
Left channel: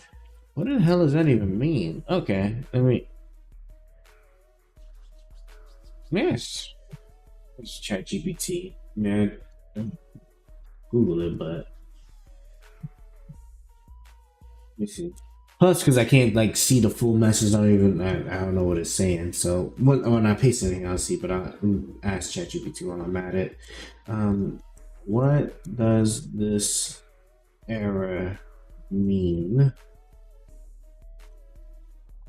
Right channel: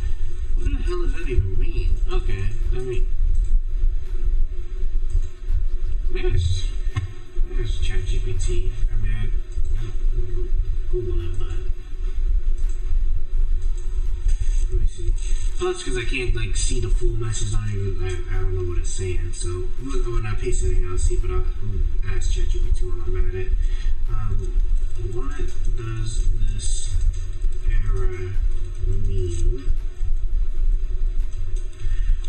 What the hell does that even mean? Okay, let me. Yes. It's ChatGPT. I mean, I Google it, but let me see. Plus, because I can't like see the full message, I don't know what it's saying. So when I paste anything, I'll see. But I'll ask ChatGPT when I'm at it. What does this error mean?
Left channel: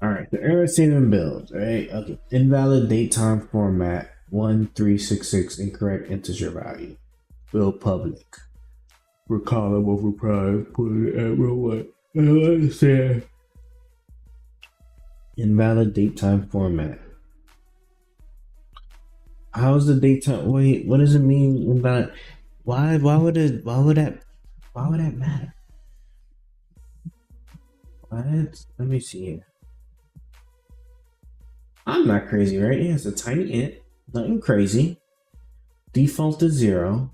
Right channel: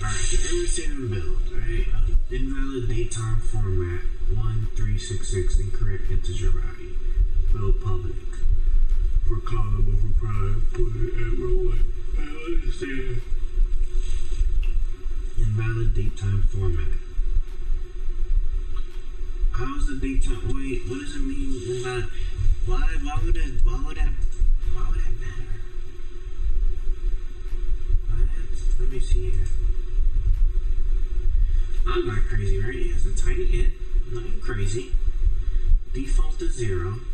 All right, the error statement build. Right, okay. Invalid date time format 1366 incorrect integer value. Build public for column over prime. Put it at row 1. I don't understand. Invalid date time format. How's the date time? Wait, what does it mean invalid? Why would that matter? What? Let me see here. I'm not crazy, right? Yeah, it's a tiny int. Nothing crazy. Default is 0.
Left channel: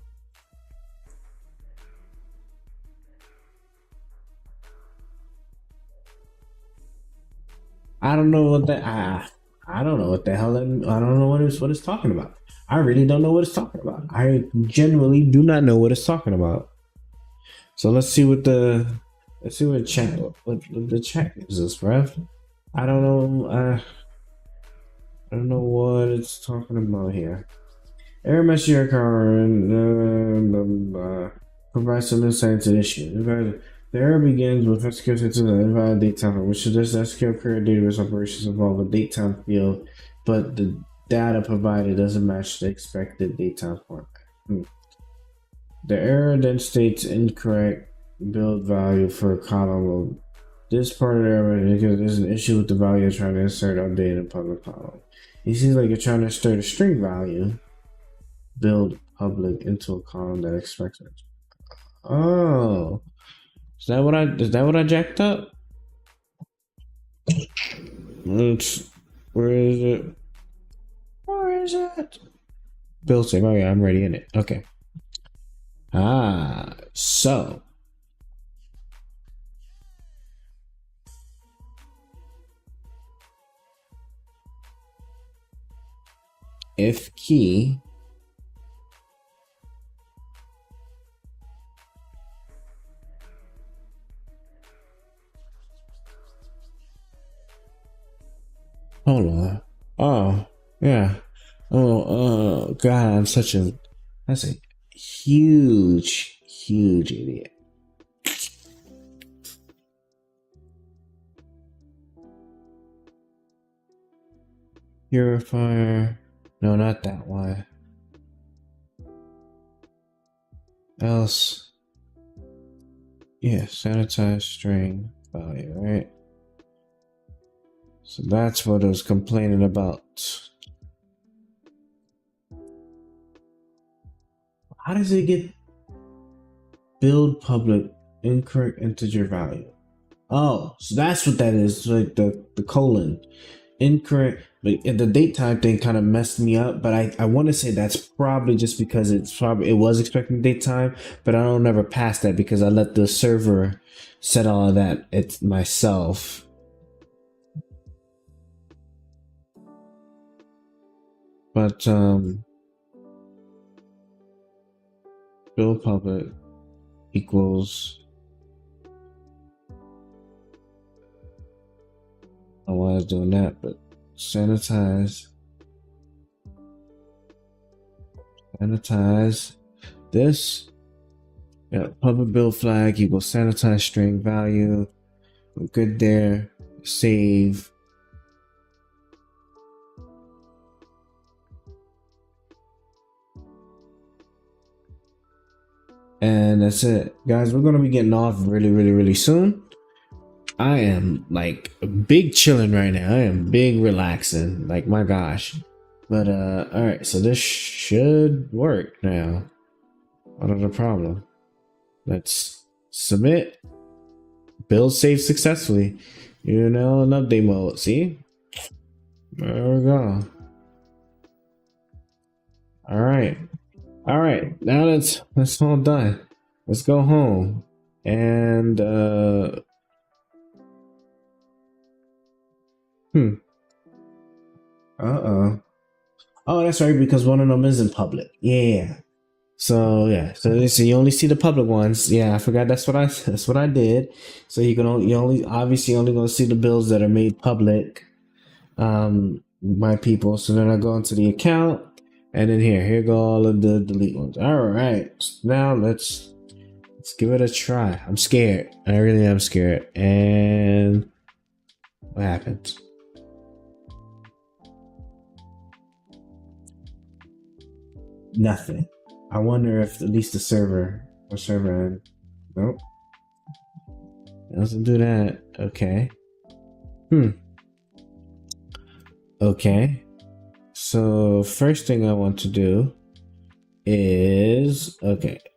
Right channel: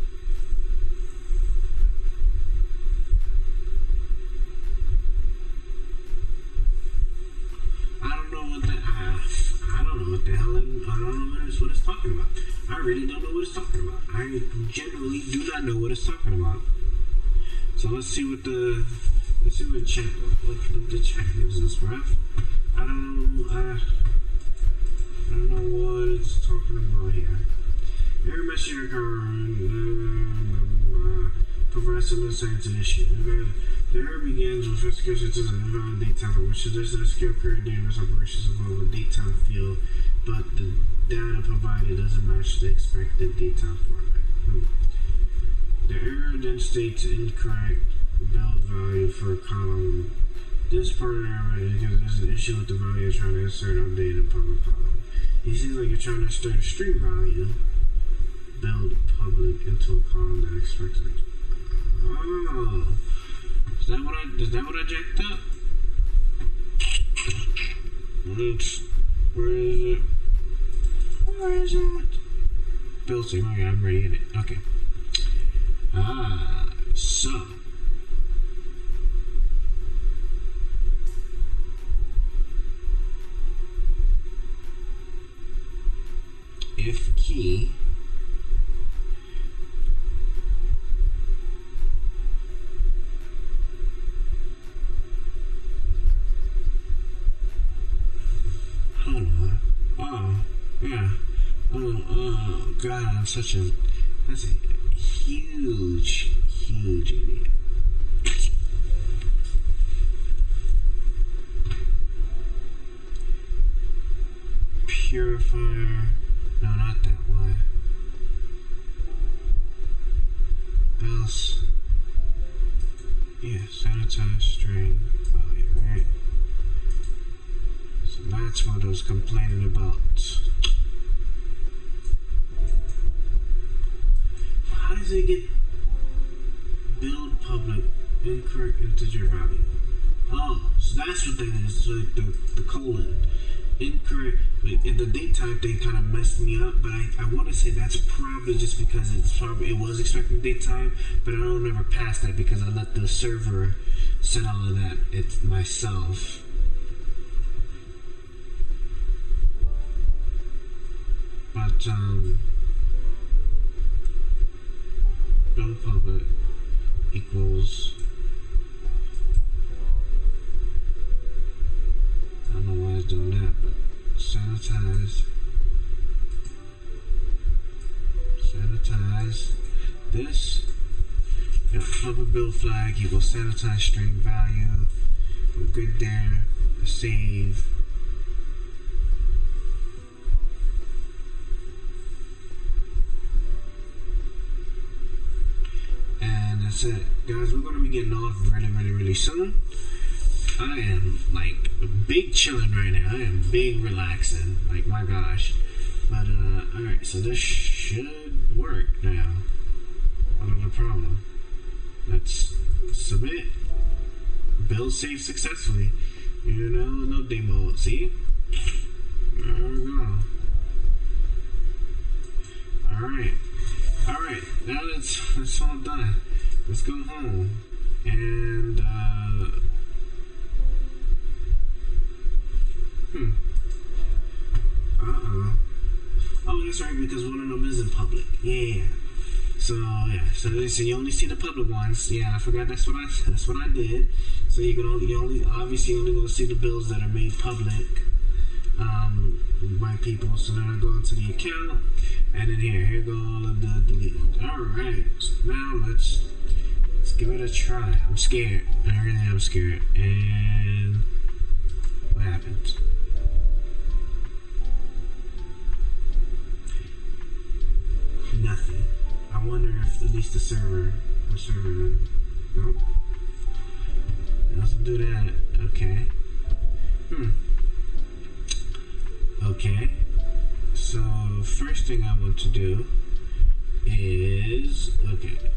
I don't know what that. I don't know what the hell. I don't know what it's talking about. I really don't know what it's talking about. I genuinely do not know what it's talking about. So let's see what the chat gives us, bruv. I don't know what it's talking about here. Error message current provides some insight into the issue. The error begins with SQL system and invalid date time, which suggests that SQL query database operations involve a date time field, but the data provided doesn't match the expected date time format. The error then states incorrect build value for a column. This part of the error is because there's an issue with the value you're trying to insert update in public column. It seems like you're trying to insert a string value, build public into a column that expects it. Oh, is that what I jacked up? Where is it? Where is it? Build save. Oh yeah, I'm already in it. Okay. So if key hold on. Oh yeah. Oh god, that's a huge idiot. Purifier. No, not that one. Else. Yeah, sanitize string value, right? So that's what I was complaining about. How does it get build public incorrect integer value? Oh, so that's what that is, like the colon. Incorrect, but the date time thing kind of messed me up, but I want to say that's probably just because it was expecting date time, but I don't ever pass that because I let the server set all of that it myself. But build public equals, I don't know why I was doing that, but sanitize this. Yeah, public build flag equals sanitize string value. We're good there. Save. And that's it, guys. We're gonna be getting off really soon. I am like big chilling right now. I am big relaxing. Like my gosh. But all right. So this should work now. What is the problem? Let's submit. Build save successfully. You know, in update mode. See? There we go. All right. Alright, now that's all done. Let's go home. And oh, that's right, because one of them is in public. Yeah. So yeah, so you only see the public ones. Yeah, I forgot that's what I did. So you obviously only gonna see the bills that are made public by people. So then I go into the account. And then here go all of the delete ones. All right, now let's give it a try. I'm scared. I really am scared. And what happens? Nothing. I wonder if at least the server end. Nope. It doesn't do that. Okay. Okay. So first thing I want to do is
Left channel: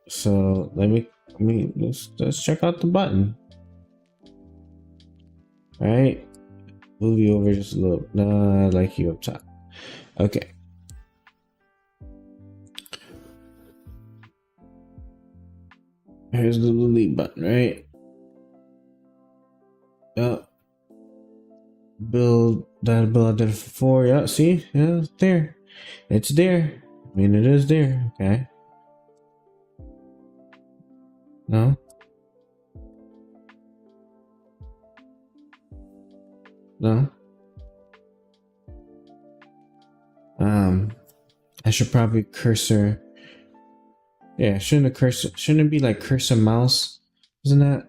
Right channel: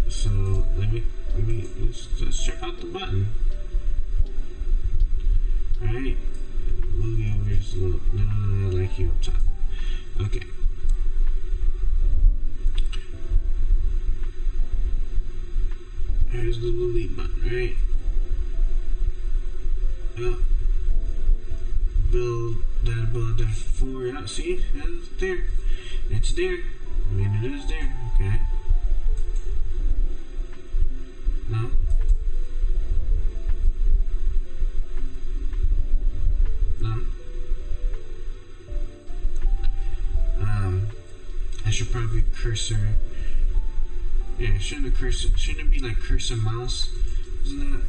so let's check out the button. All right, move you over just a little. No, I like you up top. Okay. Here's the delete button, right? Build identifier 4. Yeah, see? Yeah, it's there. It's there. I mean, it is there. Okay. No? No? should probably cursor. Yeah, shouldn't it be like cursor mouse? Isn't that?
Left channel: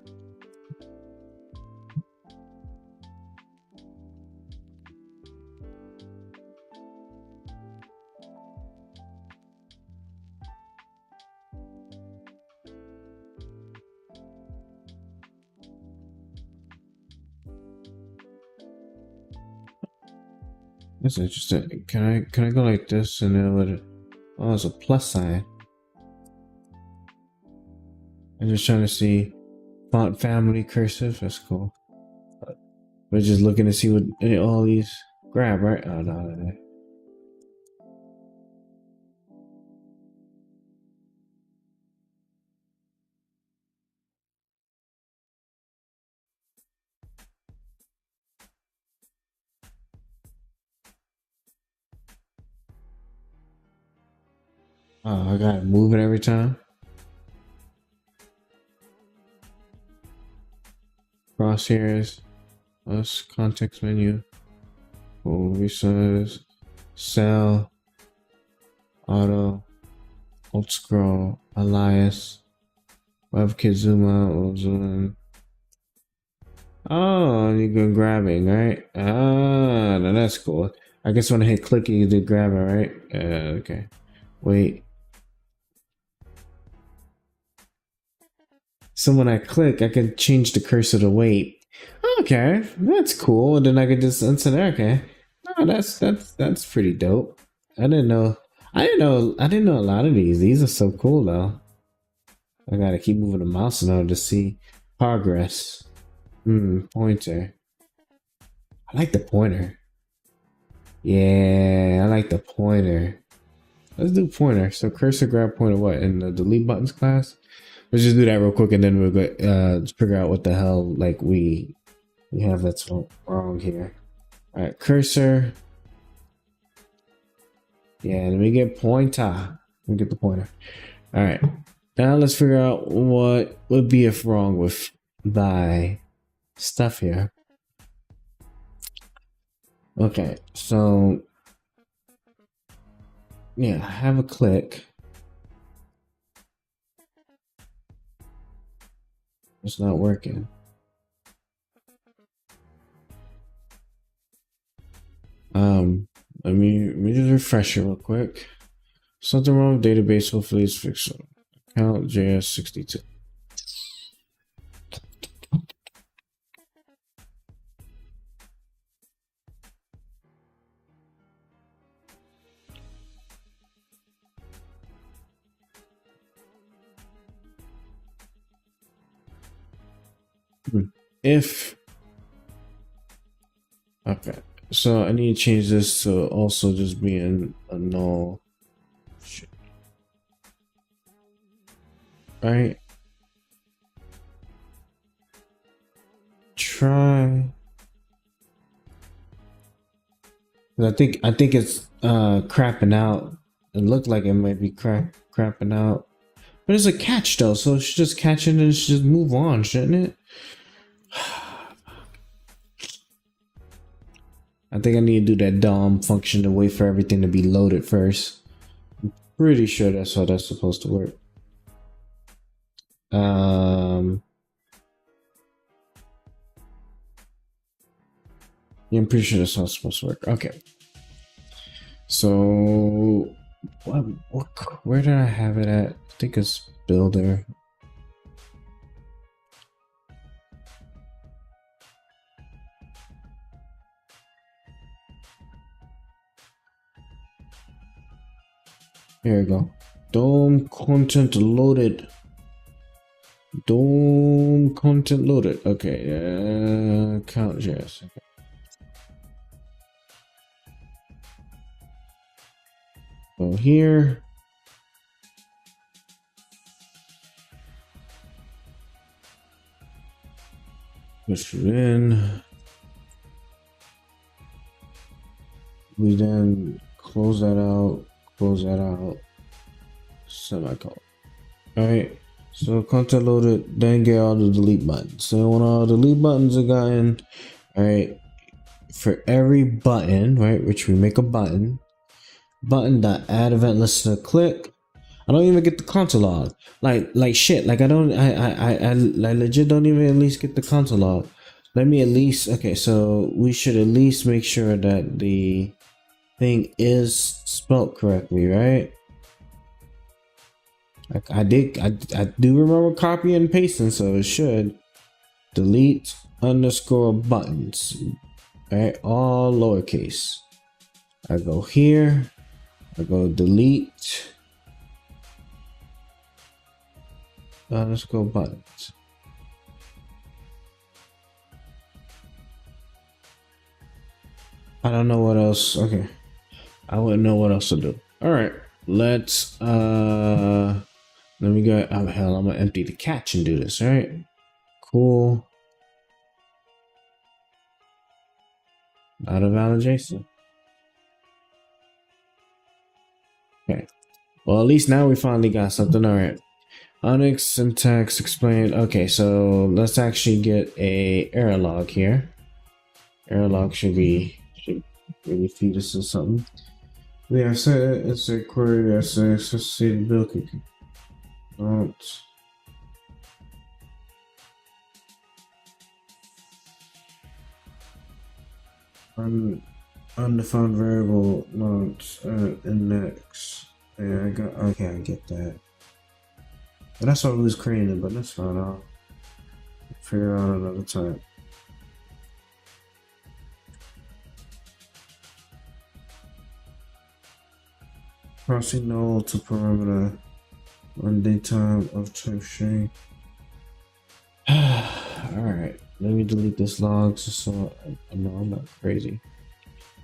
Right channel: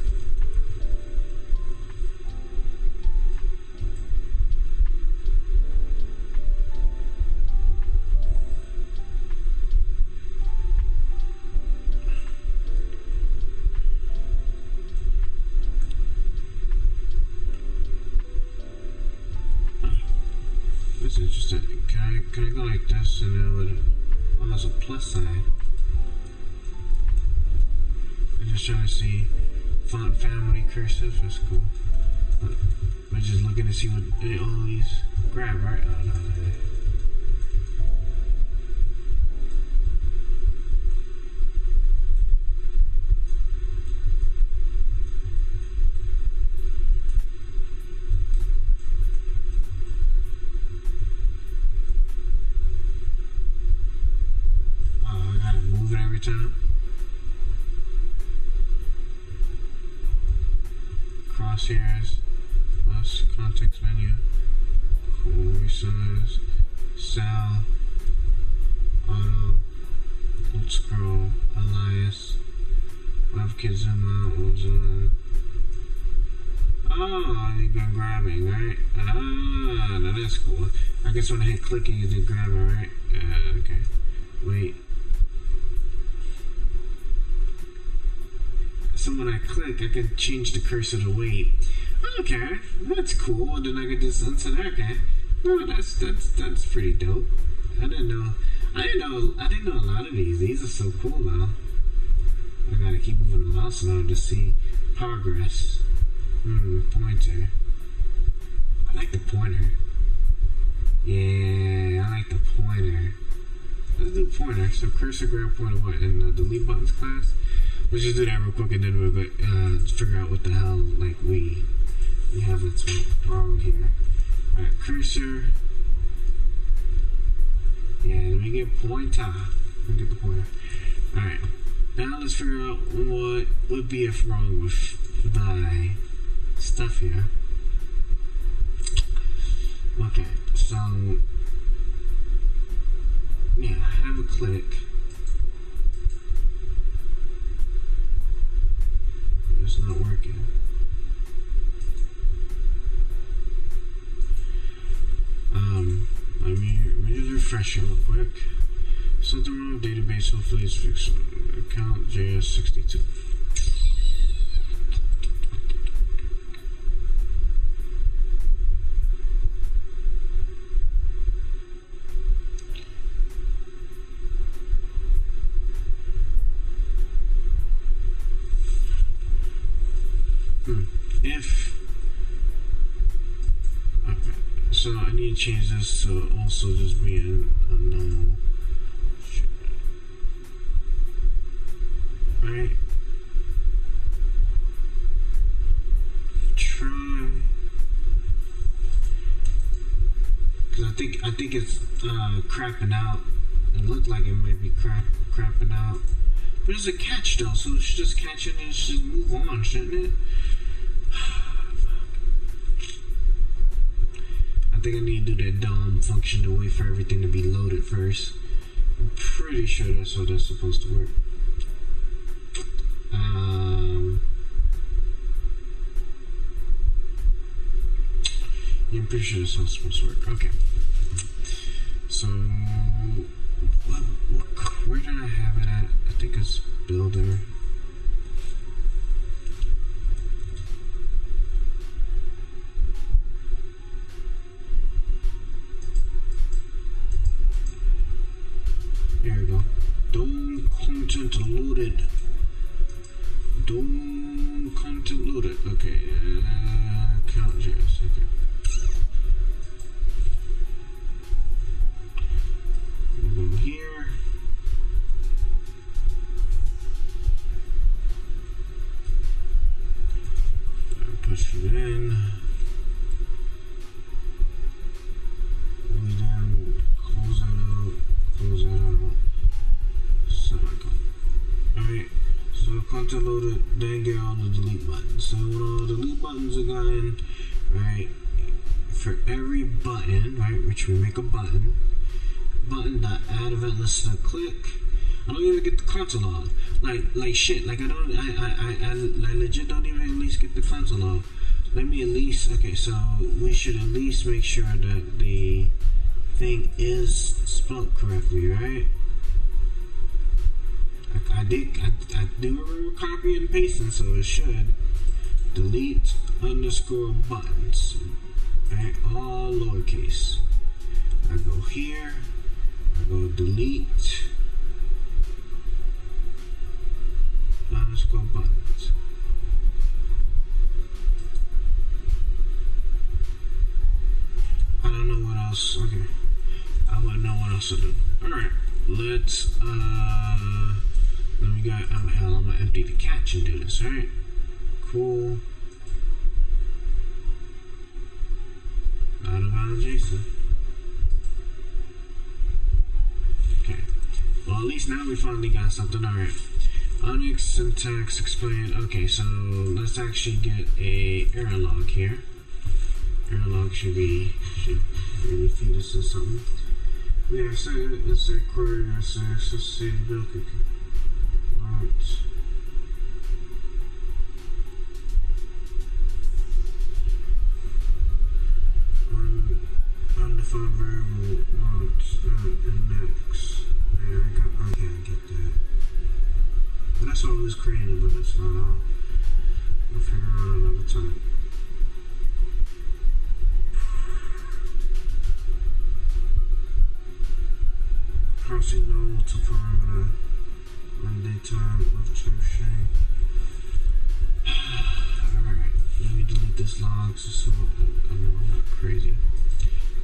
That's interesting. Can I go like this and then with it? Oh, it's a plus sign. I'm just trying to see font family cursive. That's cool. We're just looking to see what all these grab, right? Oh no. Oh, I gotta move it every time. Crosshairs, plus context menu, cool resources, cell, auto, alt scroll, alias, WebKit zoom out, or zoom in. Oh, you go grabbing, right? Ah, now that's cool. I guess when I hit click, you do grabbing, right? Okay. Wait. So when I click, I can change the cursor to wait. Okay, that's cool. And then I could just answer. Okay, no, that's pretty dope. I didn't know a lot of these. These are so cool though. I gotta keep moving the mouse in order to see progress. Pointer. I like the pointer. Yeah, I like the pointer. Let's do pointer. So cursor, grab, pointer. What in the delete buttons class? Let's just do that real quick, and then we'll go figure out what the hell like we have that's wrong here. All right, cursor. Yeah, let me get pointer. Let me get the pointer. All right, now let's figure out what would be if wrong with thy stuff here. Okay, so yeah, have a click. It's not working. Let me just refresh it real quick. Something wrong with database. Hopefully it's fixed. Account JS62. If okay, so I need to change this to also just being a null. Right? Try, because I think it's crapping out. It looked like it might be crapping out, but it's a catch though, so it should just catch it and it should just move on, shouldn't it? I think I need to do that DOM function to wait for everything to be loaded first. I'm pretty sure that's how that's supposed to work. Yeah, I'm pretty sure that's how it's supposed to work. Okay. So, where did I have it at? I think it's builder. Here we go. DOM content loaded. DOM content loaded. Okay. Count JS. Okay. Go here. Push it in. We then close that out. Close that out. Semicolon. Alright, so content loaded, then get all the delete buttons. So when all the delete buttons are gotten, alright, for every button, right, which we make a button, button dot add event listener click. I don't even get the console log. Like shit. Like I legit don't even at least get the console log. Let me at least, okay, so we should at least make sure that the thing is spelled correctly, right? I do remember copying and pasting, so it should. Delete underscore buttons, right? All lowercase. I go here, I go delete underscore buttons. I don't know what else. Okay, I wouldn't know what else to do. All right, let's let me go. Oh hell, I'm gonna empty the cache and do this. All right, cool. Not a valid JSON. Okay, well at least now we finally got something. All right, Onyx syntax explained. Okay, so let's actually get a error log here. Error log should really feed us to something. We have set insert query as an associated build cookie. Not undefined variable, not index. Yeah, okay, I get that. But that's what we was creating, but that's fine. I'll figure out another time. Crossing null to parameter on daytime of type string. Alright, let me delete this log so I know I'm not crazy.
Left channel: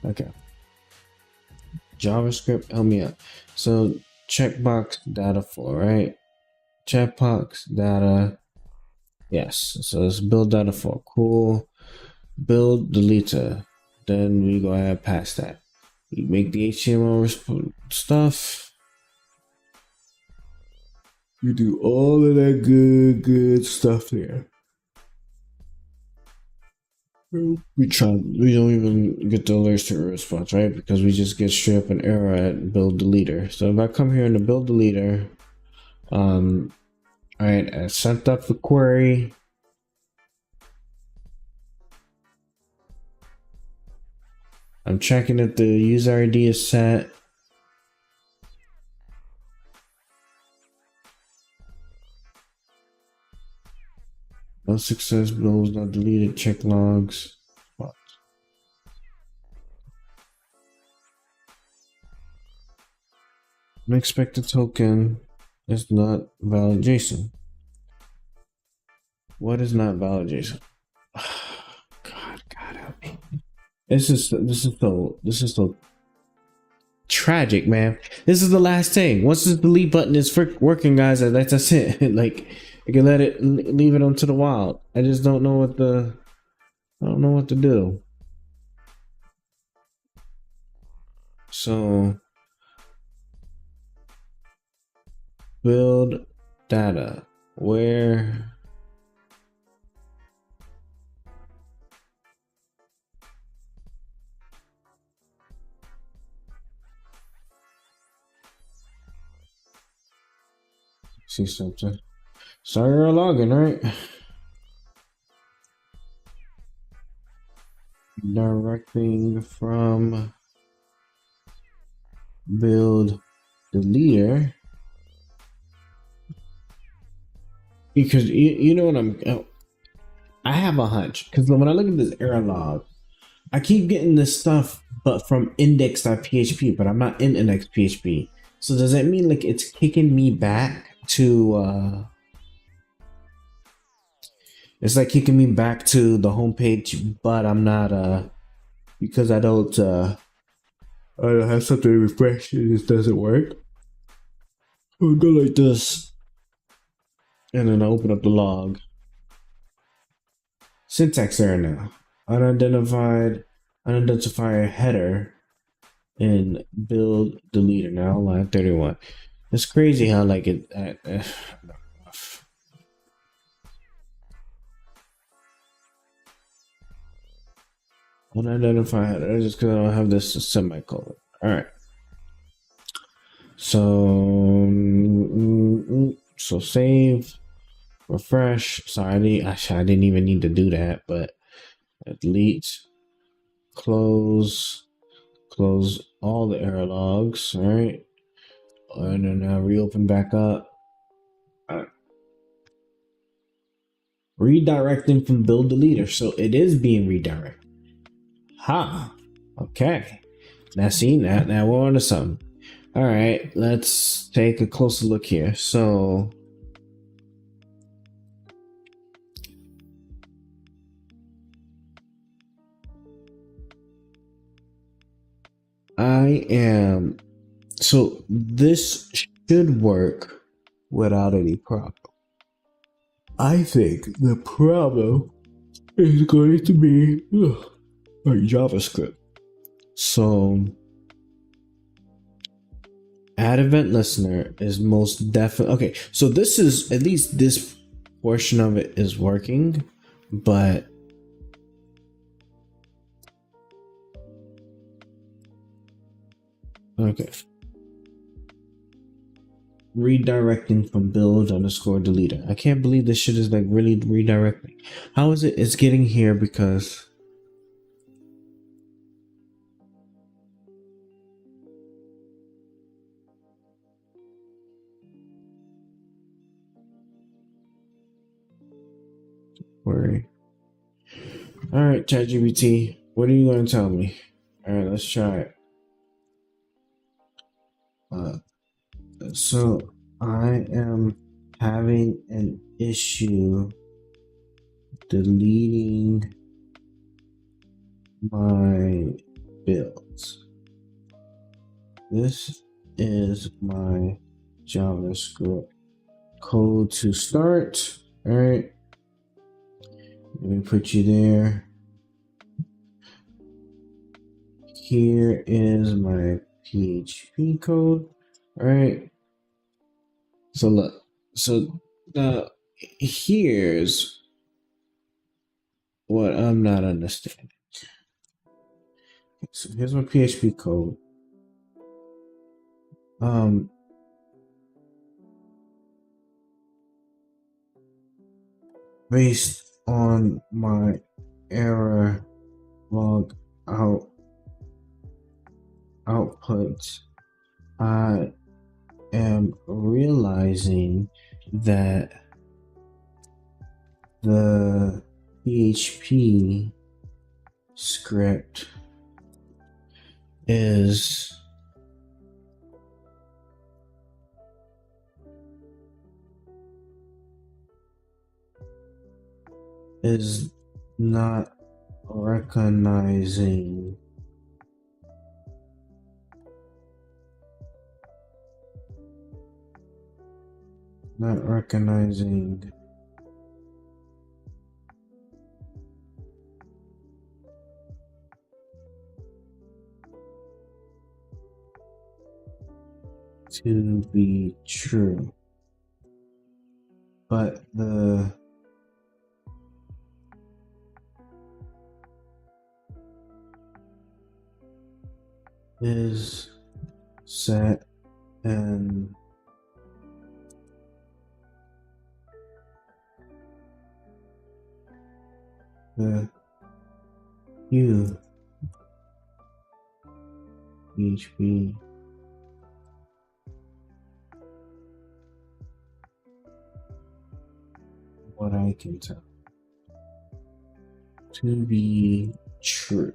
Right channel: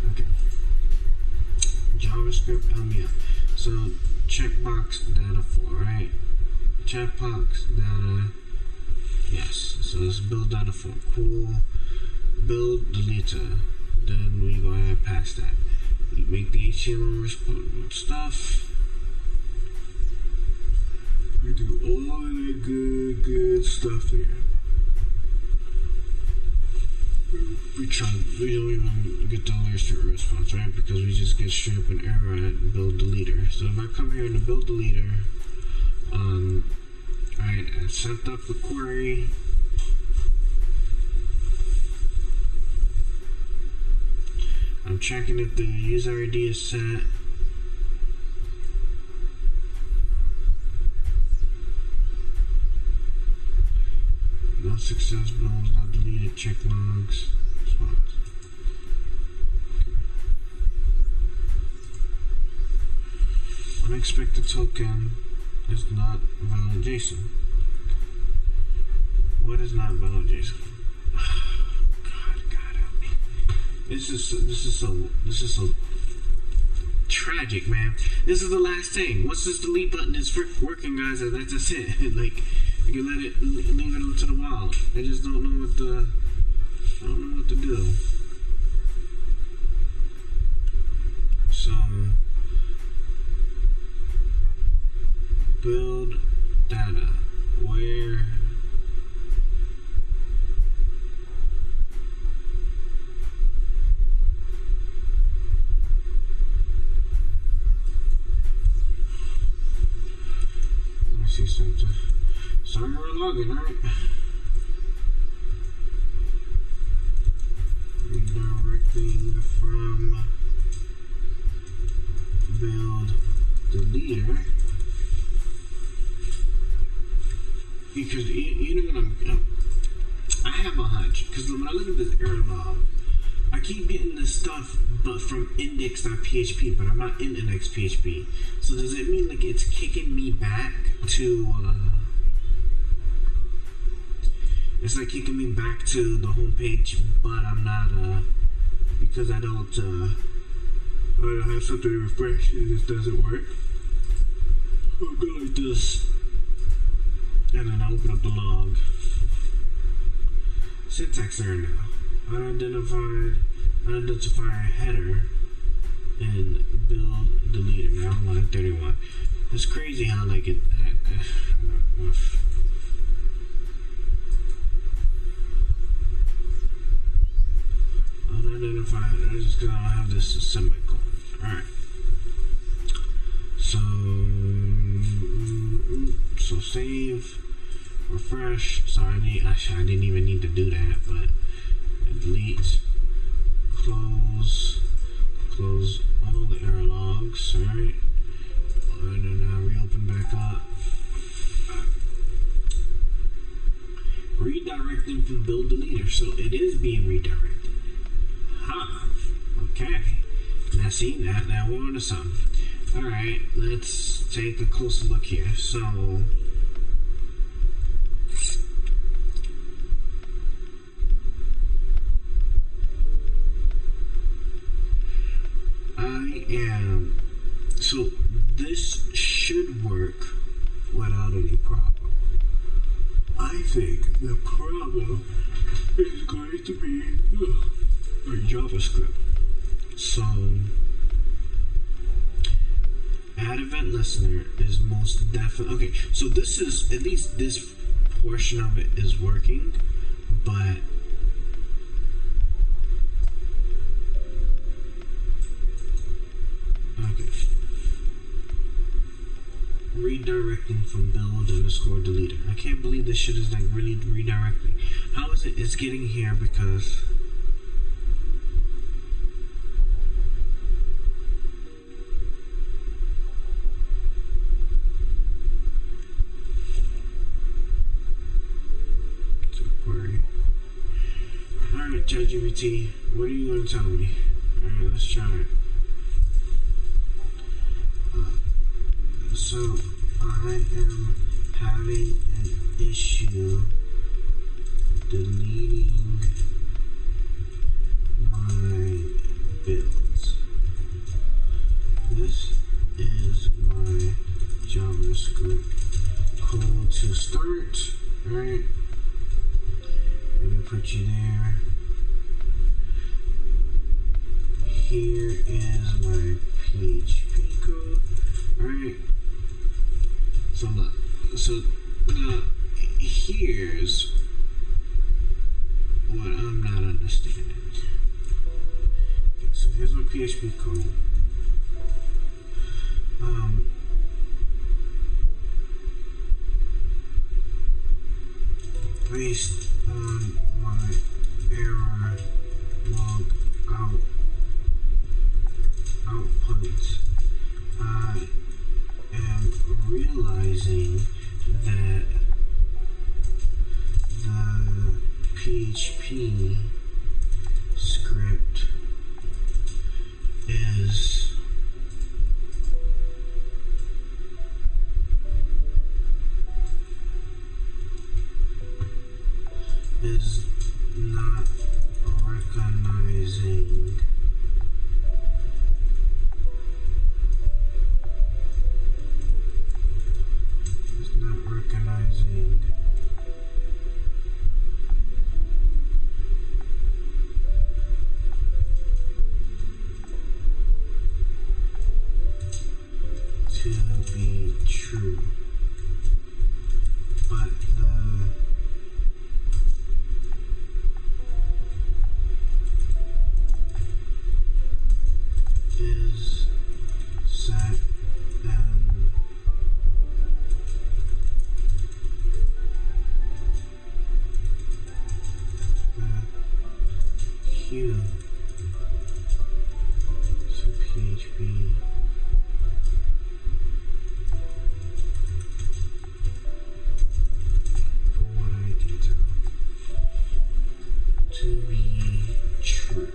Okay. JavaScript, help me out. So checkbox data for, right? Checkbox data. Yes. So let's build data for. Cool. Build deleter. Then we go ahead past that. You make the HTML stuff. You do all of that good stuff there. We don't even get the alerts to a response, right? Because we just get straight up an error at build deleter. So if I come here in the build deleter, alright, I sent up the query. I'm checking if the user ID is set. No success, build was not deleted, check logs. Spot. Unexpected token is not valid JSON. What is not valid JSON? God help me. This is so tragic, man. This is the last thing. Once this delete button is working, guys, that's it. Like, I can leave it onto the wild. I just don't know what to do. So build data where see something. Sorry, you're logging, right? Directing from build deleter, because you know what I have a hunch, because when I look at this error log, I keep getting this stuff but from index.php, but I'm not in index.php. So does that mean like it's kicking me back to it's like kicking me back to the home page, but I'm not because I don't have something to refresh and it doesn't work. I'll go like this and then I open up the log. Syntax error now. Unidentified header in build deleter now, line 31. It's crazy how like it unidentified header, just because I don't have this semicolon. Alright, So so save, refresh. Sorry, I didn't even need to do that, but delete, close all the error logs, right? And then now reopen back up. Redirecting from build deleter, so it is being redirected. Okay, now see, now we're on to something. All right, let's take a closer look here. So so this should work without any problem. I think the problem is going to be our JavaScript. So add event listener is most definitely okay. So this is, at least this portion of it is working, but okay. Redirecting from build underscore deleter. I can't believe this shit is like really redirecting. How is it? It's getting here because query. All right, ChatGPT, what are you going to tell me? All right, let's try it. So I am having an issue deleting my builds. This is my JavaScript code to start. All right, let me put you there. Here is my PHP code. All right, so look, so now here's what I'm not understanding. Okay, so here's my PHP code. Based on my error log output, I am realizing that the PHP script is not recognizing to be true, but the is set and the hue PHP what I can tell to be true.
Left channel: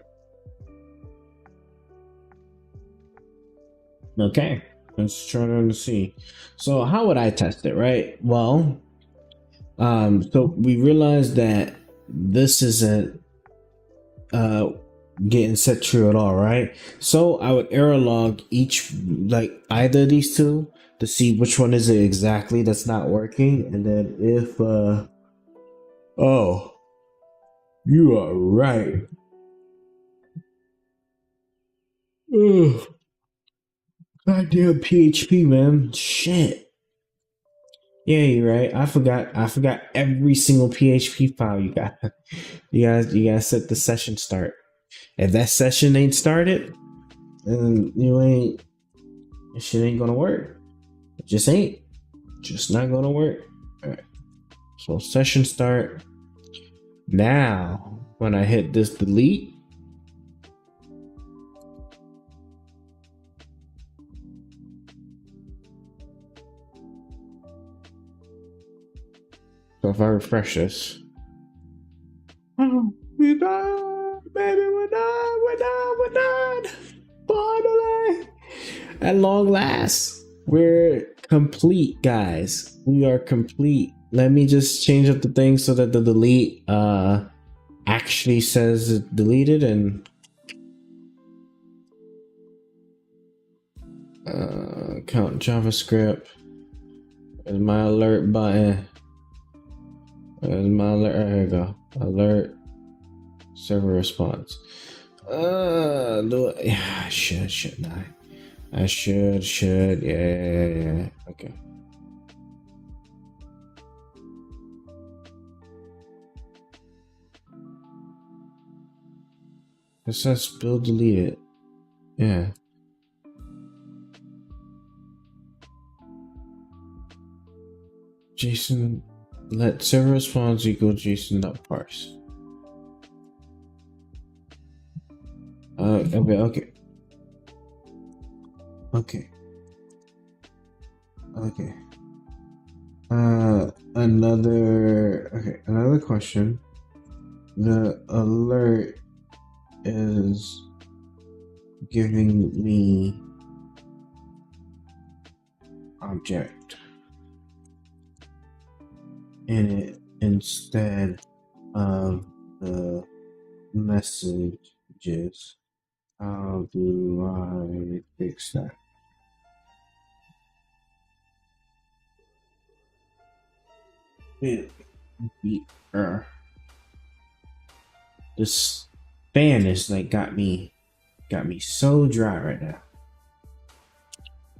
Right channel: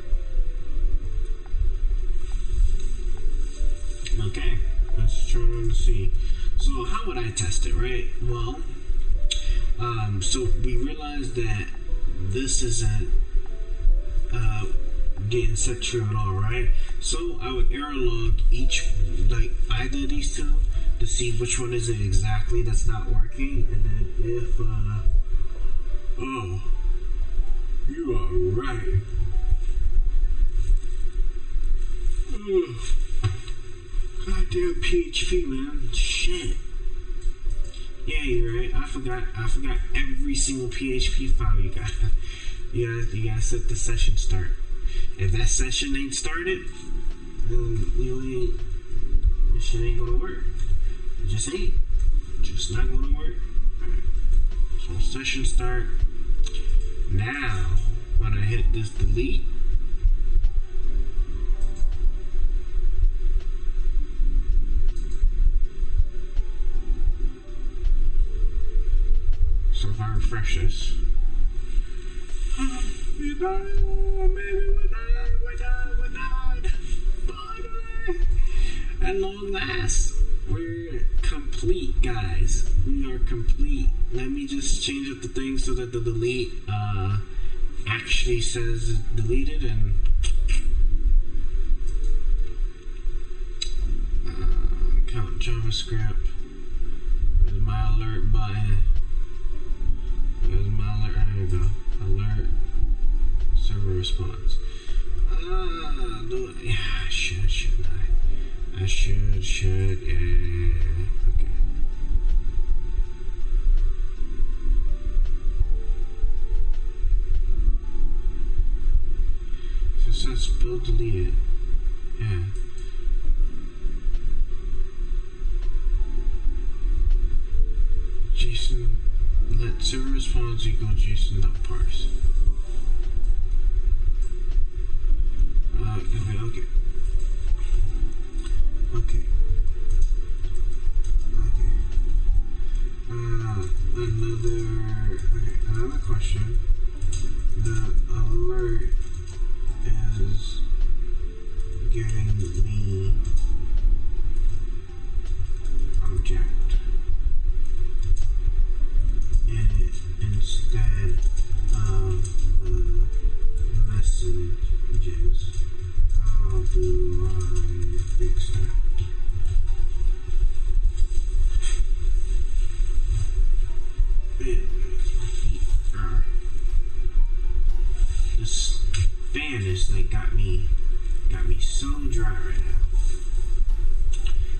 Okay, let's try to see. So how would I test it, right? Well, so we realized that this isn't getting set true at all, right? So I would error log each, like either of these two, to see which one is it exactly that's not working, and then if oh, you are right. Ugh. Goddamn PHP, man. Shit. Yeah, you're right. I forgot every single PHP file you got. You gotta set the session start. If that session ain't started, then you ain't This shit ain't gonna work. It just ain't. Just not gonna work. Alright. So session start. Now, when I hit this delete, so if I refresh this, oh, we're done, baby, we're done. Finally, at long last, we're complete, guys. We are complete. Let me just change up the thing so that the delete actually says it deleted, and count JavaScript. There's my alert button. There's my alert. There you go. Alert server response. Do it. Yeah, I shouldn't I should. Yeah. Okay. It says build deleted. Yeah. JSON let server response equal JSON.parse. Okay. Another question. The alert is giving me object in it instead of the messages. How do I fix that? This fan is like got me so dry right now.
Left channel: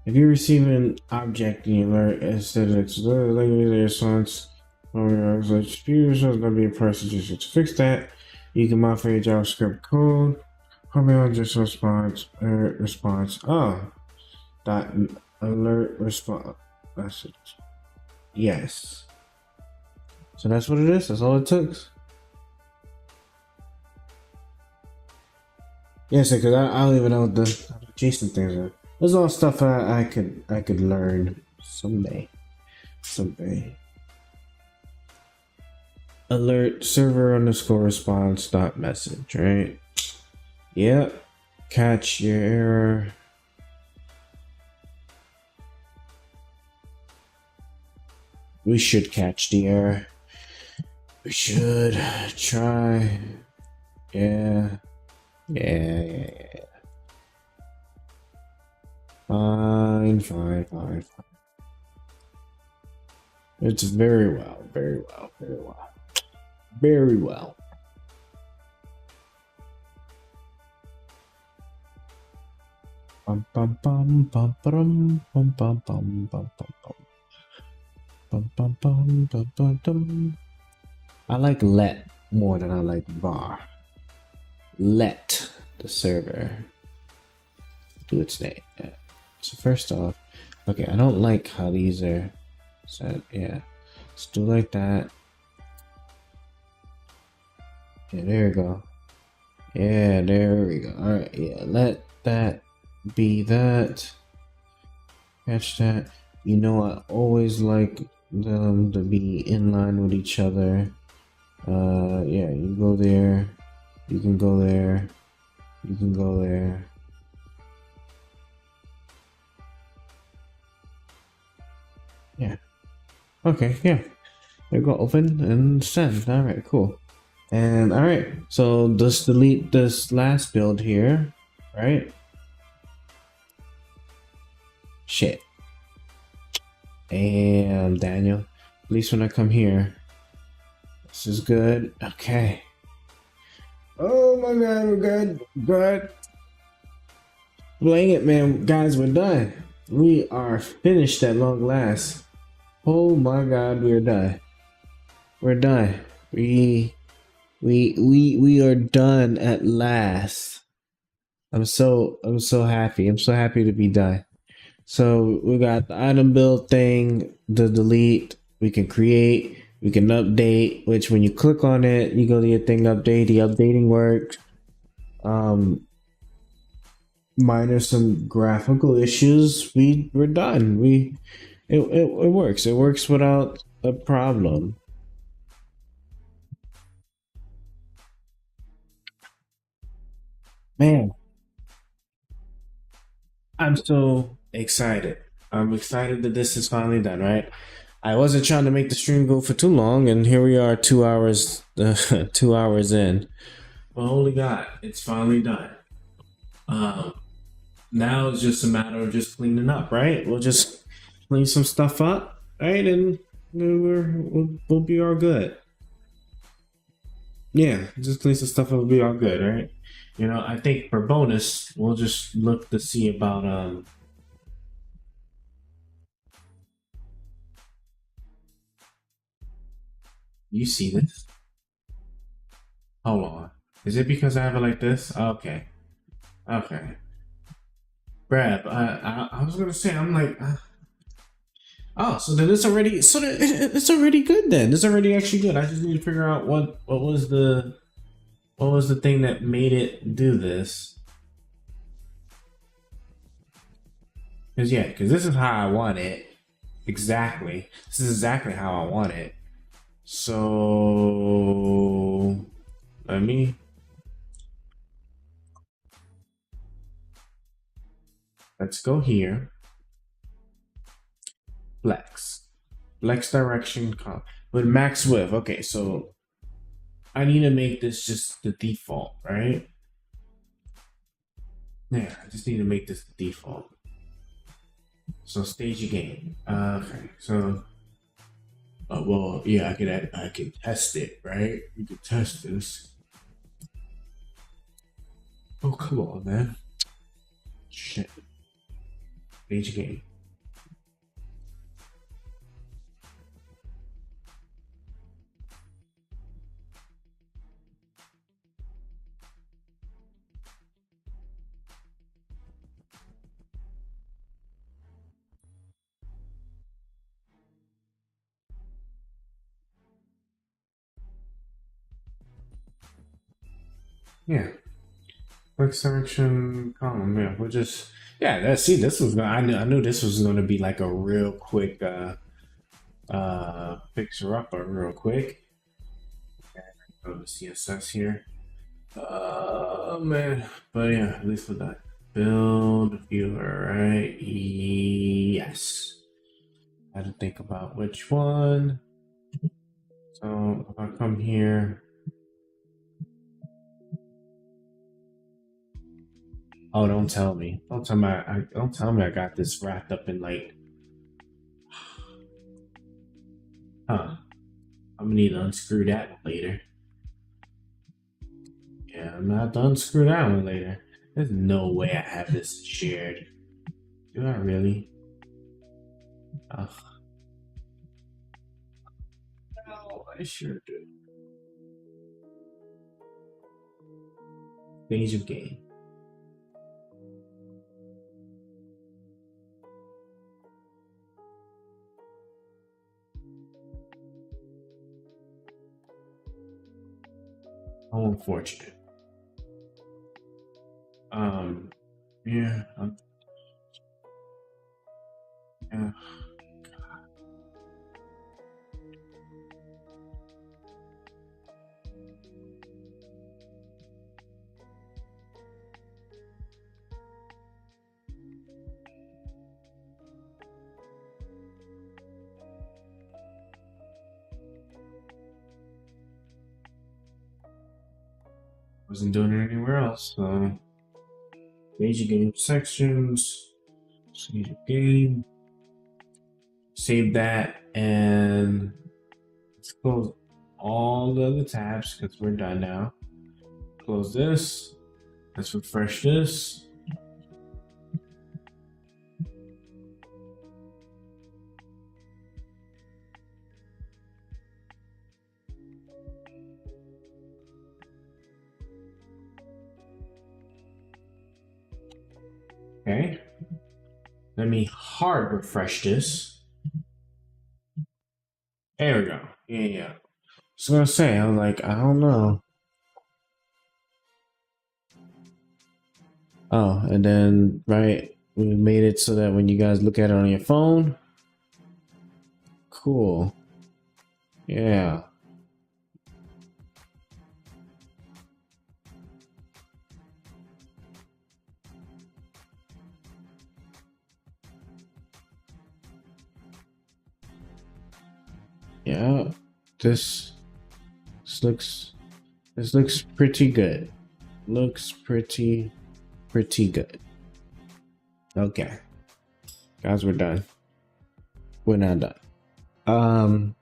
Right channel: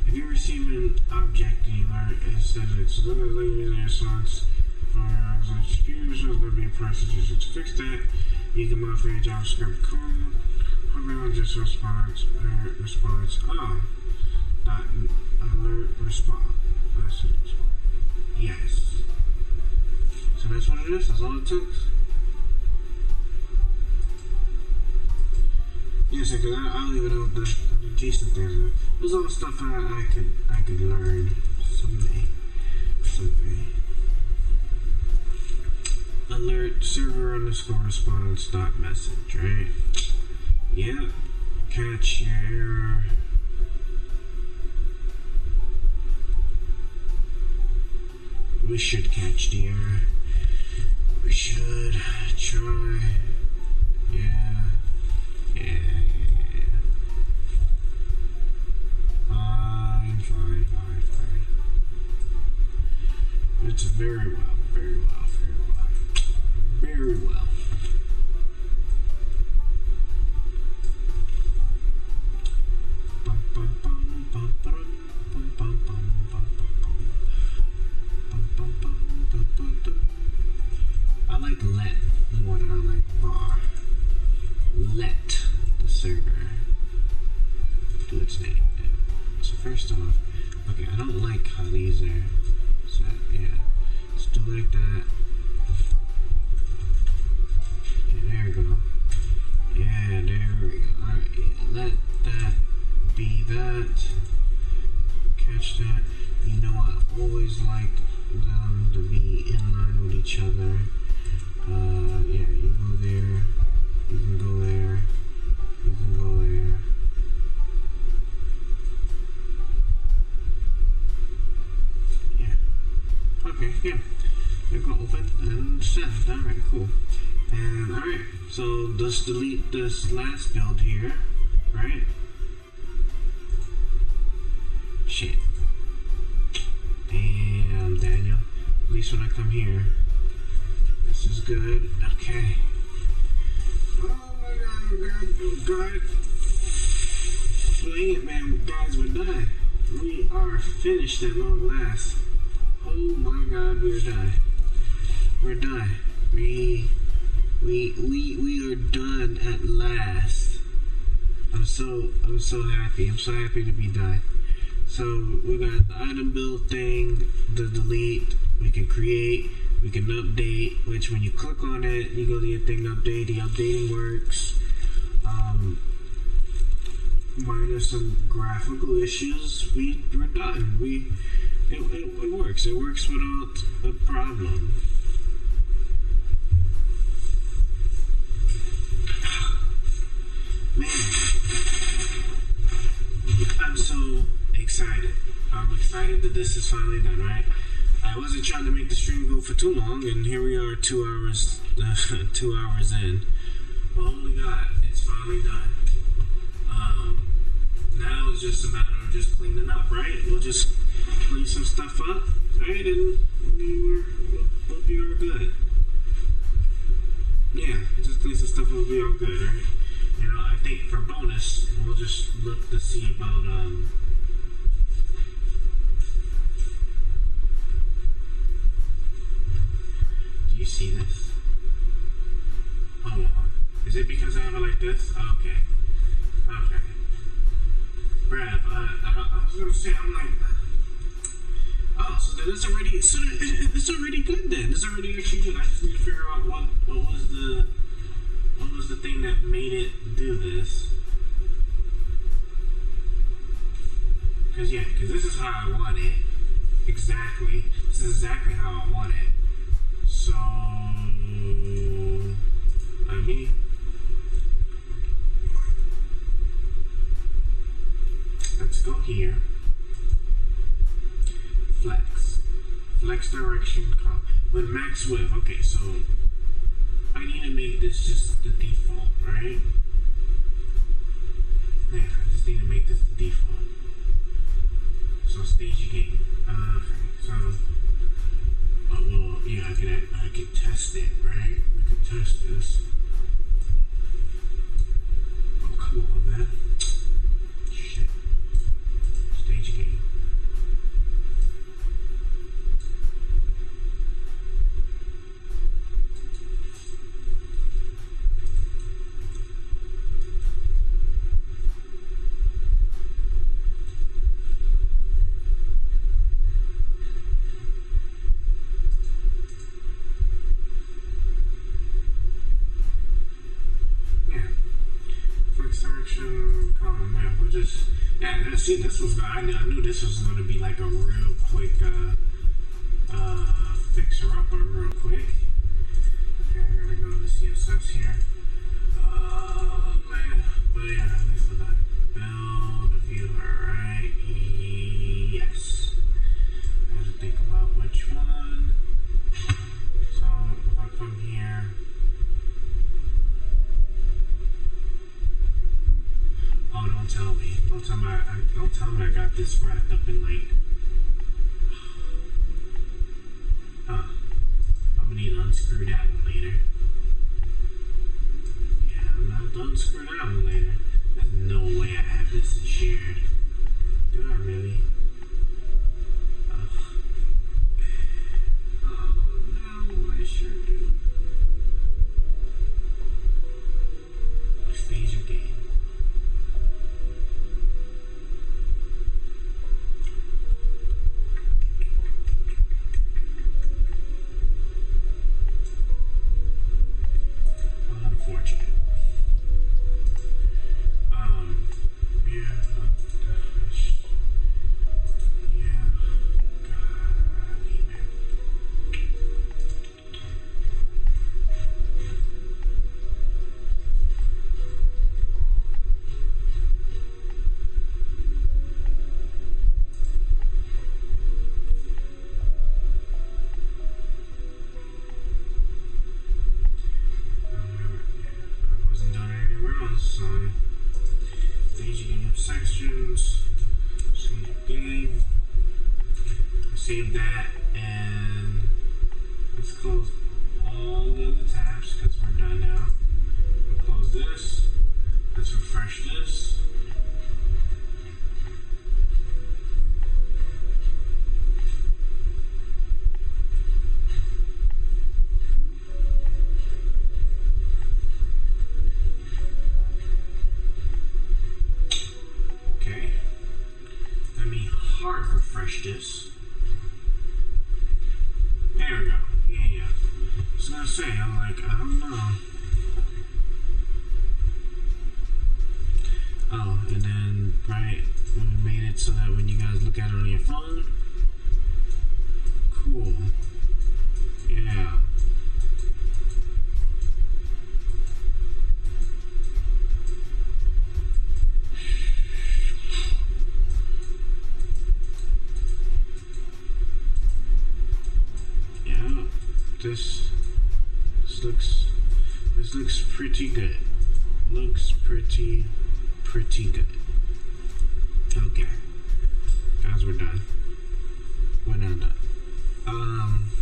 If you receive an object in your alert instead of its response from your computer, so that'll be a process. To fix that, you can modify your JavaScript code. Just response. Oh, dot alert response message. Yes. So that's what it is. That's all it took. Yes, because I don't even know what the JSON things are. There's all stuff I could learn someday. Alert server underscore response dot message, right? Yep. Catch your error. We should catch the error. We should try. Yeah. Fine. It's very well. Bum bum bum bum bum bum bum bum bum bum. I like let more than I like var. Let the server do its thing. Yeah. So first off, okay, I don't like how these are set. Yeah, let's do like that. Yeah, there we go. Yeah, there we go. All right, yeah, let that be that. Catch that. You know, I always like them to be in line with each other. Yeah, you go there, you can go there, you can go there. Yeah. Okay, yeah. There you go, open and send. Alright, cool. And alright, so just delete this last build here, right? Shit. Damn, Daniel. At least when I come here, this is good. Okay. Oh my god, we're good. Good. Playing it, man. Guys, we're done. We are finished at long last. Oh my god, we're done. We're done. We are done at last. I'm so happy. I'm so happy to be done. So we got the item build thing, the delete. We can create, we can update. Which when you click on it, you go to your thing update. The updating works. Minus some graphical issues, we're done. It works. It works without a problem. Man, I'm so excited. I'm excited that this is finally done, right? I wasn't trying to make the stream go for too long, and here we are 2 hours 2 hours in. But holy God, it's finally done. Now it's just a matter of just cleaning up, right? We'll just clean some stuff up, right? And we'll be all good. Yeah, just clean some stuff up, we'll be all good, right? You know, I think for bonus, we'll just look to see about do you see this? Hold on. Is it because I have it like this? Okay. Okay. Brad, I was gonna say, I'm like, oh, so then it's already, it's already good then. It's already actually good. I just need to figure out what was the thing that made it do this. Cause this is how I want it. Exactly. This is exactly how I want it. So let's go here. Flex direction with max width. Okay, so I need to make this just the default, right? Yeah, I just need to make this the default. So stage your game. Okay, so well, yeah, I can test it, right? We can test this. Oh, come on, man. Shit. Stage your game. Yeah. Quick selection column. Yeah, we'll just see, this was I knew this was gonna be like a real quick fixer upper real quick. Okay, I'm gonna go to CSS here. Man, but yeah, at least with that build viewer, right? Yes. I had to think about which one. So if I come here. Oh, don't tell me. Don't tell me I got this wrapped up in like. Huh. I'm gonna need to unscrew that one later. Yeah, I'm not to unscrew that one later. There's no way I have this shared. Do I really? Ugh. No, I sure do. Stage of game. How unfortunate. Yeah. Yeah. Wasn't doing it anywhere else, so stage your game sections, stage your game, save that, and let's close all the other tabs because we're done now. Close this, let's refresh this. Okay, let me hard refresh this. There we go. Yeah. I was gonna say, I'm like, I don't know. Oh, and then, right, we made it so that when you guys look at it on your phone, cool. Yeah. Yeah, this looks pretty good. Looks pretty good. Okay, guys, we're done. We're not done.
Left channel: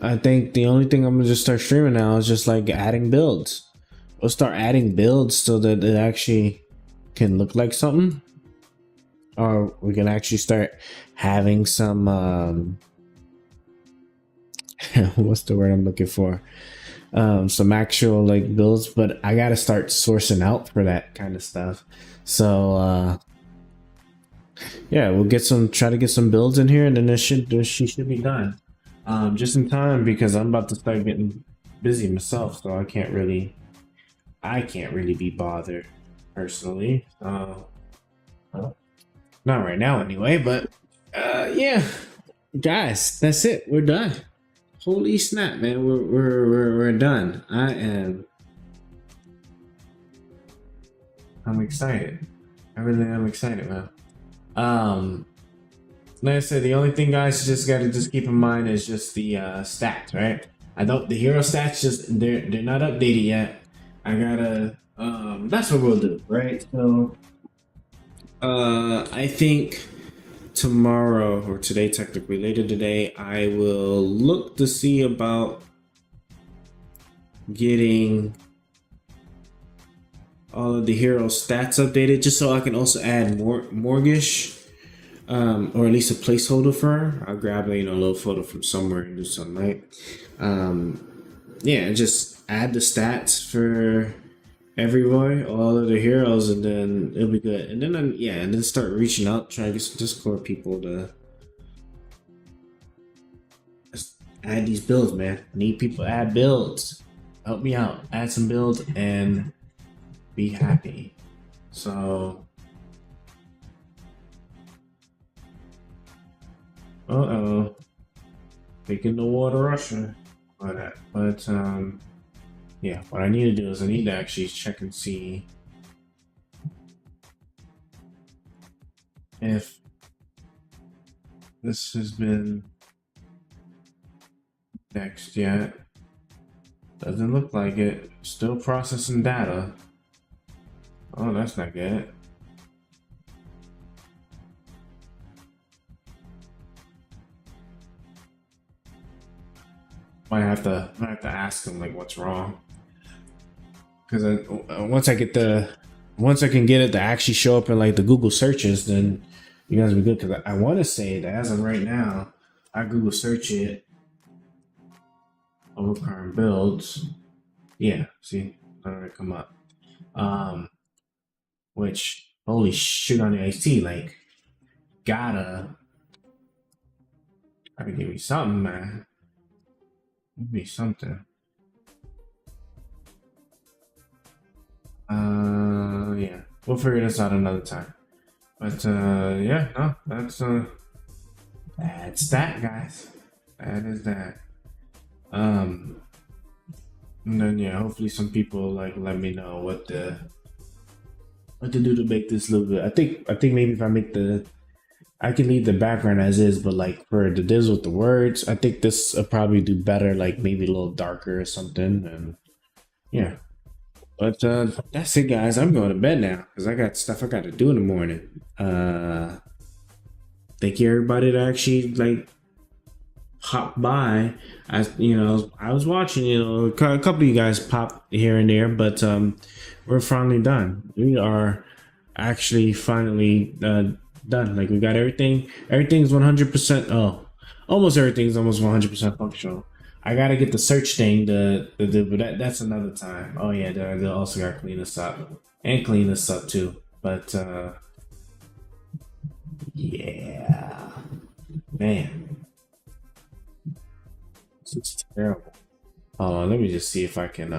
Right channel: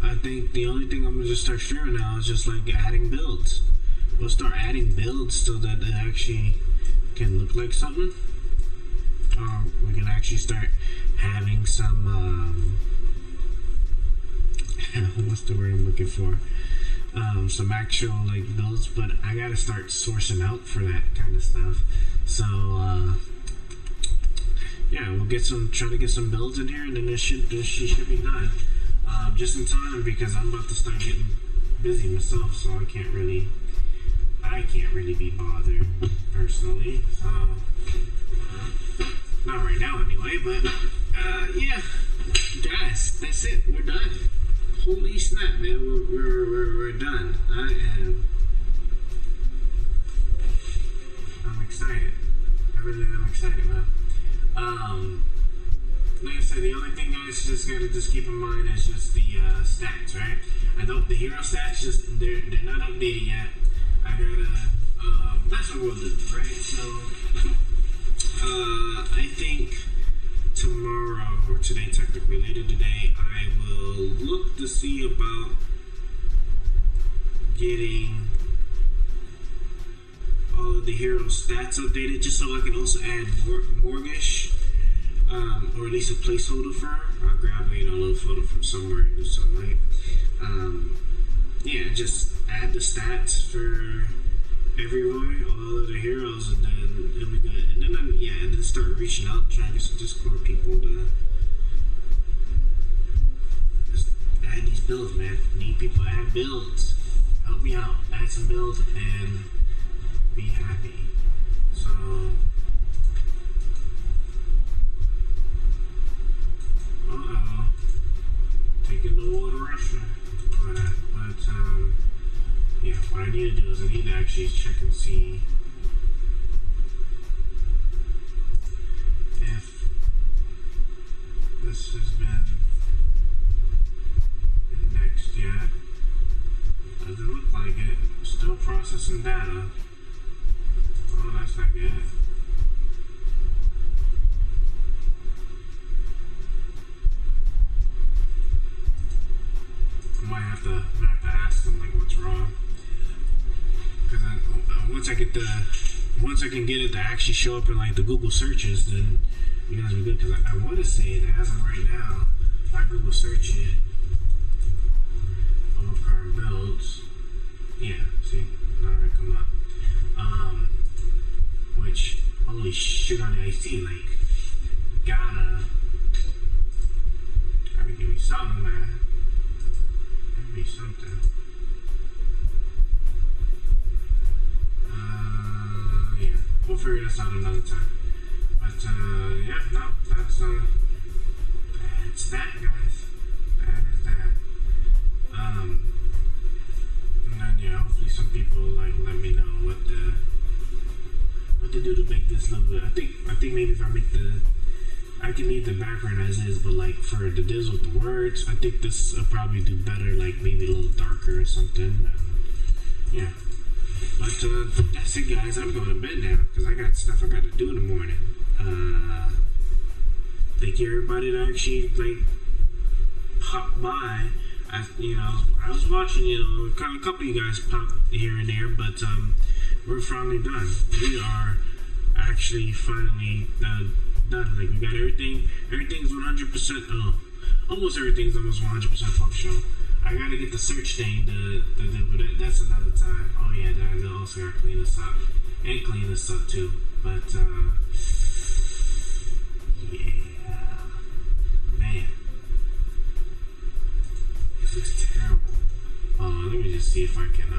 I think the only thing I'm gonna just start streaming now is just like adding builds. We'll start adding builds so that it actually can look like something, or we can actually start having some what's the word I'm looking for? Some actual like builds, but I gotta start sourcing out for that kind of stuff. So yeah, we'll try to get some builds in here, and then she should be done just in time, because I'm about to start getting busy myself, so I can't really be bothered personally. Not right now anyway, but yeah, guys, that's it. We're done. Holy snap, man, we're done. I'm excited. I really am excited, man. Like I said, the only thing, guys, you just gotta keep in mind is just the stats, right? The hero stats, just they're not updated yet. I gotta that's what we'll do, right? So I think tomorrow, or today technically, later today, I will look to see about getting all of the hero stats updated, just so I can also add Morgish, or at least a placeholder for her. I'll grab a little photo from somewhere and do something, right? Yeah, just add the stats for everywhere, all of the heroes, and then it'll be good. And then and then start reaching out, trying to get some Discord people to add these builds, man. Need people to add builds. Help me out. Add some builds and be happy. So taking the water Russia. But yeah, what I need to do is I need to actually check and see if this has been indexed yet. Doesn't look like it. Still processing data. Oh, that's not good. Might have to ask them like what's wrong. Because once I can get it to actually show up in like the Google searches, then you guys will be good. Because I want to say that as of right now, I Google search it over current builds. Yeah, see, none of it come up. Which, holy shit, on the IC, like, gotta give me something, man. Give me something. Yeah, we'll figure this out another time. But yeah, no, that's that, guys. That is that. And then yeah, hopefully some people like let me know what to do to make this a little bit. I think maybe if I make I can leave the background as is, but like for the divs with the words, I think this will probably do better, like maybe a little darker or something. And yeah, but that's it, guys. I'm going to bed now because I got stuff I got to do in the morning. Thank you everybody that actually like popped by. I was watching, a couple of you guys pop here and there, but we're finally done. We are actually finally done. Like we got everything. Everything's 100%. Oh, almost everything's almost 100% functional. I gotta get the search thing but that's another time. Oh yeah, I also gotta clean this up and clean this up too. But Yeah. Man. This looks terrible. Let me just see if I can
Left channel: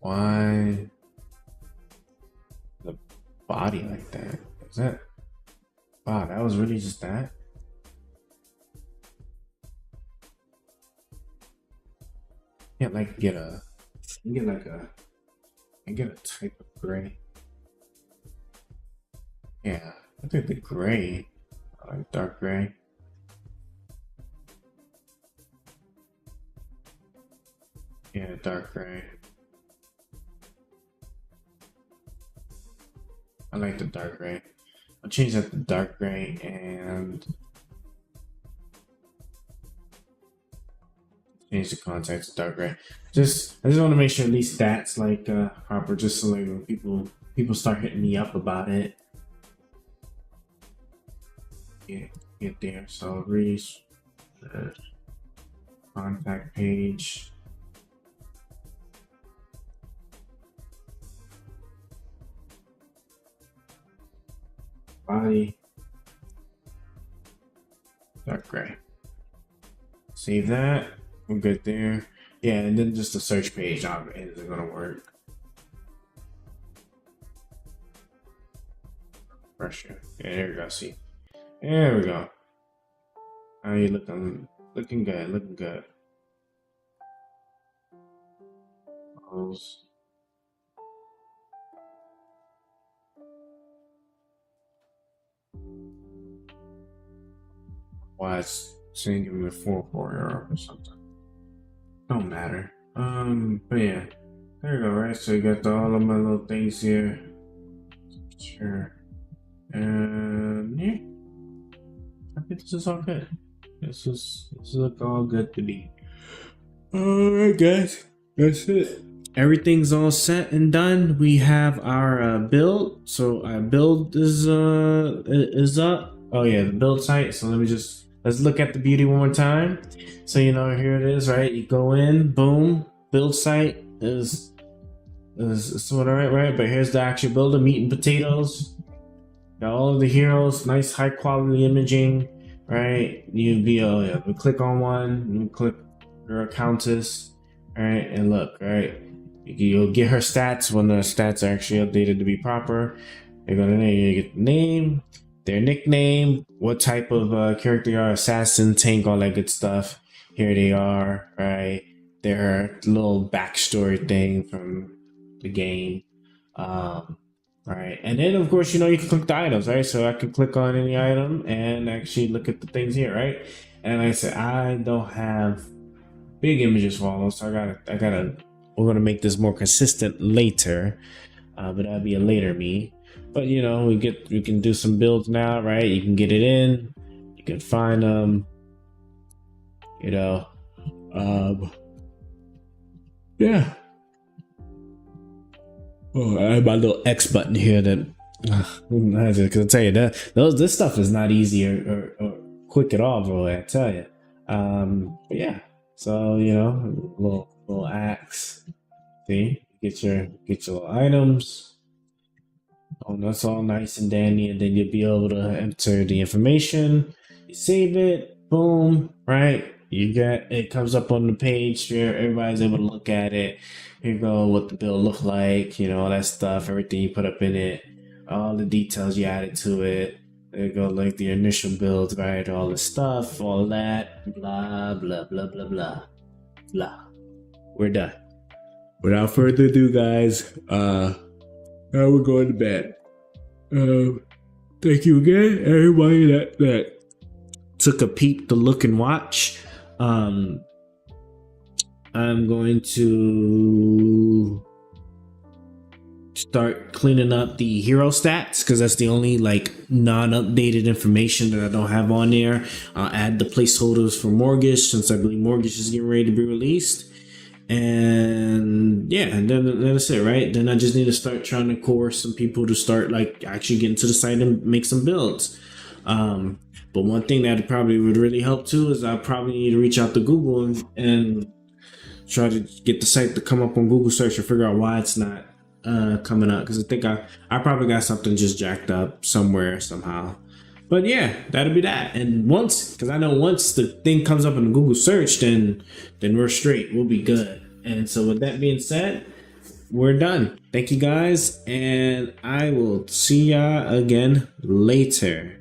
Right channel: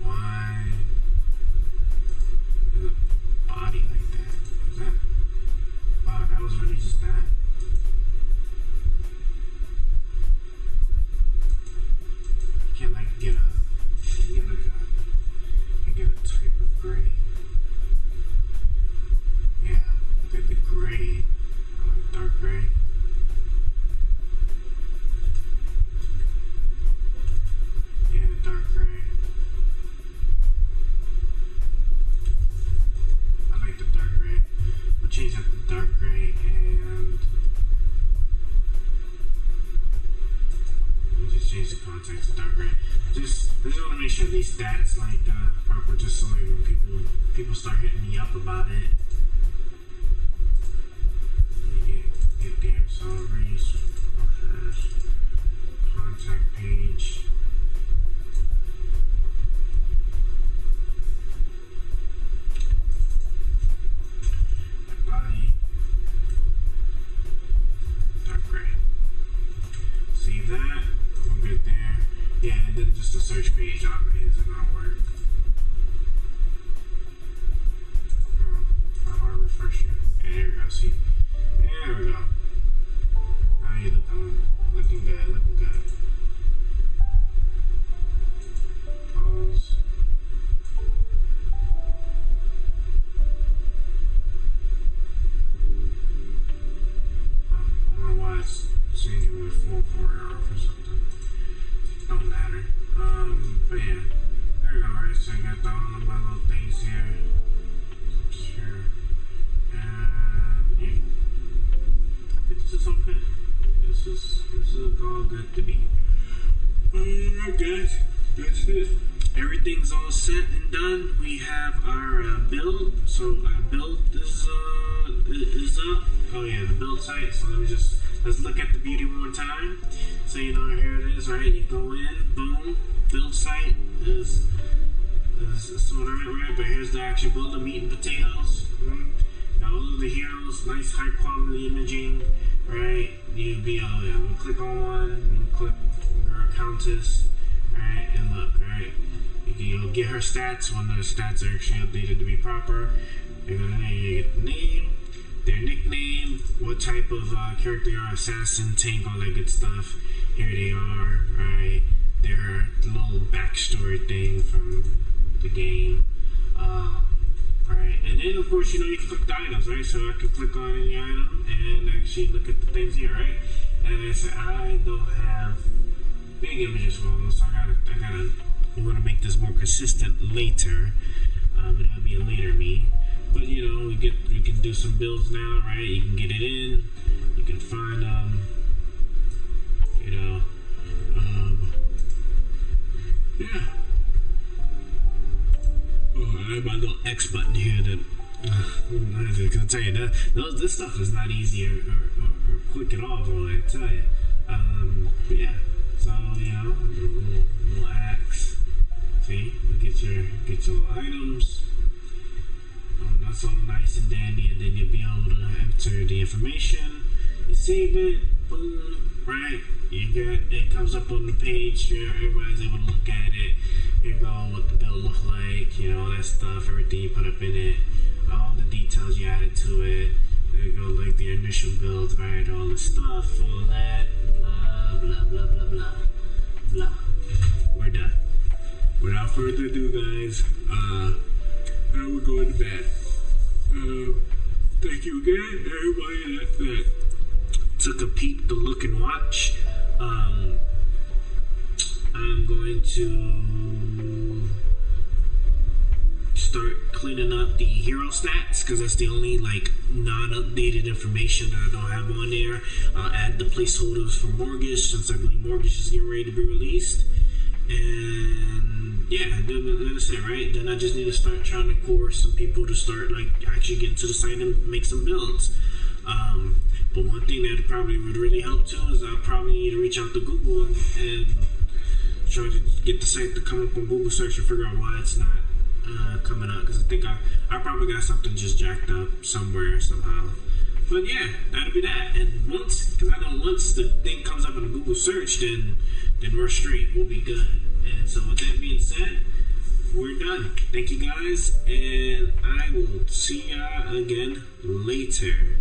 why the body like that? Is that, wow, that was really just that? Can't like get a, you get like a, I get a type of gray. Yeah, I think the gray, I like dark gray. Yeah, dark gray. I like the dark gray. I'll change that to dark gray and just change the context to dark gray. I just want to make sure at least that's like proper, just so like when people start hitting me up about it. Get there. So reach contact page. Body dark gray. Save that. We're good there. Yeah, and then just the search page isn't gonna work. Refresh it. Yeah, there we go. See, there we go. How you looking? Looking good. Looking good. Pause. Why it's saying give me a 4 error or something. Don't matter. But yeah. There we go, right? So you got all of my little things here. Sure. And yeah. I think this is all good. This is all good to be. Alright guys. That's it. Everything's all set and done. We have our build. So our build is up. Oh yeah, the build site. So let's look at the beauty one more time. So you know, here it is, right? You go in, boom, build site is sort of right, but here's the actual builder, meat and potatoes. Got all of the heroes, nice high quality imaging, right? You'd be we click on one, you click girl countess, right? And look, right? You'll get her stats when the stats are actually updated to be proper. You're gonna you get the name, their nickname, what type of character they are, assassin, tank, all that good stuff. Here they are, right? Their little backstory thing from the game, right? And then of course, you know, you can click the items, right? So I can click on any item and actually look at the things here, right? And like I said, I don't have big images for all those, so I gotta. We're gonna make this more consistent later, but that'll be a later me. But you know, we can do some builds now, right? You can get it in, you can find them, you know, yeah. Oh, I have my little X button here that, because I tell you that this stuff is not easy or quick at all, bro. I tell you. But yeah, so you know, little axe. See, get your little items. Oh, that's all nice and dandy, and then you'll be able to enter the information. You save it, boom, right? You get it, comes up on the page where everybody's able to look at it. Here you go, what the build look like, you know, all that stuff, everything you put up in it, all the details you added to it. There you go, like the initial build, right? All the stuff, all that, blah blah blah blah blah blah. We're done. Without further ado, guys, now we're going to bed. Thank you again, everybody that took a peep to look and watch. I'm going to start cleaning up the hero stats because that's the only like non-updated information that I don't have on there. I'll add the placeholders for Mortgage since I believe Mortgage is getting ready to be released. And yeah, and then that's it, right? Then I just need to start trying to coerce some people to start like actually getting to the site and make some builds. But one thing that probably would really help too is I probably need to reach out to Google and try to get the site to come up on Google search and figure out why it's not coming up, because I think I probably got something just jacked up somewhere somehow. But yeah, that'll be that. And once the thing comes up in the Google search, then we're straight. We'll be good. And so with that being said, we're done. Thank you guys, and I will see y'all again later.